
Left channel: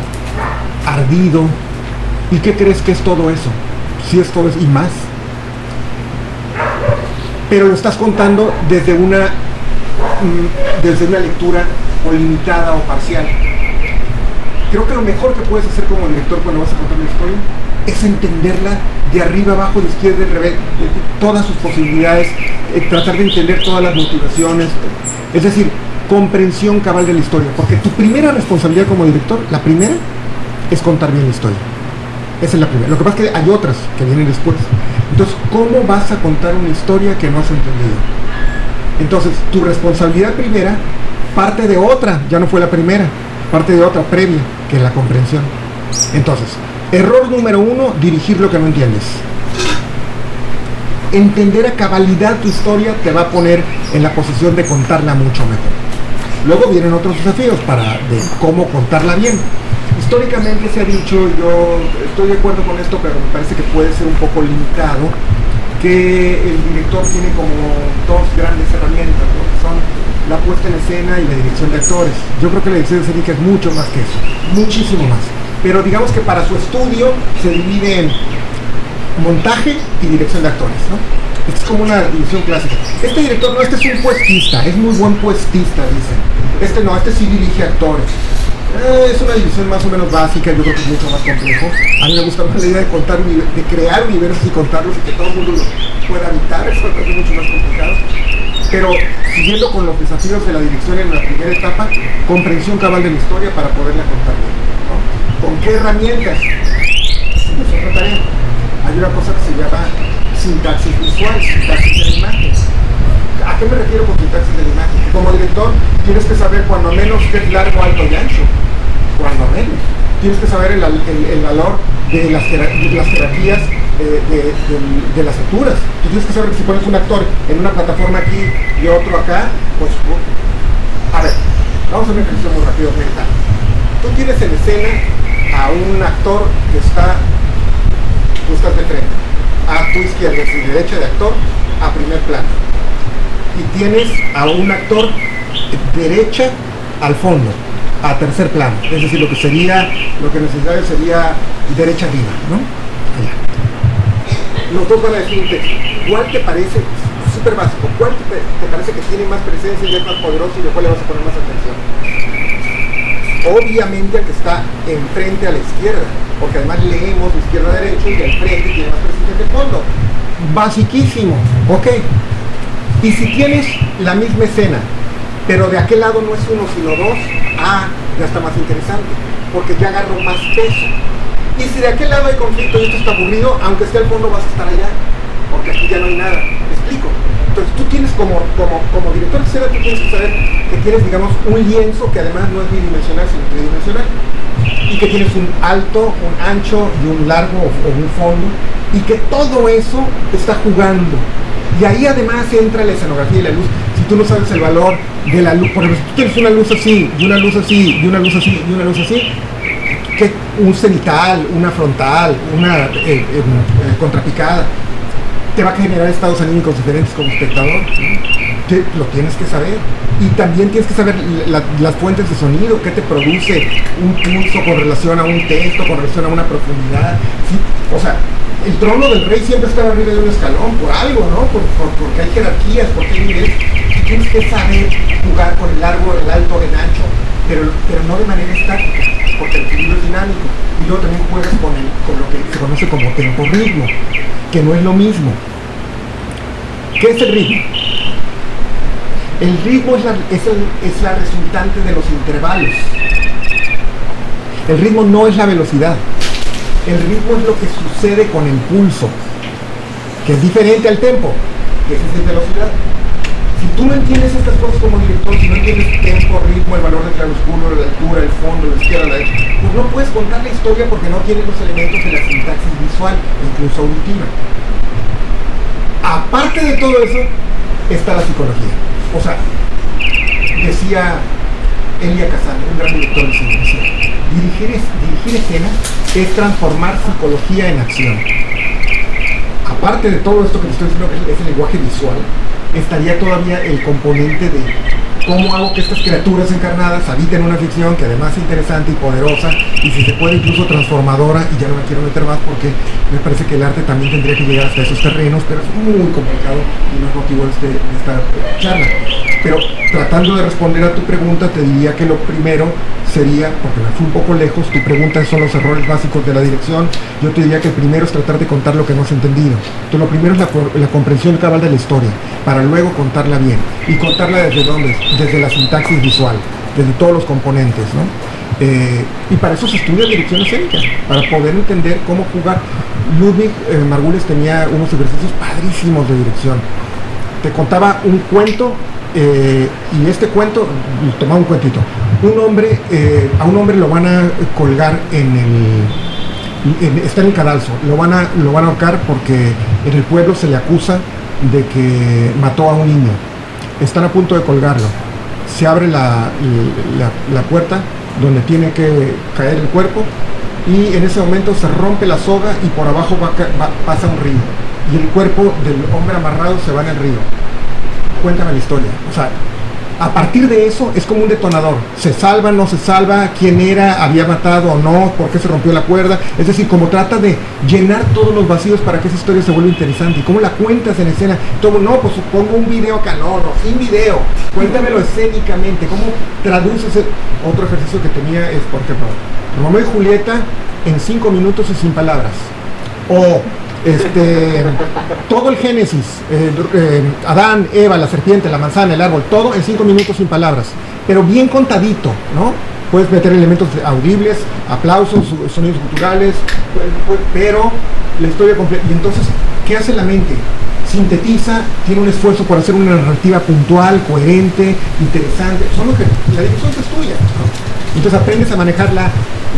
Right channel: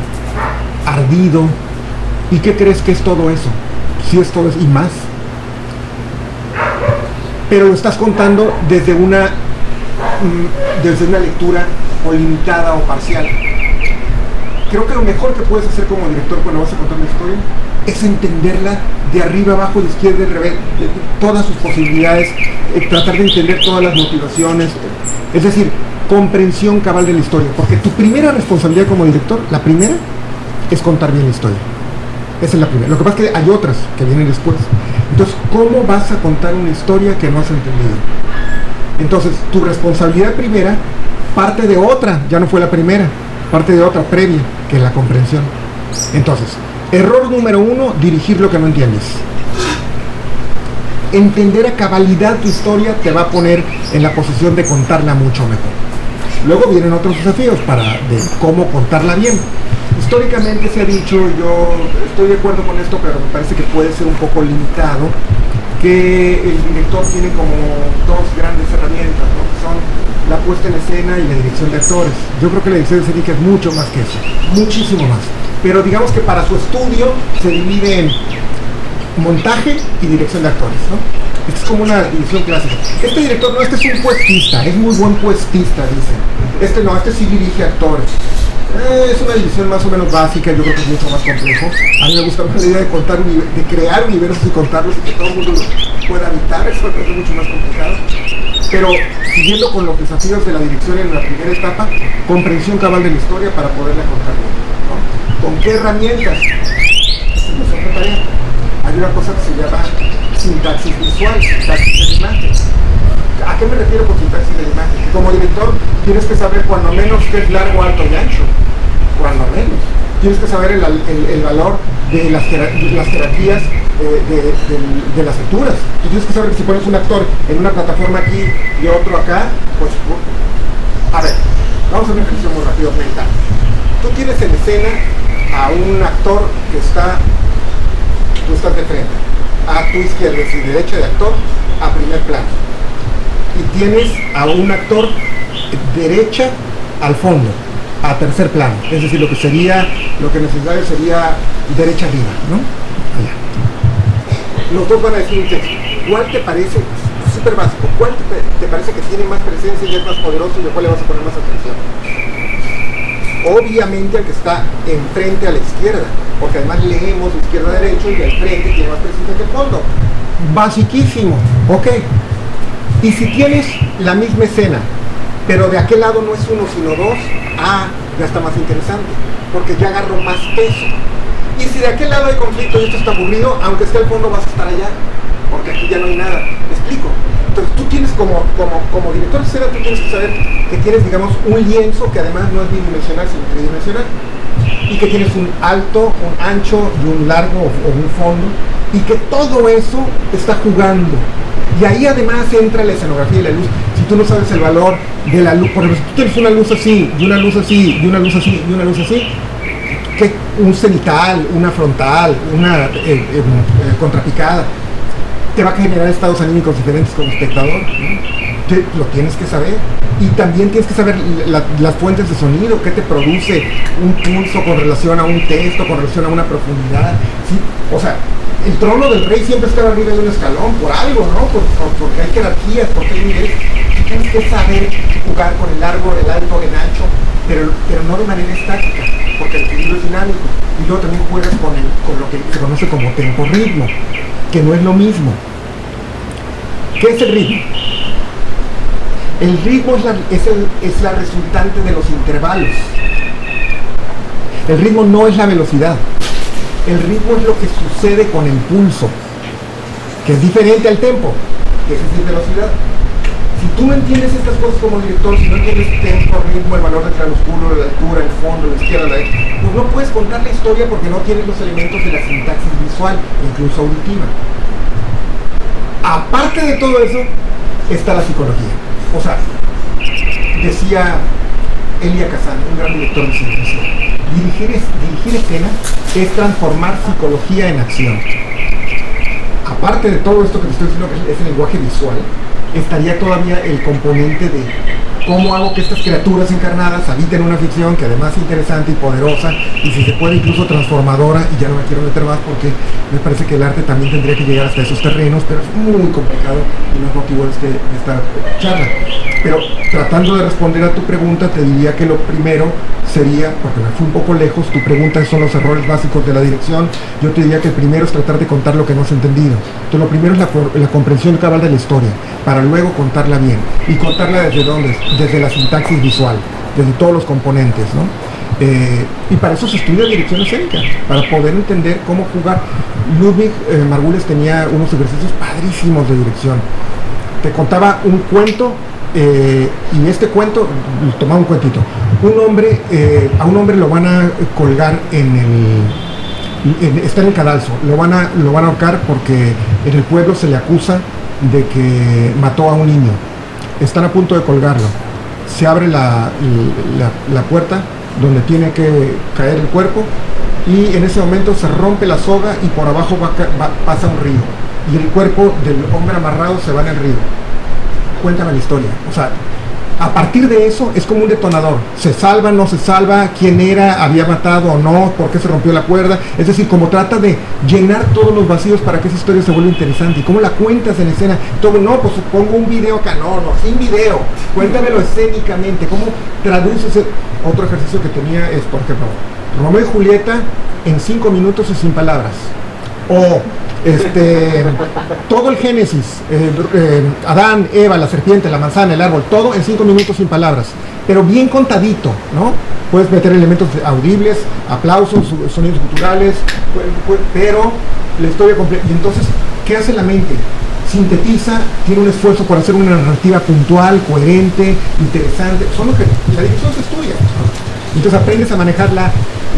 ardido. ¿Y qué crees que es todo eso? Sí, es todo eso y más. Pero lo estás contando desde una lectura o limitada o parcial. Creo que lo mejor que puedes hacer como director cuando vas a contar una historia es entenderla de arriba, abajo, de izquierda, de revés, de todas sus posibilidades, tratar de entender todas las motivaciones, es decir, comprensión cabal de la historia, porque tu primera responsabilidad como director, la primera, es contar bien la historia. Esa es la primera. Lo que pasa es que hay otras que vienen después. Entonces, ¿cómo vas a contar una historia que no has entendido? Entonces, tu responsabilidad primera parte de otra, ya no fue la primera, parte de otra previa, que es la comprensión. Entonces, error número 1, dirigir lo que no entiendes. Entender a cabalidad tu historia te va a poner en la posición de contarla mucho mejor. Luego vienen otros desafíos de cómo contarla bien. Históricamente se ha dicho, yo estoy de acuerdo con esto, pero me parece que puede ser un poco limitado, que el director tiene como dos grandes herramientas, ¿no? Que son la puesta en escena y la dirección de actores. Yo creo que la dirección escénica es mucho más que eso, muchísimo más. Pero digamos que para su estudio se divide en montaje y dirección de actores, ¿no? Esta es como una división clásica. Este director no, este es un puestista, es muy buen puestista, dicen. Este no, este sí dirige actores. Es una división más o menos básica, yo creo que es mucho más complejo. A mí me gusta más la idea de crear universos y contarlos y que todo el mundo los pueda habitar, eso me parece mucho más complicado. Pero siguiendo con los desafíos de la dirección en la primera etapa, comprensión cabal de la historia para poderla contar bien, ¿no? ¿Con qué herramientas? Esa es otra tarea. Hay una cosa que se llama sintaxis visual, sintaxis de la imagen. ¿A qué me refiero con sintaxis de la imagen? Que como director tienes que saber cuando menos qué es largo, alto y ancho. Cuando menos. Tienes que saber el valor de las jerarquías de las alturas. Tú tienes que saber que si pones un actor en una plataforma aquí y otro acá, pues... A ver, vamos a hacer un ejercicio muy rápido mental. Tú tienes en escena a un actor que está... Tú estás de frente. A tu izquierda, es decir, derecha de actor, a primer plano. Y tienes a un actor derecha al fondo, a tercer plano. Es decir, lo que necesario sería derecha arriba, ¿no? Allá. Los dos van a decir un texto. ¿Cuál te parece, súper básico, cuál te parece que tiene más presencia y es más poderoso y a cuál le vas a poner más atención? Obviamente al que está enfrente a la izquierda, porque además leemos de izquierda a derecho y al frente tiene más presencia que el fondo. Basiquísimo, ok. Y si tienes la misma escena, pero de aquel lado no es uno sino dos, ya está más interesante, porque ya agarro más peso. Y si de aquel lado hay conflicto y esto está aburrido, aunque esté al fondo vas a estar allá, porque aquí ya no hay nada. ¿Me explico? Entonces tú tienes como director de escena, tú tienes que saber que tienes, digamos, un lienzo que además no es bidimensional, sino tridimensional, y que tienes un alto, un ancho y un largo o un fondo, y que todo eso está jugando. Y ahí además entra la escenografía y la luz. Si tú no sabes el valor de la luz, por ejemplo, si tú tienes una luz así, y una luz así, y una luz así, y una luz así, que un cenital, una frontal, una contrapicada, te va a generar estados anímicos diferentes como espectador, ¿no? Lo tienes que saber. Y también tienes que saber las fuentes de sonido, qué te produce un pulso con relación a un texto, con relación a una profundidad. ¿Sí? O sea, el trono del rey siempre está arriba de un escalón, por algo, ¿no? Porque hay jerarquías, porque hay niveles. Tú tienes que saber jugar con el largo, el alto, el ancho, pero no de manera estática, porque el equilibrio es dinámico. Y luego también juegas con lo que se conoce como tempo-ritmo, que no es lo mismo. ¿Qué es el ritmo? El ritmo es la resultante de los intervalos. El ritmo no es la velocidad. El ritmo es lo que sucede con el pulso, que es diferente al tempo, que es velocidad. Si tú no entiendes estas cosas como director, si no entiendes tempo, ritmo, el valor del claroscuro, la altura, el fondo, la izquierda, la derecha, pues no puedes contar la historia porque no tienes los elementos de la sintaxis visual e incluso auditiva. Aparte de todo eso, está la psicología. O sea, decía Elia Kazan, un gran director de cine, decía, dirigir escena es transformar psicología en acción. Aparte de todo esto que te estoy diciendo, que es el lenguaje visual, estaría todavía el componente de cómo hago que estas criaturas encarnadas habiten una ficción que además es interesante y poderosa, y si se puede incluso transformadora, y ya no me quiero meter más porque me parece que el arte también tendría que llegar hasta esos terrenos, pero es muy complicado y no es motivo de esta charla. Pero tratando de responder a tu pregunta, te diría que lo primero sería, porque me fui un poco lejos, tu pregunta son los errores básicos de la dirección, yo te diría que el primero es tratar de contar lo que no has entendido. Entonces lo primero es la comprensión cabal de la historia, para luego contarla bien. ¿Y contarla desde dónde? Desde la sintaxis visual, desde todos los componentes, ¿no? Y para eso se estudia dirección escénica, para poder entender cómo jugar. Ludwig Margules tenía unos ejercicios padrísimos de dirección. Te contaba un cuento, y este cuento, tomaba un cuentito. A un hombre lo van a colgar está en el cadalso, lo van a ahorcar porque en el pueblo se le acusa de que mató a un niño. Están a punto de colgarlo. Se abre la puerta donde tiene que caer el cuerpo, y en ese momento se rompe la soga y por abajo pasa un río, y el cuerpo del hombre amarrado se va en el río. Cuéntame la historia. O sea, a partir de eso es como un detonador. ¿Se salva, no se salva? ¿Quién era? ¿Había matado o no? ¿Por qué se rompió la cuerda? Es decir, como trata de llenar todos los vacíos para que esa historia se vuelva interesante. ¿Y cómo la cuentas en escena? Todo, no, pues pongo un video acá. No, sin video. Cuéntamelo escénicamente. ¿Cómo traduces? Otro ejercicio que tenía es, por ejemplo, Romeo y Julieta en 5 minutos y sin palabras. O todo el Génesis, Adán, Eva, la serpiente, la manzana, el árbol, todo en 5 minutos sin palabras, pero bien contadito, ¿no? Puedes meter elementos audibles, aplausos, sonidos culturales, pero la historia completa. Y entonces ¿Qué hace la mente? Sintetiza, tiene un esfuerzo por hacer una narrativa puntual, coherente, interesante. La dirección es tuya, ¿no? Entonces aprendes a manejar la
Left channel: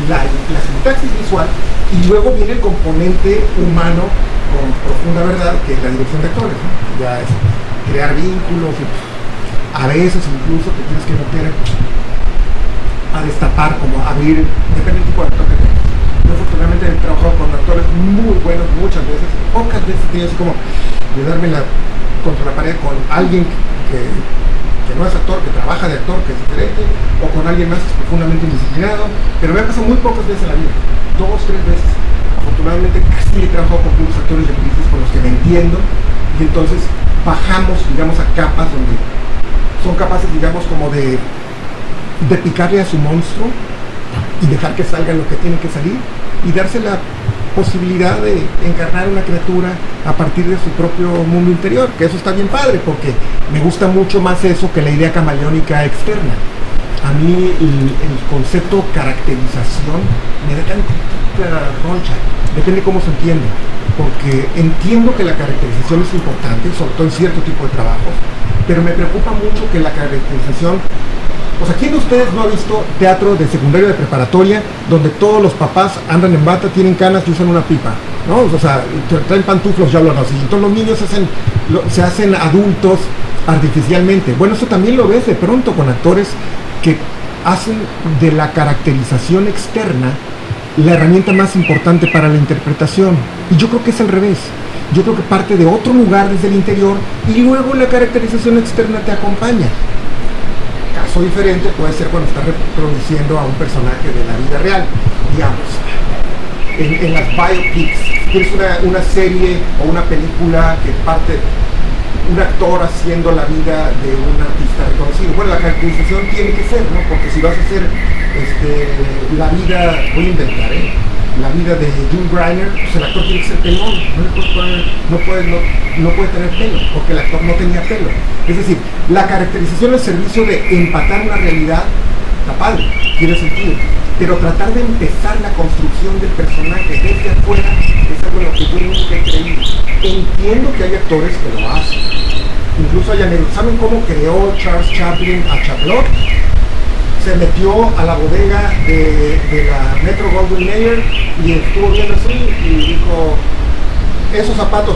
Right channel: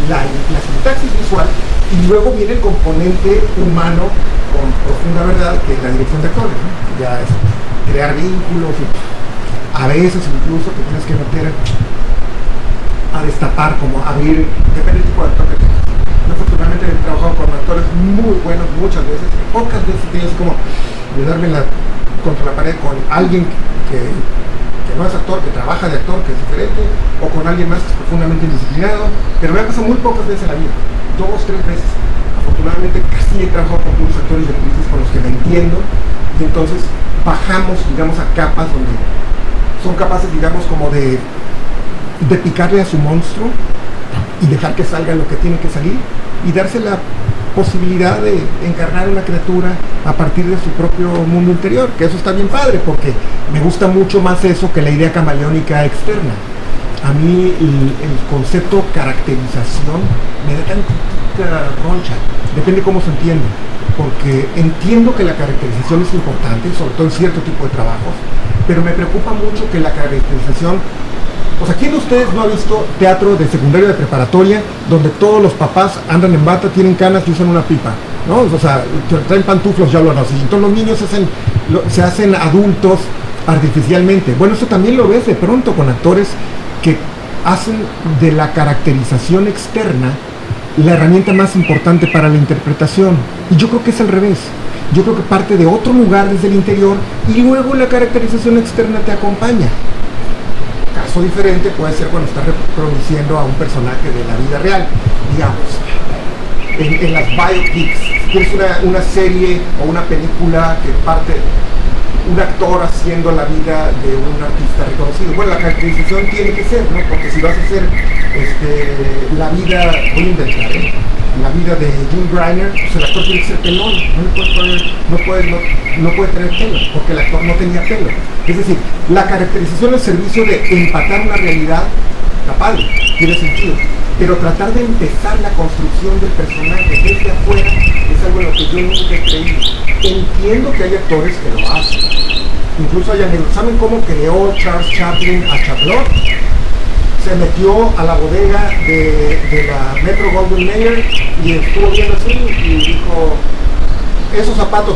sintaxis visual, y luego viene el componente humano con profunda verdad, que es la dirección de actores, ¿no? Ya es crear vínculos, y a veces incluso te tienes que meter a destapar, como abrir, depende del tipo de actor que tengas. Yo afortunadamente he trabajado con actores muy buenos muchas veces, pocas veces he tenido así como de darme contra la pared con alguien que no es actor, que trabaja de actor, que es diferente, o con alguien más que es profundamente indisciplinado, pero me ha pasado muy pocas veces en la vida, 2, 3 veces. Afortunadamente casi he trabajado con puros actores de crisis con los que me entiendo, y entonces bajamos, digamos, a capas donde son capaces, digamos, como de picarle a su monstruo y dejar que salga lo que tiene que salir, y darse la posibilidad de encarnar una criatura a partir de su propio mundo interior, que eso está bien padre, porque me gusta mucho más eso que la idea camaleónica externa. A mí el concepto caracterización me da tantita roncha, depende cómo se entiende, porque entiendo que la caracterización es importante, sobre todo en cierto tipo de trabajos, pero me preocupa mucho que la caracterización... O sea, ¿quién de ustedes no ha visto teatro de secundaria, de preparatoria, donde todos los papás andan en bata, tienen canas y usan una pipa, ¿no? O sea, traen pantuflos, ya hablan así. Entonces los niños se hacen adultos artificialmente. Bueno, eso también lo ves de pronto con actores que hacen de la caracterización externa la herramienta más importante para la interpretación. Y yo creo que es al revés. Yo creo que parte de otro lugar desde el interior y luego la caracterización externa te acompaña. Caso diferente puede ser cuando estás reproduciendo a un personaje de la vida real, digamos, en las biopics. Si tienes una serie o una película que parte un actor haciendo la vida de un artista reconocido, bueno, la caracterización tiene que ser, ¿no? Porque si vas a hacer la vida, voy a inventar, la vida de Jim Briner, pues el actor tiene que ser pelón, no puede tener pelo, porque el actor no tenía pelo. Es decir, la caracterización al servicio de empatar una realidad, está padre, tiene sentido, pero tratar de empezar la construcción del personaje desde afuera es algo en lo que yo nunca he creído. Entiendo que hay actores que lo hacen, incluso hay anécdotas. ¿Saben cómo creó Charles Chaplin a Charlotte? Se metió a la bodega de la Metro Goldwyn Mayer y estuvo viendo así y dijo: esos zapatos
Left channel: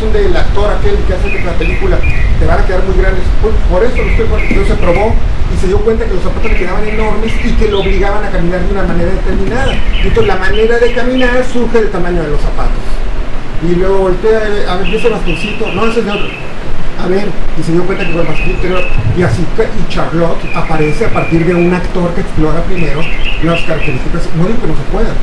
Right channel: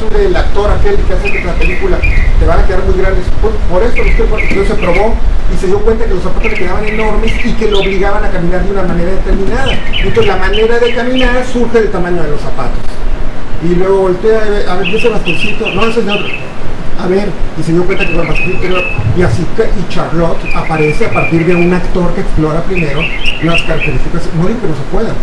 son del actor aquel que hace la película, te van a quedar muy grandes. Por eso entonces se probó y se dio cuenta que los zapatos le quedaban enormes y que lo obligaban a caminar de una manera determinada. Y entonces la manera de caminar surge del tamaño de los zapatos. Y luego voltea a ver, ese bastoncito, no, ese es de otro. A ver, y se dio cuenta que con el bastoncito interior, y así, y Charlotte aparece a partir de un actor que explora primero las características. No digo que no se puedan.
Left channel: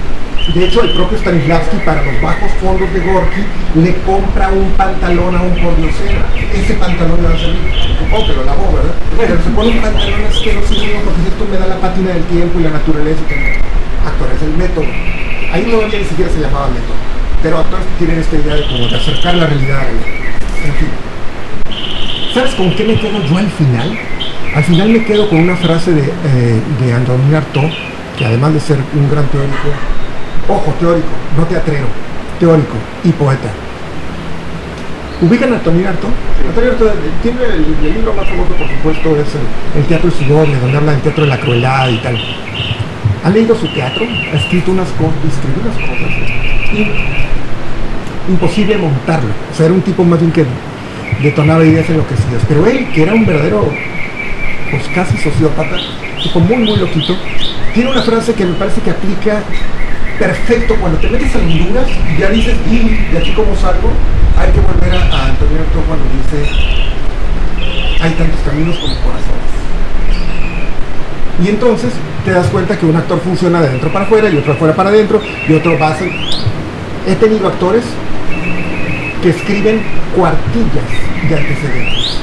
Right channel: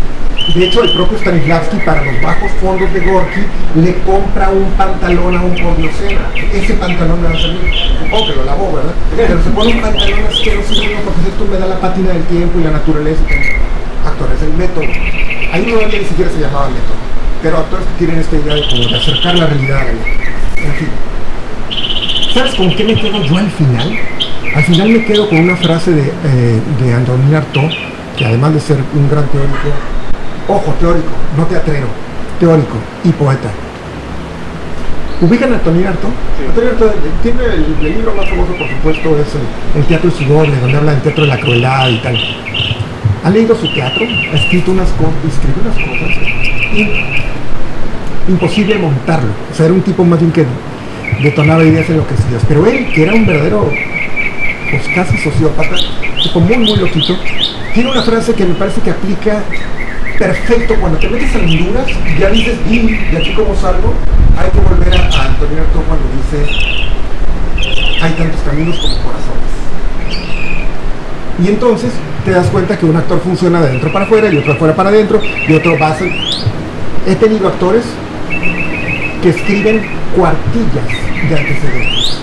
De hecho, el propio Stanislavski, para los bajos fondos de Gorky, le compra un pantalón a un pordiosero. Ese pantalón le va a servir, supongo que lo lavó, ¿verdad? Pero se pone un pantalón asqueroso, porque esto me da la pátina del tiempo y la naturaleza. Actores, el método. Ahí no había ni siquiera se llamaba método. Pero actores que tienen esta idea de acercar la realidad. En fin. ¿Sabes con qué me quedo yo al final? Al final me quedo con una frase de Antonin Artaud, que además de ser un gran teórico, ojo, teórico, no teatrero, teórico y poeta. ¿Ubican a Antonin Artaud? Sí. Antonin Artaud tiene el libro más famoso, por supuesto, es el Teatro de Sigourney, donde habla del teatro de la crueldad y tal. ¿Ha leído su teatro? Ha escrito escribió unas cosas. Imposible montarlo. O sea, era un tipo más bien que detonaba ideas enloquecidas. Pero él, que era un verdadero, pues casi sociópata, tipo muy, muy loquito, tiene una frase que me parece que aplica perfecto cuando te metes a Honduras y ya dices, y de aquí como salgo. Hay que volver a Antonin Artaud cuando dice: hay tantos caminos como corazones. Y entonces te das cuenta que un actor funciona de dentro para afuera y otro de afuera para adentro y otro va a ser... He tenido actores que escriben cuartillas de antecedentes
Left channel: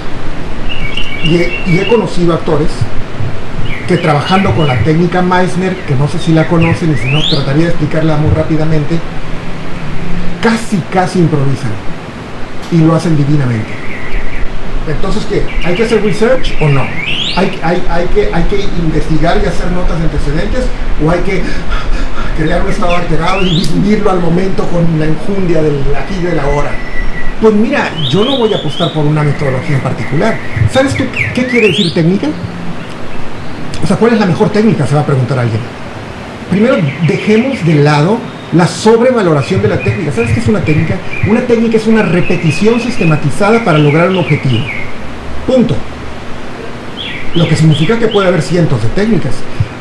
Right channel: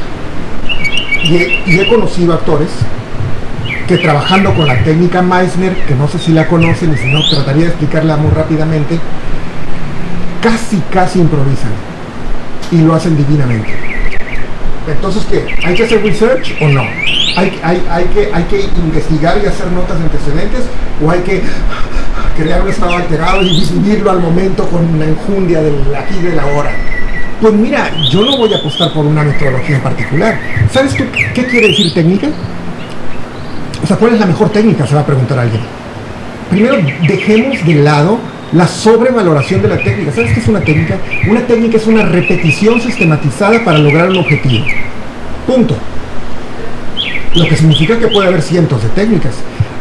y he conocido actores que, trabajando con la técnica Meissner, que no sé si la conocen y si no trataría de explicarla muy rápidamente, casi improvisan y lo hacen divinamente. Entonces, ¿qué? ¿Hay que hacer research o no? ¿Hay que investigar y hacer notas de antecedentes? ¿O hay que crear un estado alterado y vivirlo al momento con la enjundia del aquí y del ahora. Pues mira, yo no voy a apostar por una metodología en particular. ¿Sabes tú qué quiere decir técnica? O sea, ¿cuál es la mejor técnica? Se va a preguntar alguien. Primero, dejemos de lado la sobrevaloración de la técnica. ¿Sabes qué es una técnica? Una técnica es una repetición sistematizada para lograr un objetivo. Punto. Lo que significa que puede haber cientos de técnicas.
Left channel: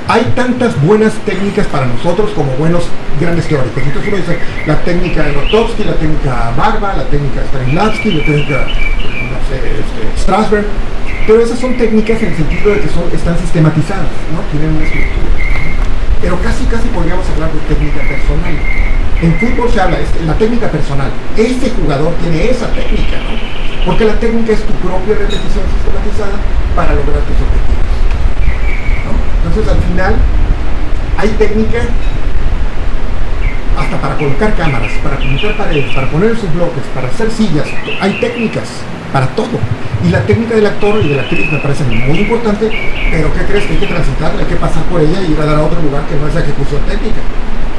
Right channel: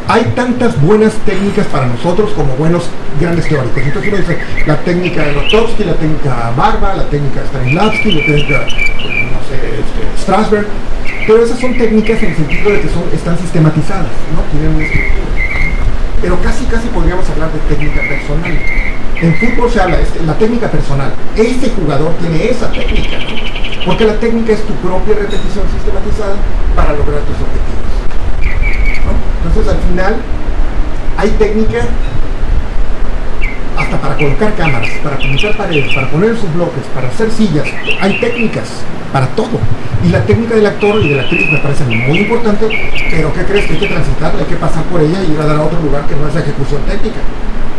Hay tantas buenas técnicas para nosotros como buenos grandes teóricos. Entonces uno dice la técnica de Grotowski, la técnica Barba, la técnica Stanislavski, la técnica, no sé, Strasberg. Pero esas son técnicas en el sentido de que están sistematizadas, ¿no? Tienen una estructura. Pero casi podríamos hablar de técnica personal. En fútbol se habla de la técnica personal. Este jugador tiene esa técnica, ¿no? Porque la técnica es tu propia repetición sistematizada para lograr tus objetivos, ¿no? Entonces al final hay técnica hasta para colocar cámaras, para pintar paredes, para poner sus bloques, para hacer sillas. Hay técnicas para todo. Y la técnica del actor y de la actriz me parece muy importante, pero ¿qué crees? Que hay que transitarla, hay que pasar por ella y ir a dar a otro lugar que no es la ejecución técnica.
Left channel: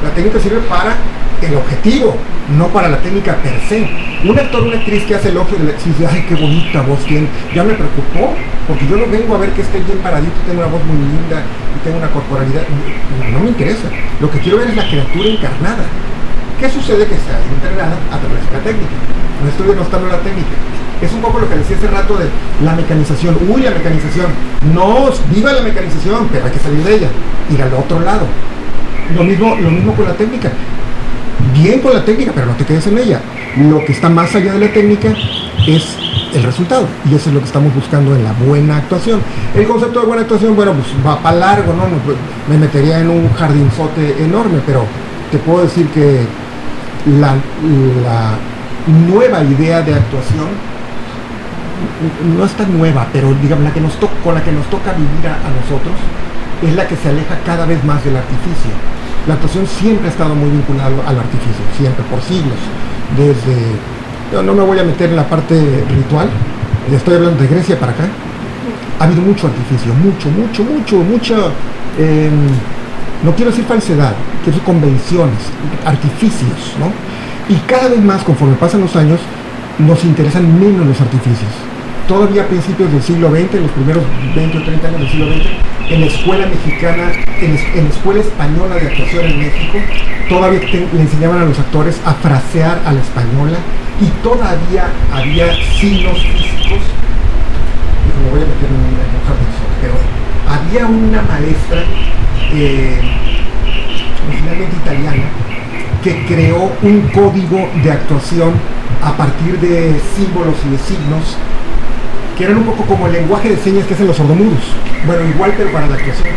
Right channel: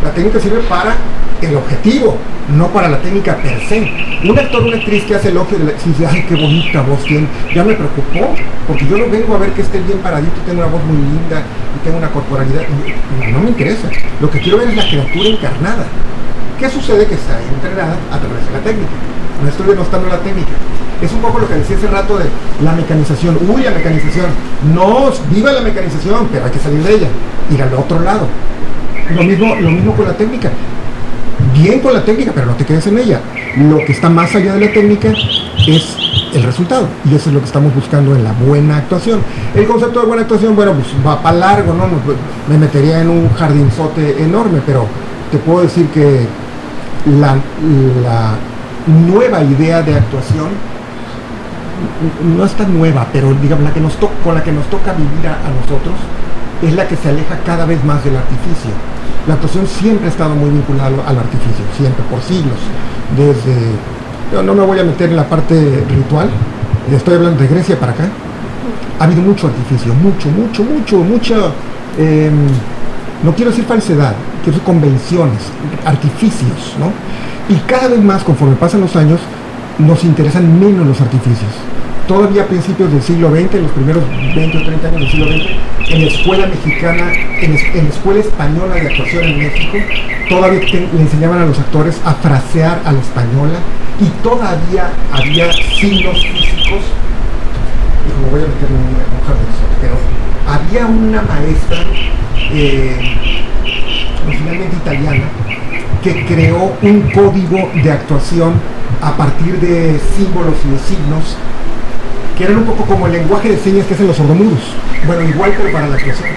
La técnica sirve para el objetivo, no para la técnica per se. Un actor o una actriz que hace elogio de la actriz dice, ay, qué bonita voz tiene, ya me preocupó, porque yo no vengo a ver que esté bien paradito, tengo una voz muy linda y tengo una corporalidad. No me interesa. Lo que quiero ver es la criatura encarnada. ¿Qué sucede? Que está entrenada a través de la técnica. No estoy denostando la técnica. Es un poco lo que decía hace rato de la mecanización. Uy, la mecanización. No, viva la mecanización, pero hay que salir de ella, ir al otro lado. Lo mismo con la técnica. Bien con la técnica, pero no te quedes en ella. Lo que está más allá de la técnica es el resultado. Y eso es lo que estamos buscando en la buena actuación. El concepto de buena actuación, bueno, pues va para largo, ¿no? Me metería en un jardinzote enorme, pero te puedo decir que la nueva idea de actuación no es tan nueva, pero digamos con la que nos toca vivir a nosotros es la que se aleja cada vez más del artificio. La actuación siempre ha estado muy vinculada al artificio, siempre, por siglos. No me voy a meter en la parte ritual, estoy hablando de Grecia para acá. Ha habido mucho artificio, mucha, no quiero decir falsedad, quiero decir convenciones, artificios, ¿no? Y cada vez más, conforme pasan los años, nos interesan menos los artificios. Todavía a principios del siglo XX, en los primeros 20 o 30 años del siglo XX, en la escuela mexicana, en la escuela española de actuación en México, todavía le enseñaban a los actores a frasear a la española y todavía había signos físicos. Y me voy a meter en un jardinzote, pero había una maestra, originalmente italiana, que creó un código de actuación a partir de símbolos y de signos que eran un poco como el lenguaje de señas que hacen los sordomudos. Bueno, igual pero para la actuación.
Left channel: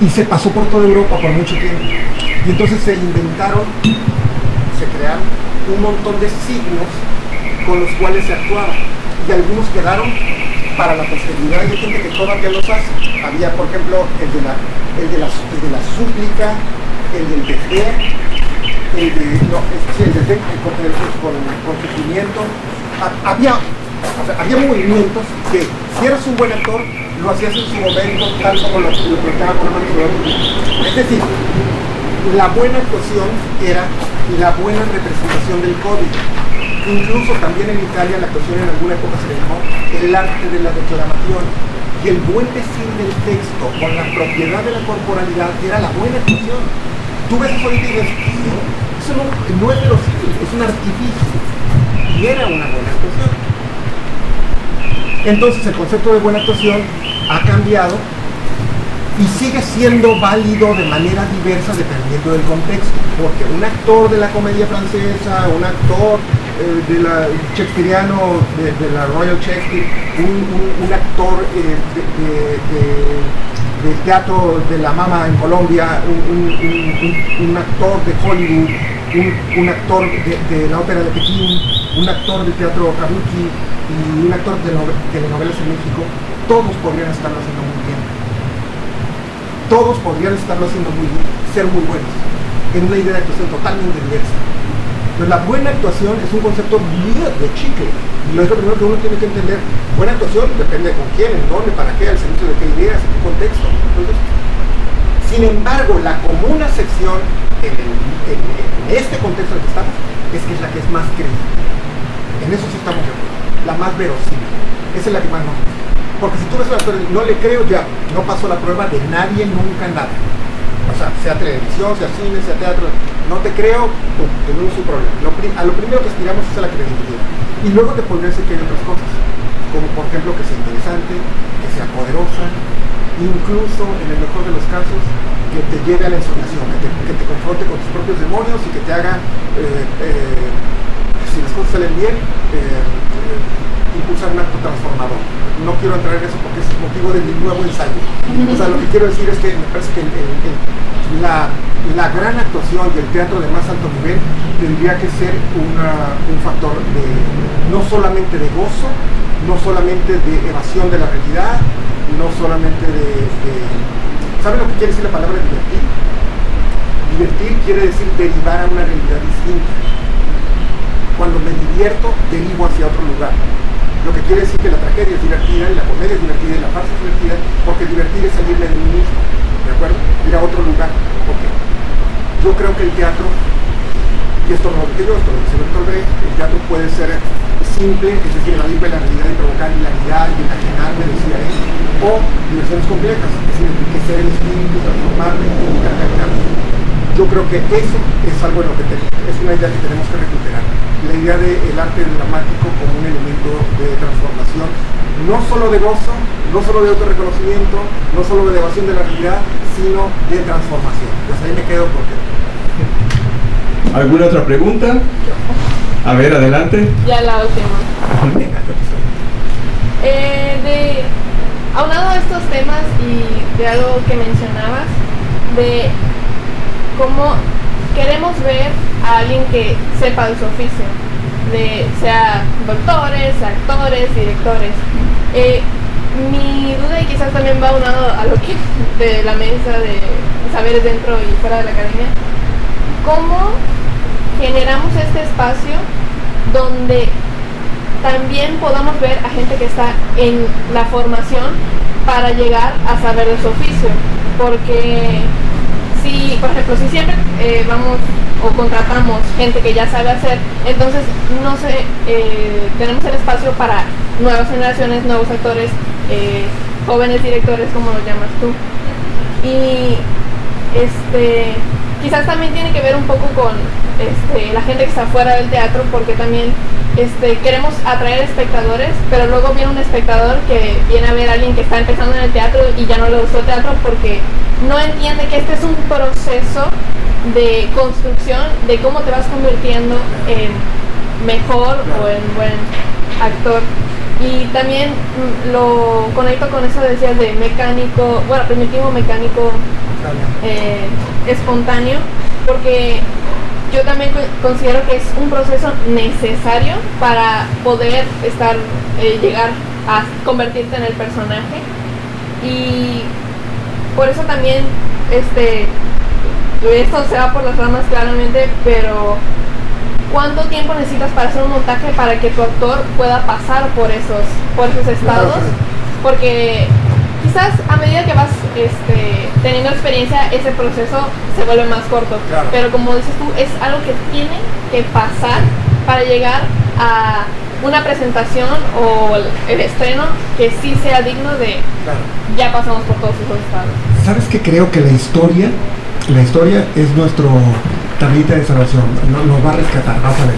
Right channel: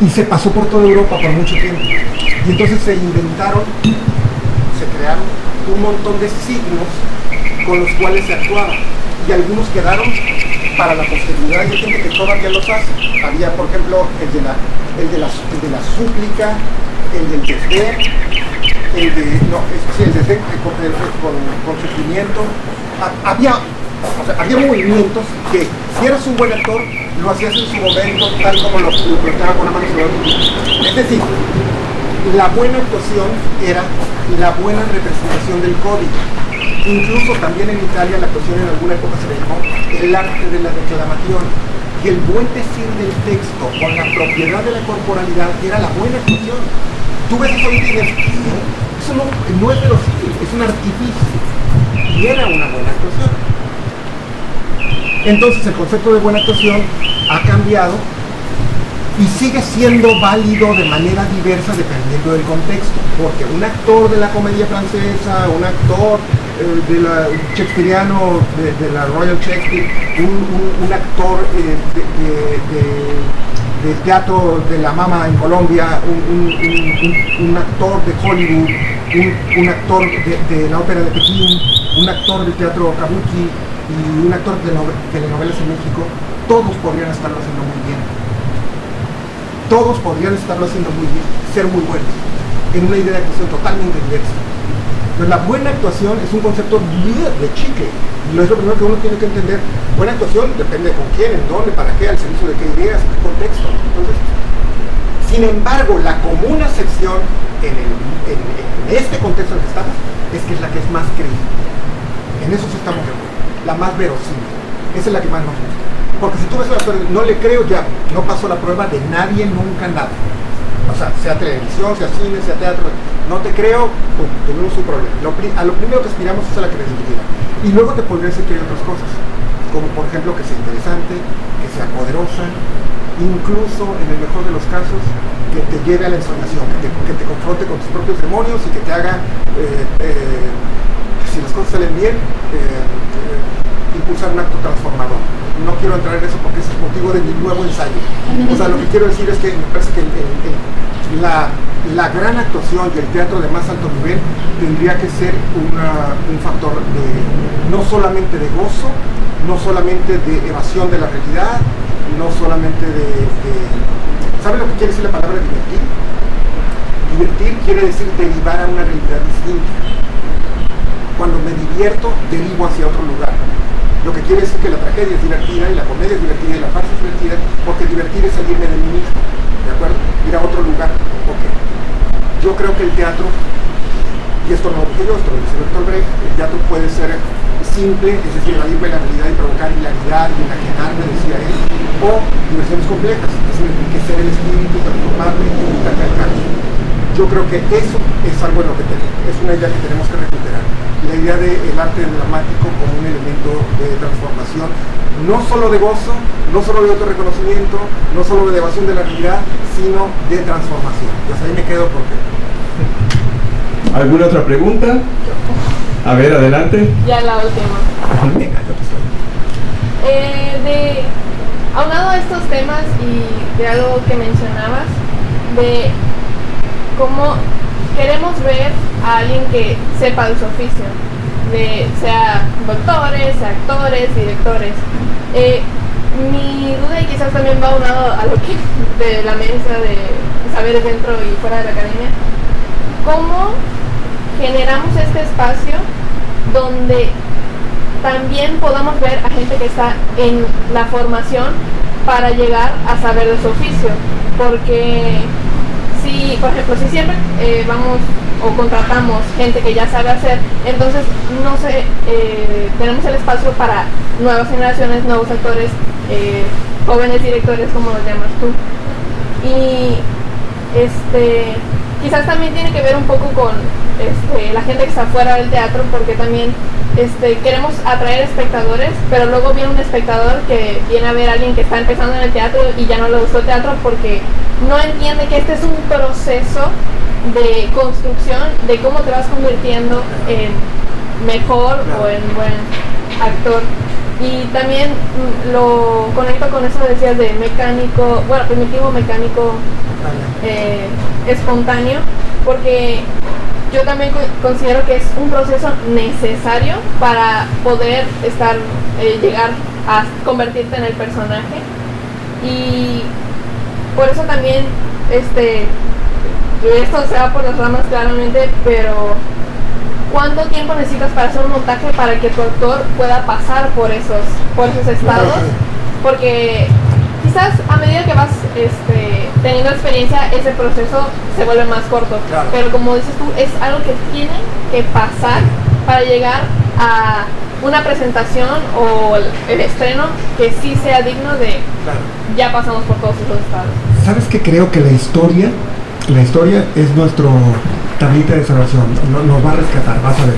Y se pasó por toda Europa por mucho tiempo. Y entonces se crearon un montón de signos con los cuales se actuaba. Y algunos quedaron para la posteridad y hay gente que todavía los hace. Había, por ejemplo, el de la súplica, el del desdén, el desdén con sufrimiento. Había movimientos que, si eras un buen actor, lo hacías en su momento, tal como lo planteaba con la mano sobre el. Es decir, la buena actuación era la buena representación del código. Incluso también en Italia la actuación en alguna época se le llamó el arte de la declamación. Y el buen decir del texto con la propiedad de la corporalidad era la buena actuación. Tú ves eso y dices, eso no es verosímil, es un artificio. Y era una buena actuación. Entonces el concepto de buena actuación ha cambiado y sigue siendo válido de manera diversa dependiendo del contexto, porque un actor de la comedia francesa, un actor de la shakespeariano, de la Royal Shakespeare, un actor del teatro de la Mama en Colombia, un actor de Hollywood, un actor de la ópera de Pekín, un actor del teatro kabuki y un actor de telenovelas en México, todos podrían estarlo haciendo muy bien. Todos podrían estarlo haciendo muy bien, ser muy buenos, en una idea de actuación totalmente diversa. Entonces la buena actuación es un concepto de chicle, y lo es lo primero que uno tiene que entender. Buena actuación depende de con quién, en dónde, para qué, al servicio de qué ideas, en qué contexto. Entonces, sin embargo, la común acepción en este contexto en el que estamos, es que es la que es más creíble. En eso sí estamos de acuerdo. La más verosímil. Esa es la que más nos gusta. Porque si tú ves la historia, no le creo, ya no pasó la prueba de nadie, nunca, nada. O sea televisión, sea cine, sea teatro, no te creo, pues, tenemos un problema. A lo primero que aspiramos es a la credibilidad. Y luego te podría decir que hay otras cosas, como por ejemplo que sea interesante, que sea poderosa, incluso en el mejor de los casos, que te lleve a la ensoñación, que te confronte con tus propios demonios y que te haga, si las cosas salen bien, impulsar un acto transformador. No quiero entrar en eso porque ese es motivo de mi nuevo ensayo. O sea, lo que quiero decir es que me parece que la gran actuación y el teatro de más alto nivel tendría que ser un factor no solamente de gozo, no solamente de evasión de la realidad, no solamente ¿sabe lo que quiere decir la palabra divertir? Divertir quiere decir derivar a una realidad distinta. Cuando me divierto, derivo hacia otro lugar. Lo que quiere decir que la tragedia es divertida y la comedia es divertida y la farsa es divertida, porque divertir es salirme de mí mismo, ¿de acuerdo? Ir a otro lugar. Ok. Yo creo que el teatro, y esto no lo dije yo, esto lo dice Bertolt Brecht, el teatro puede ser simple, es decir, evadirme la realidad y provocar hilaridad y enajenarme, decía él, o diversiones complejas, es decir, enriquecer el espíritu, transformarme y invitarme al cambio. Yo creo que eso es algo en lo que es una idea que tenemos que recuperar. La idea del arte dramático como un elemento de transformación, no solo de gozo, no solo de autorreconocimiento, no solo de evasión de la realidad, sino de transformación. Y hasta ahí me quedo porque... ¿Alguna otra pregunta? A ver, adelante. Ya la última. Venga, yo aquí estoy. Aunado a estos temas y de algo que mencionabas, de cómo queremos ver a alguien que sepa de su oficio, sea doctores, actores, directores. Mi duda, y quizás también va aunado a lo que de la mesa de saberes dentro y fuera de la academia, ¿cómo generamos este espacio donde también podamos ver a gente que está en la formación para llegar a saber de su oficio? Porque si, por ejemplo, si siempre vamos o contratamos gente que ya sabe hacer, entonces no sé, tenemos el espacio para nuevas generaciones, nuevos actores, jóvenes directores, como los llamas tú. Y quizás también tiene que ver un poco con la gente que está fuera del teatro, porque también queremos atraer espectadores, pero luego viene un espectador que viene a ver a alguien que está empezando en el teatro y ya no le gustó el teatro porque no entiende que este es un proceso de construcción de cómo te vas convirtiendo en mejor o en buen actor. Y también lo conecto con eso que decías de mecánico, bueno, primitivo, mecánico, espontáneo, porque yo también considero que es un proceso necesario para poder llegar a convertirte en el personaje. Y por eso también esto se va por las ramas claramente, pero ¿cuánto tiempo necesitas para hacer un montaje para que tu actor pueda pasar por esos estados? Porque quizás a medida que vas teniendo experiencia, ese proceso se vuelve más corto. Claro. Pero como dices tú, es algo que tiene que pasar para llegar a una presentación o el estreno que sí sea digno de... Claro. Ya pasamos por todos esos estados. ¿Sabes qué? Creo que la historia es nuestro tablita de salvación, nos va a rescatar, vas a ver.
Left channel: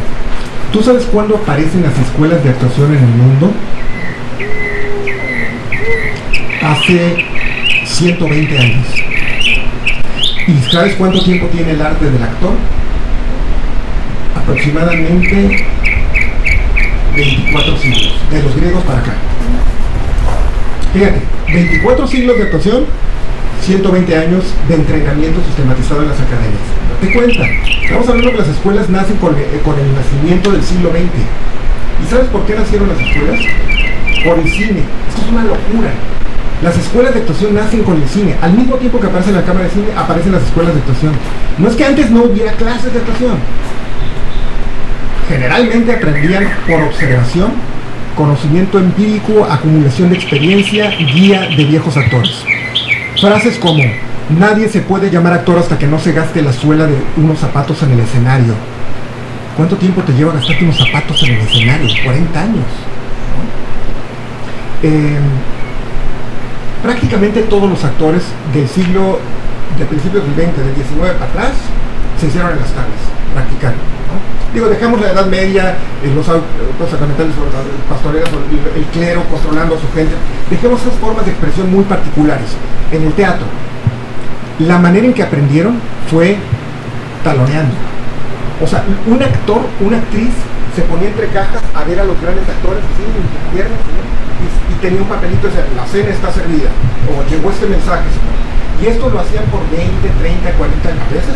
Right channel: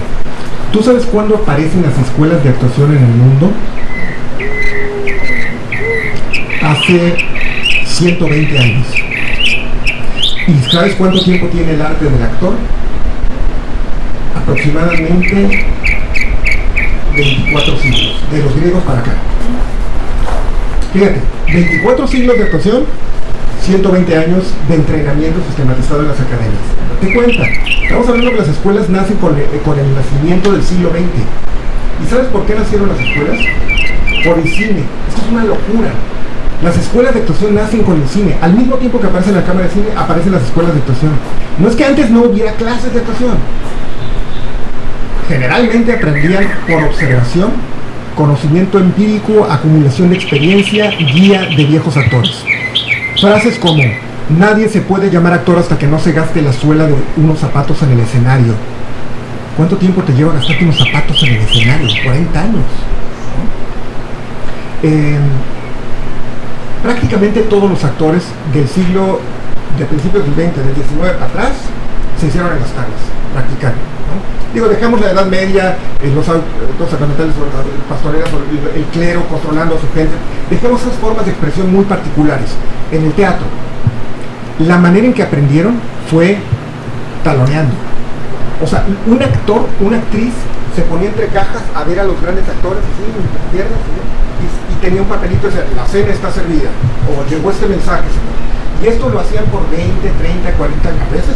¿Tú sabes cuándo aparecen las escuelas de actuación en el mundo? Hace 120 años. ¿Y sabes cuánto tiempo tiene el arte del actor? Aproximadamente 24 siglos, de los griegos para acá. Fíjate, 24 siglos de actuación, 120 años de entrenamiento sistematizado en las academias. Date cuenta, estamos hablando que las escuelas nacen con el nacimiento del siglo XX. ¿Y sabes por qué nacieron las escuelas? Por el cine. Esto es una locura. Las escuelas de actuación nacen con el cine. Al mismo tiempo que aparece la cámara de cine, aparecen las escuelas de actuación. No es que antes no hubiera clases de actuación. Generalmente aprendían por observación, conocimiento empírico, acumulación de experiencia, guía de viejos actores. Frases como, Nadie se puede llamar actor hasta que no se gaste la suela de unos zapatos en el escenario. ¿Cuánto tiempo te lleva gastarte unos zapatos en el escenario? 40 años. ¿No? Prácticamente todos los actores del siglo, de principios del 20, del 19 para atrás, se hicieron en las calles, practicando. ¿No? Digo, dejamos la Edad Media, los sacramentales, las pastorelas, el clero controlando a su gente. Dejemos esas formas de expresión muy particulares. En el teatro, la manera en que aprendieron fue taloneando. O sea, un actor, una actriz, se ponía entre cajas a ver a los grandes actores, así, en las piernas, y tenía un papelito de la cena está servida, o llegó este mensaje, señor. Y esto lo hacían por 20, 30, 40 años. A veces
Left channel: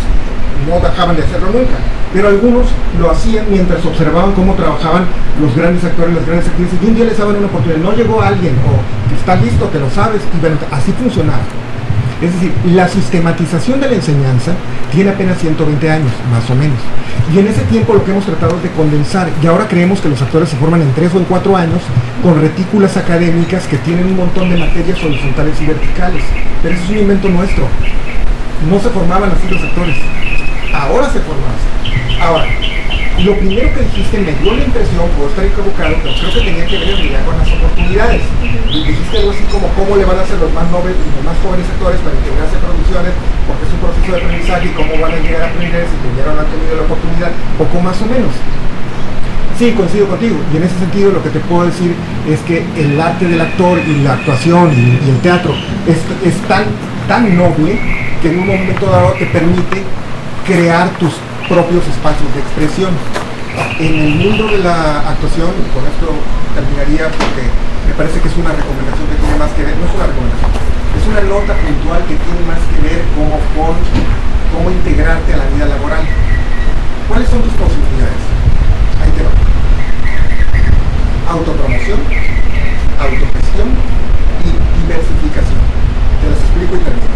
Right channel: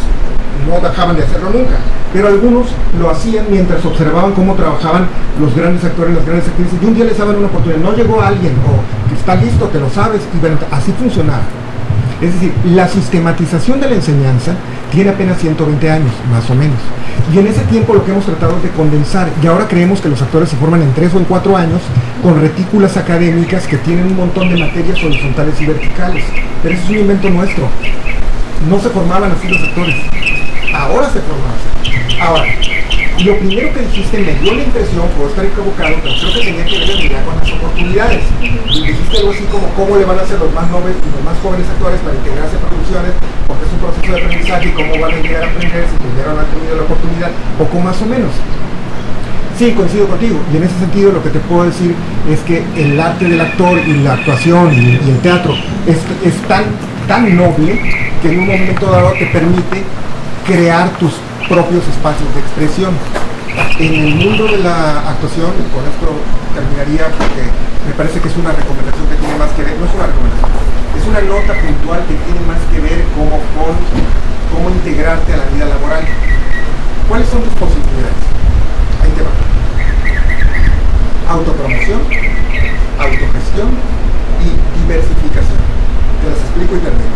no dejaban de hacerlo nunca, pero algunos lo hacían mientras observaban cómo trabajaban los grandes actores, las grandes actrices, y un día les daban una oportunidad. No llegó alguien, o que está listo, te lo sabes, y bueno, así funcionaba. Es decir, la sistematización de la enseñanza tiene apenas 120 años, más o menos. Y en ese tiempo lo que hemos tratado es de condensar, y ahora creemos que los actores se forman en 3 o en 4 años, con retículas académicas que tienen un montón de materias horizontales y verticales. Pero eso es un invento nuestro. No se formaban así los actores. Ahora se forman así. Ahora, lo primero que dijiste me dio la impresión, puedo estar equivocado, pero creo que tenía que ver en realidad con las oportunidades. Y dijiste algo así como cómo le van a hacer los más jóvenes actores para integrarse a producciones, porque es un proceso de aprendizaje, y cómo van a llegar a aprender si primero no han tenido la oportunidad, poco más o menos. Sí, coincido contigo, y en ese sentido lo que te puedo decir es que el arte del actor y la actuación y el teatro es tan noble que en un momento dado te permite crear tus propios espacios de expresión. En el mundo de la actuación, y con esto terminaría porque me parece que es una recomendación que tiene más que ver, no es una recomendación, es una nota puntual que tiene más que ver con cómo integrarte a la vida laboral. ¿Cuáles son tus posibilidades? Ahí te va. Autopromoción, autogestión y diversificación. Te las explico y termino.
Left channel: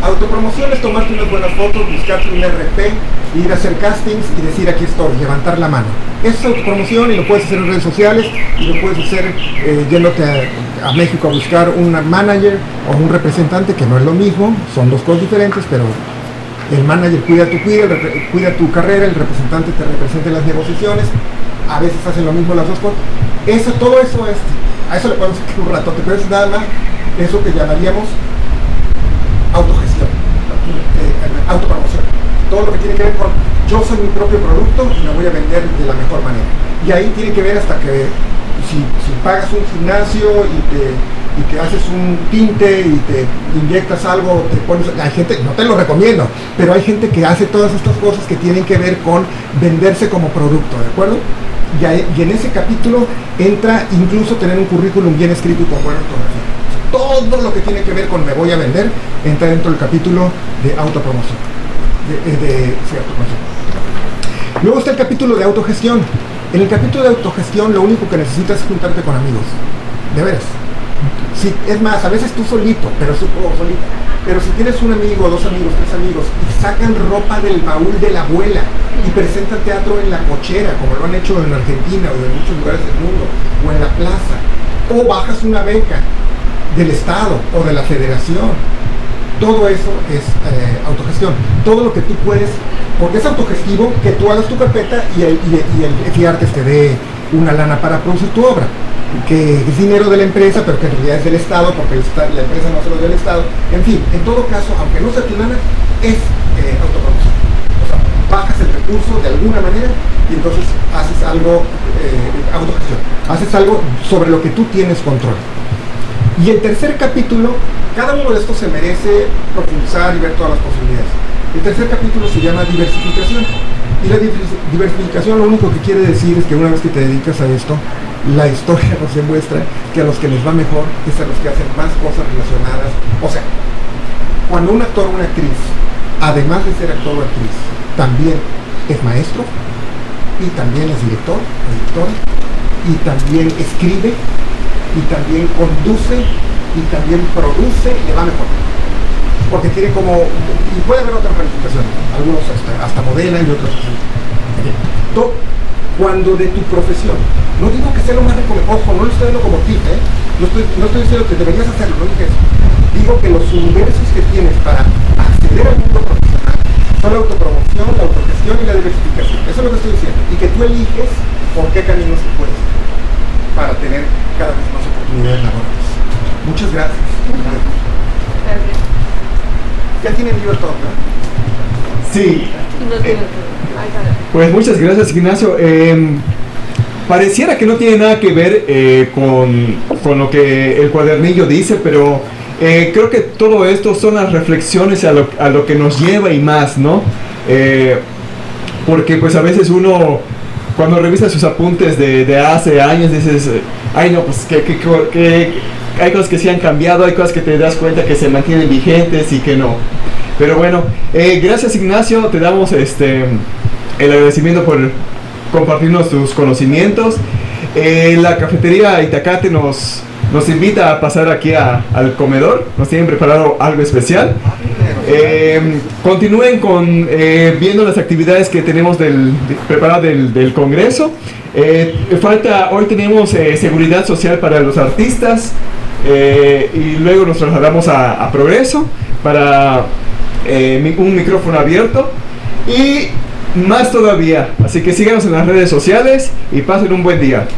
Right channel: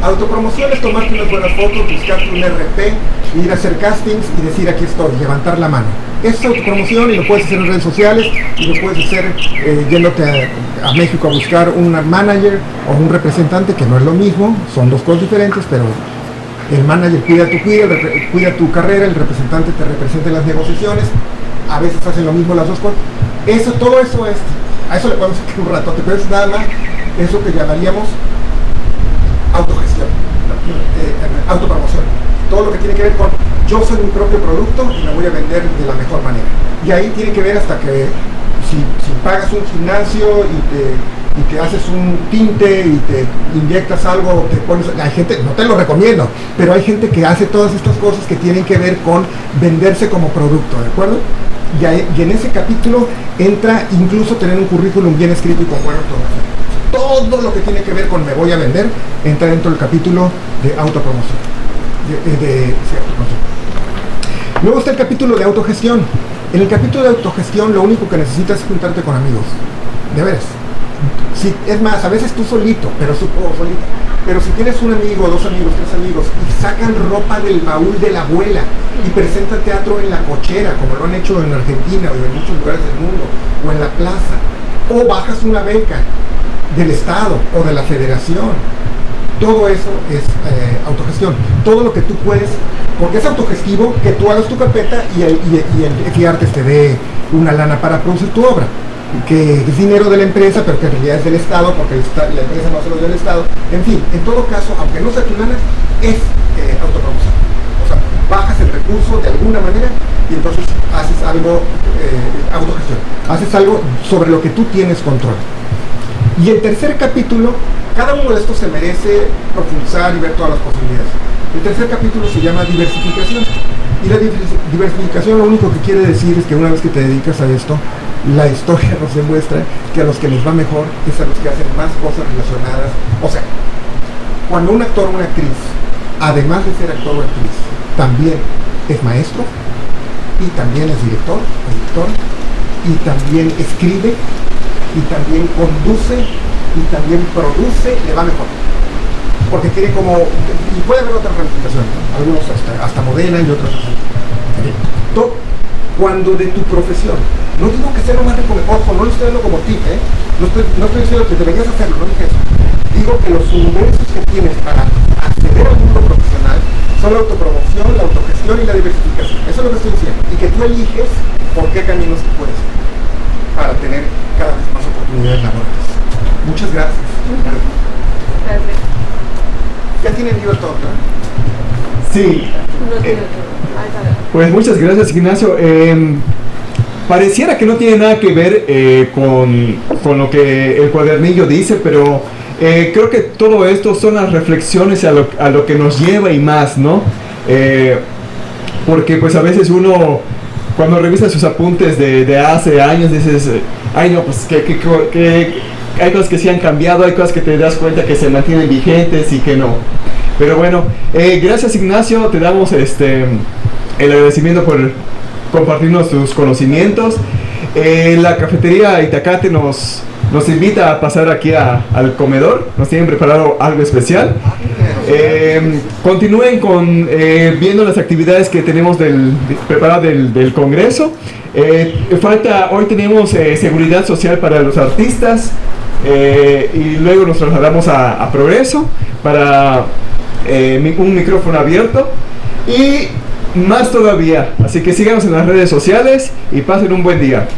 Autopromoción es tomarte unas buenas fotos, buscarte un RP, ir a hacer castings y decir aquí estoy, levantar la mano. Eso es autopromoción, y lo puedes hacer en redes sociales, y lo puedes hacer yéndote a México a buscar un manager o un representante, que no es lo mismo, son dos cosas diferentes, pero el manager cuida tu carrera, el representante te representa en las negociaciones, a veces hacen lo mismo las dos cosas. Todo eso a eso le podemos sacar un ratote, pero es nada más eso que llamaríamos autogestión, autopromoción. Todo lo que tiene que ver con yo soy mi propio producto y me voy a vender de la mejor manera. Y ahí tiene que ver hasta que si pagas un gimnasio y te haces un tinte y te inyectas algo, te pones, hay gente, no te lo recomiendo, pero hay gente que hace todas estas cosas que tienen que ver con venderse como producto, ¿de acuerdo? Y en ese capítulo entra incluso tener un currículum bien escrito y con buena ortografía. Todo lo que tiene que ver con me voy a vender entra dentro del capítulo de autopromoción. Sí, autopromoción. Luego está el capítulo de autogestión. En el capítulo de autogestión lo único que necesitas es juntarte con amigos. De veras. Sí, es más, a veces tú solito, pero solita. Pero si tienes un amigo, 2 amigos, 3 amigos, y sacan ropa del baúl de la abuela y presentan teatro en la cochera, como lo han hecho en Argentina o en muchos lugares del mundo, o en la plaza, o bajas una beca del Estado o de la Federación, todo eso es autogestión. Todo lo que tú puedes, porque es autogestivo que tú hagas tu carpeta y el FIARTES te dé una lana para producir tu obra, que es dinero de la empresa, pero que en realidad es del Estado, porque la empresa no se lo dio al Estado. En fin, en todo caso, aunque no sea tu lana, es autopromoción. O sea, bajas el recurso de alguna manera y entonces haces algo, autogestión, haces algo sobre lo que tú tienes control. Y el tercer capítulo, cada uno de estos se merece profundizar y ver todas las posibilidades. El tercer capítulo se llama diversificación. Y la diversificación lo único que quiere decir es que una vez que te dedicas a esto, la historia nos demuestra que a los que les va mejor es a los que hacen más cosas relacionadas. O sea, cuando un actor o una actriz, además de ser actor o actriz, también es maestro, y también es director o directora, y también escribe, y también conduce, y también produce, le va mejor. Porque tiene como, y puede haber otras ramificaciones, algunos hasta modelan y otros así. Cuando de tu profesión, no digo que sea lo más recomendable, ojo, no lo estoy dando como tip, no estoy diciendo que deberías hacerlo, no dije eso. Digo que los universos que tienes para acceder al mundo profesional son la autopromoción, la autogestión y la diversificación. Eso es lo que estoy diciendo. Y que tú eliges por qué caminos te puedes ir para tener cada vez más oportunidades laborales. Muchas gracias. Gracias. Ya tienen libertad, ¿no? Sí. No tiene todo. Ahí está. Pues muchas gracias, Ignacio. Pareciera que no tiene nada que ver con lo que el cuadernillo dice, pero creo que todo esto son las reflexiones a lo que nos lleva y más, ¿no? Porque pues a veces uno, cuando revisa sus apuntes de hace años, dices, ay no, pues que hay cosas que sí han cambiado, hay cosas que te das cuenta que se mantienen vigentes y que no. Pero bueno, gracias, Ignacio, te damos el agradecimiento por compartirnos tus conocimientos. La cafetería Itacate nos invita a pasar aquí al comedor, nos tienen preparado algo especial. Continúen viendo las actividades que tenemos preparadas del Congreso. Hoy tenemos seguridad social para los artistas, y luego nos trasladamos a Progreso para un micrófono abierto y más todavía. Así que síganos en las redes sociales y pasen un buen día.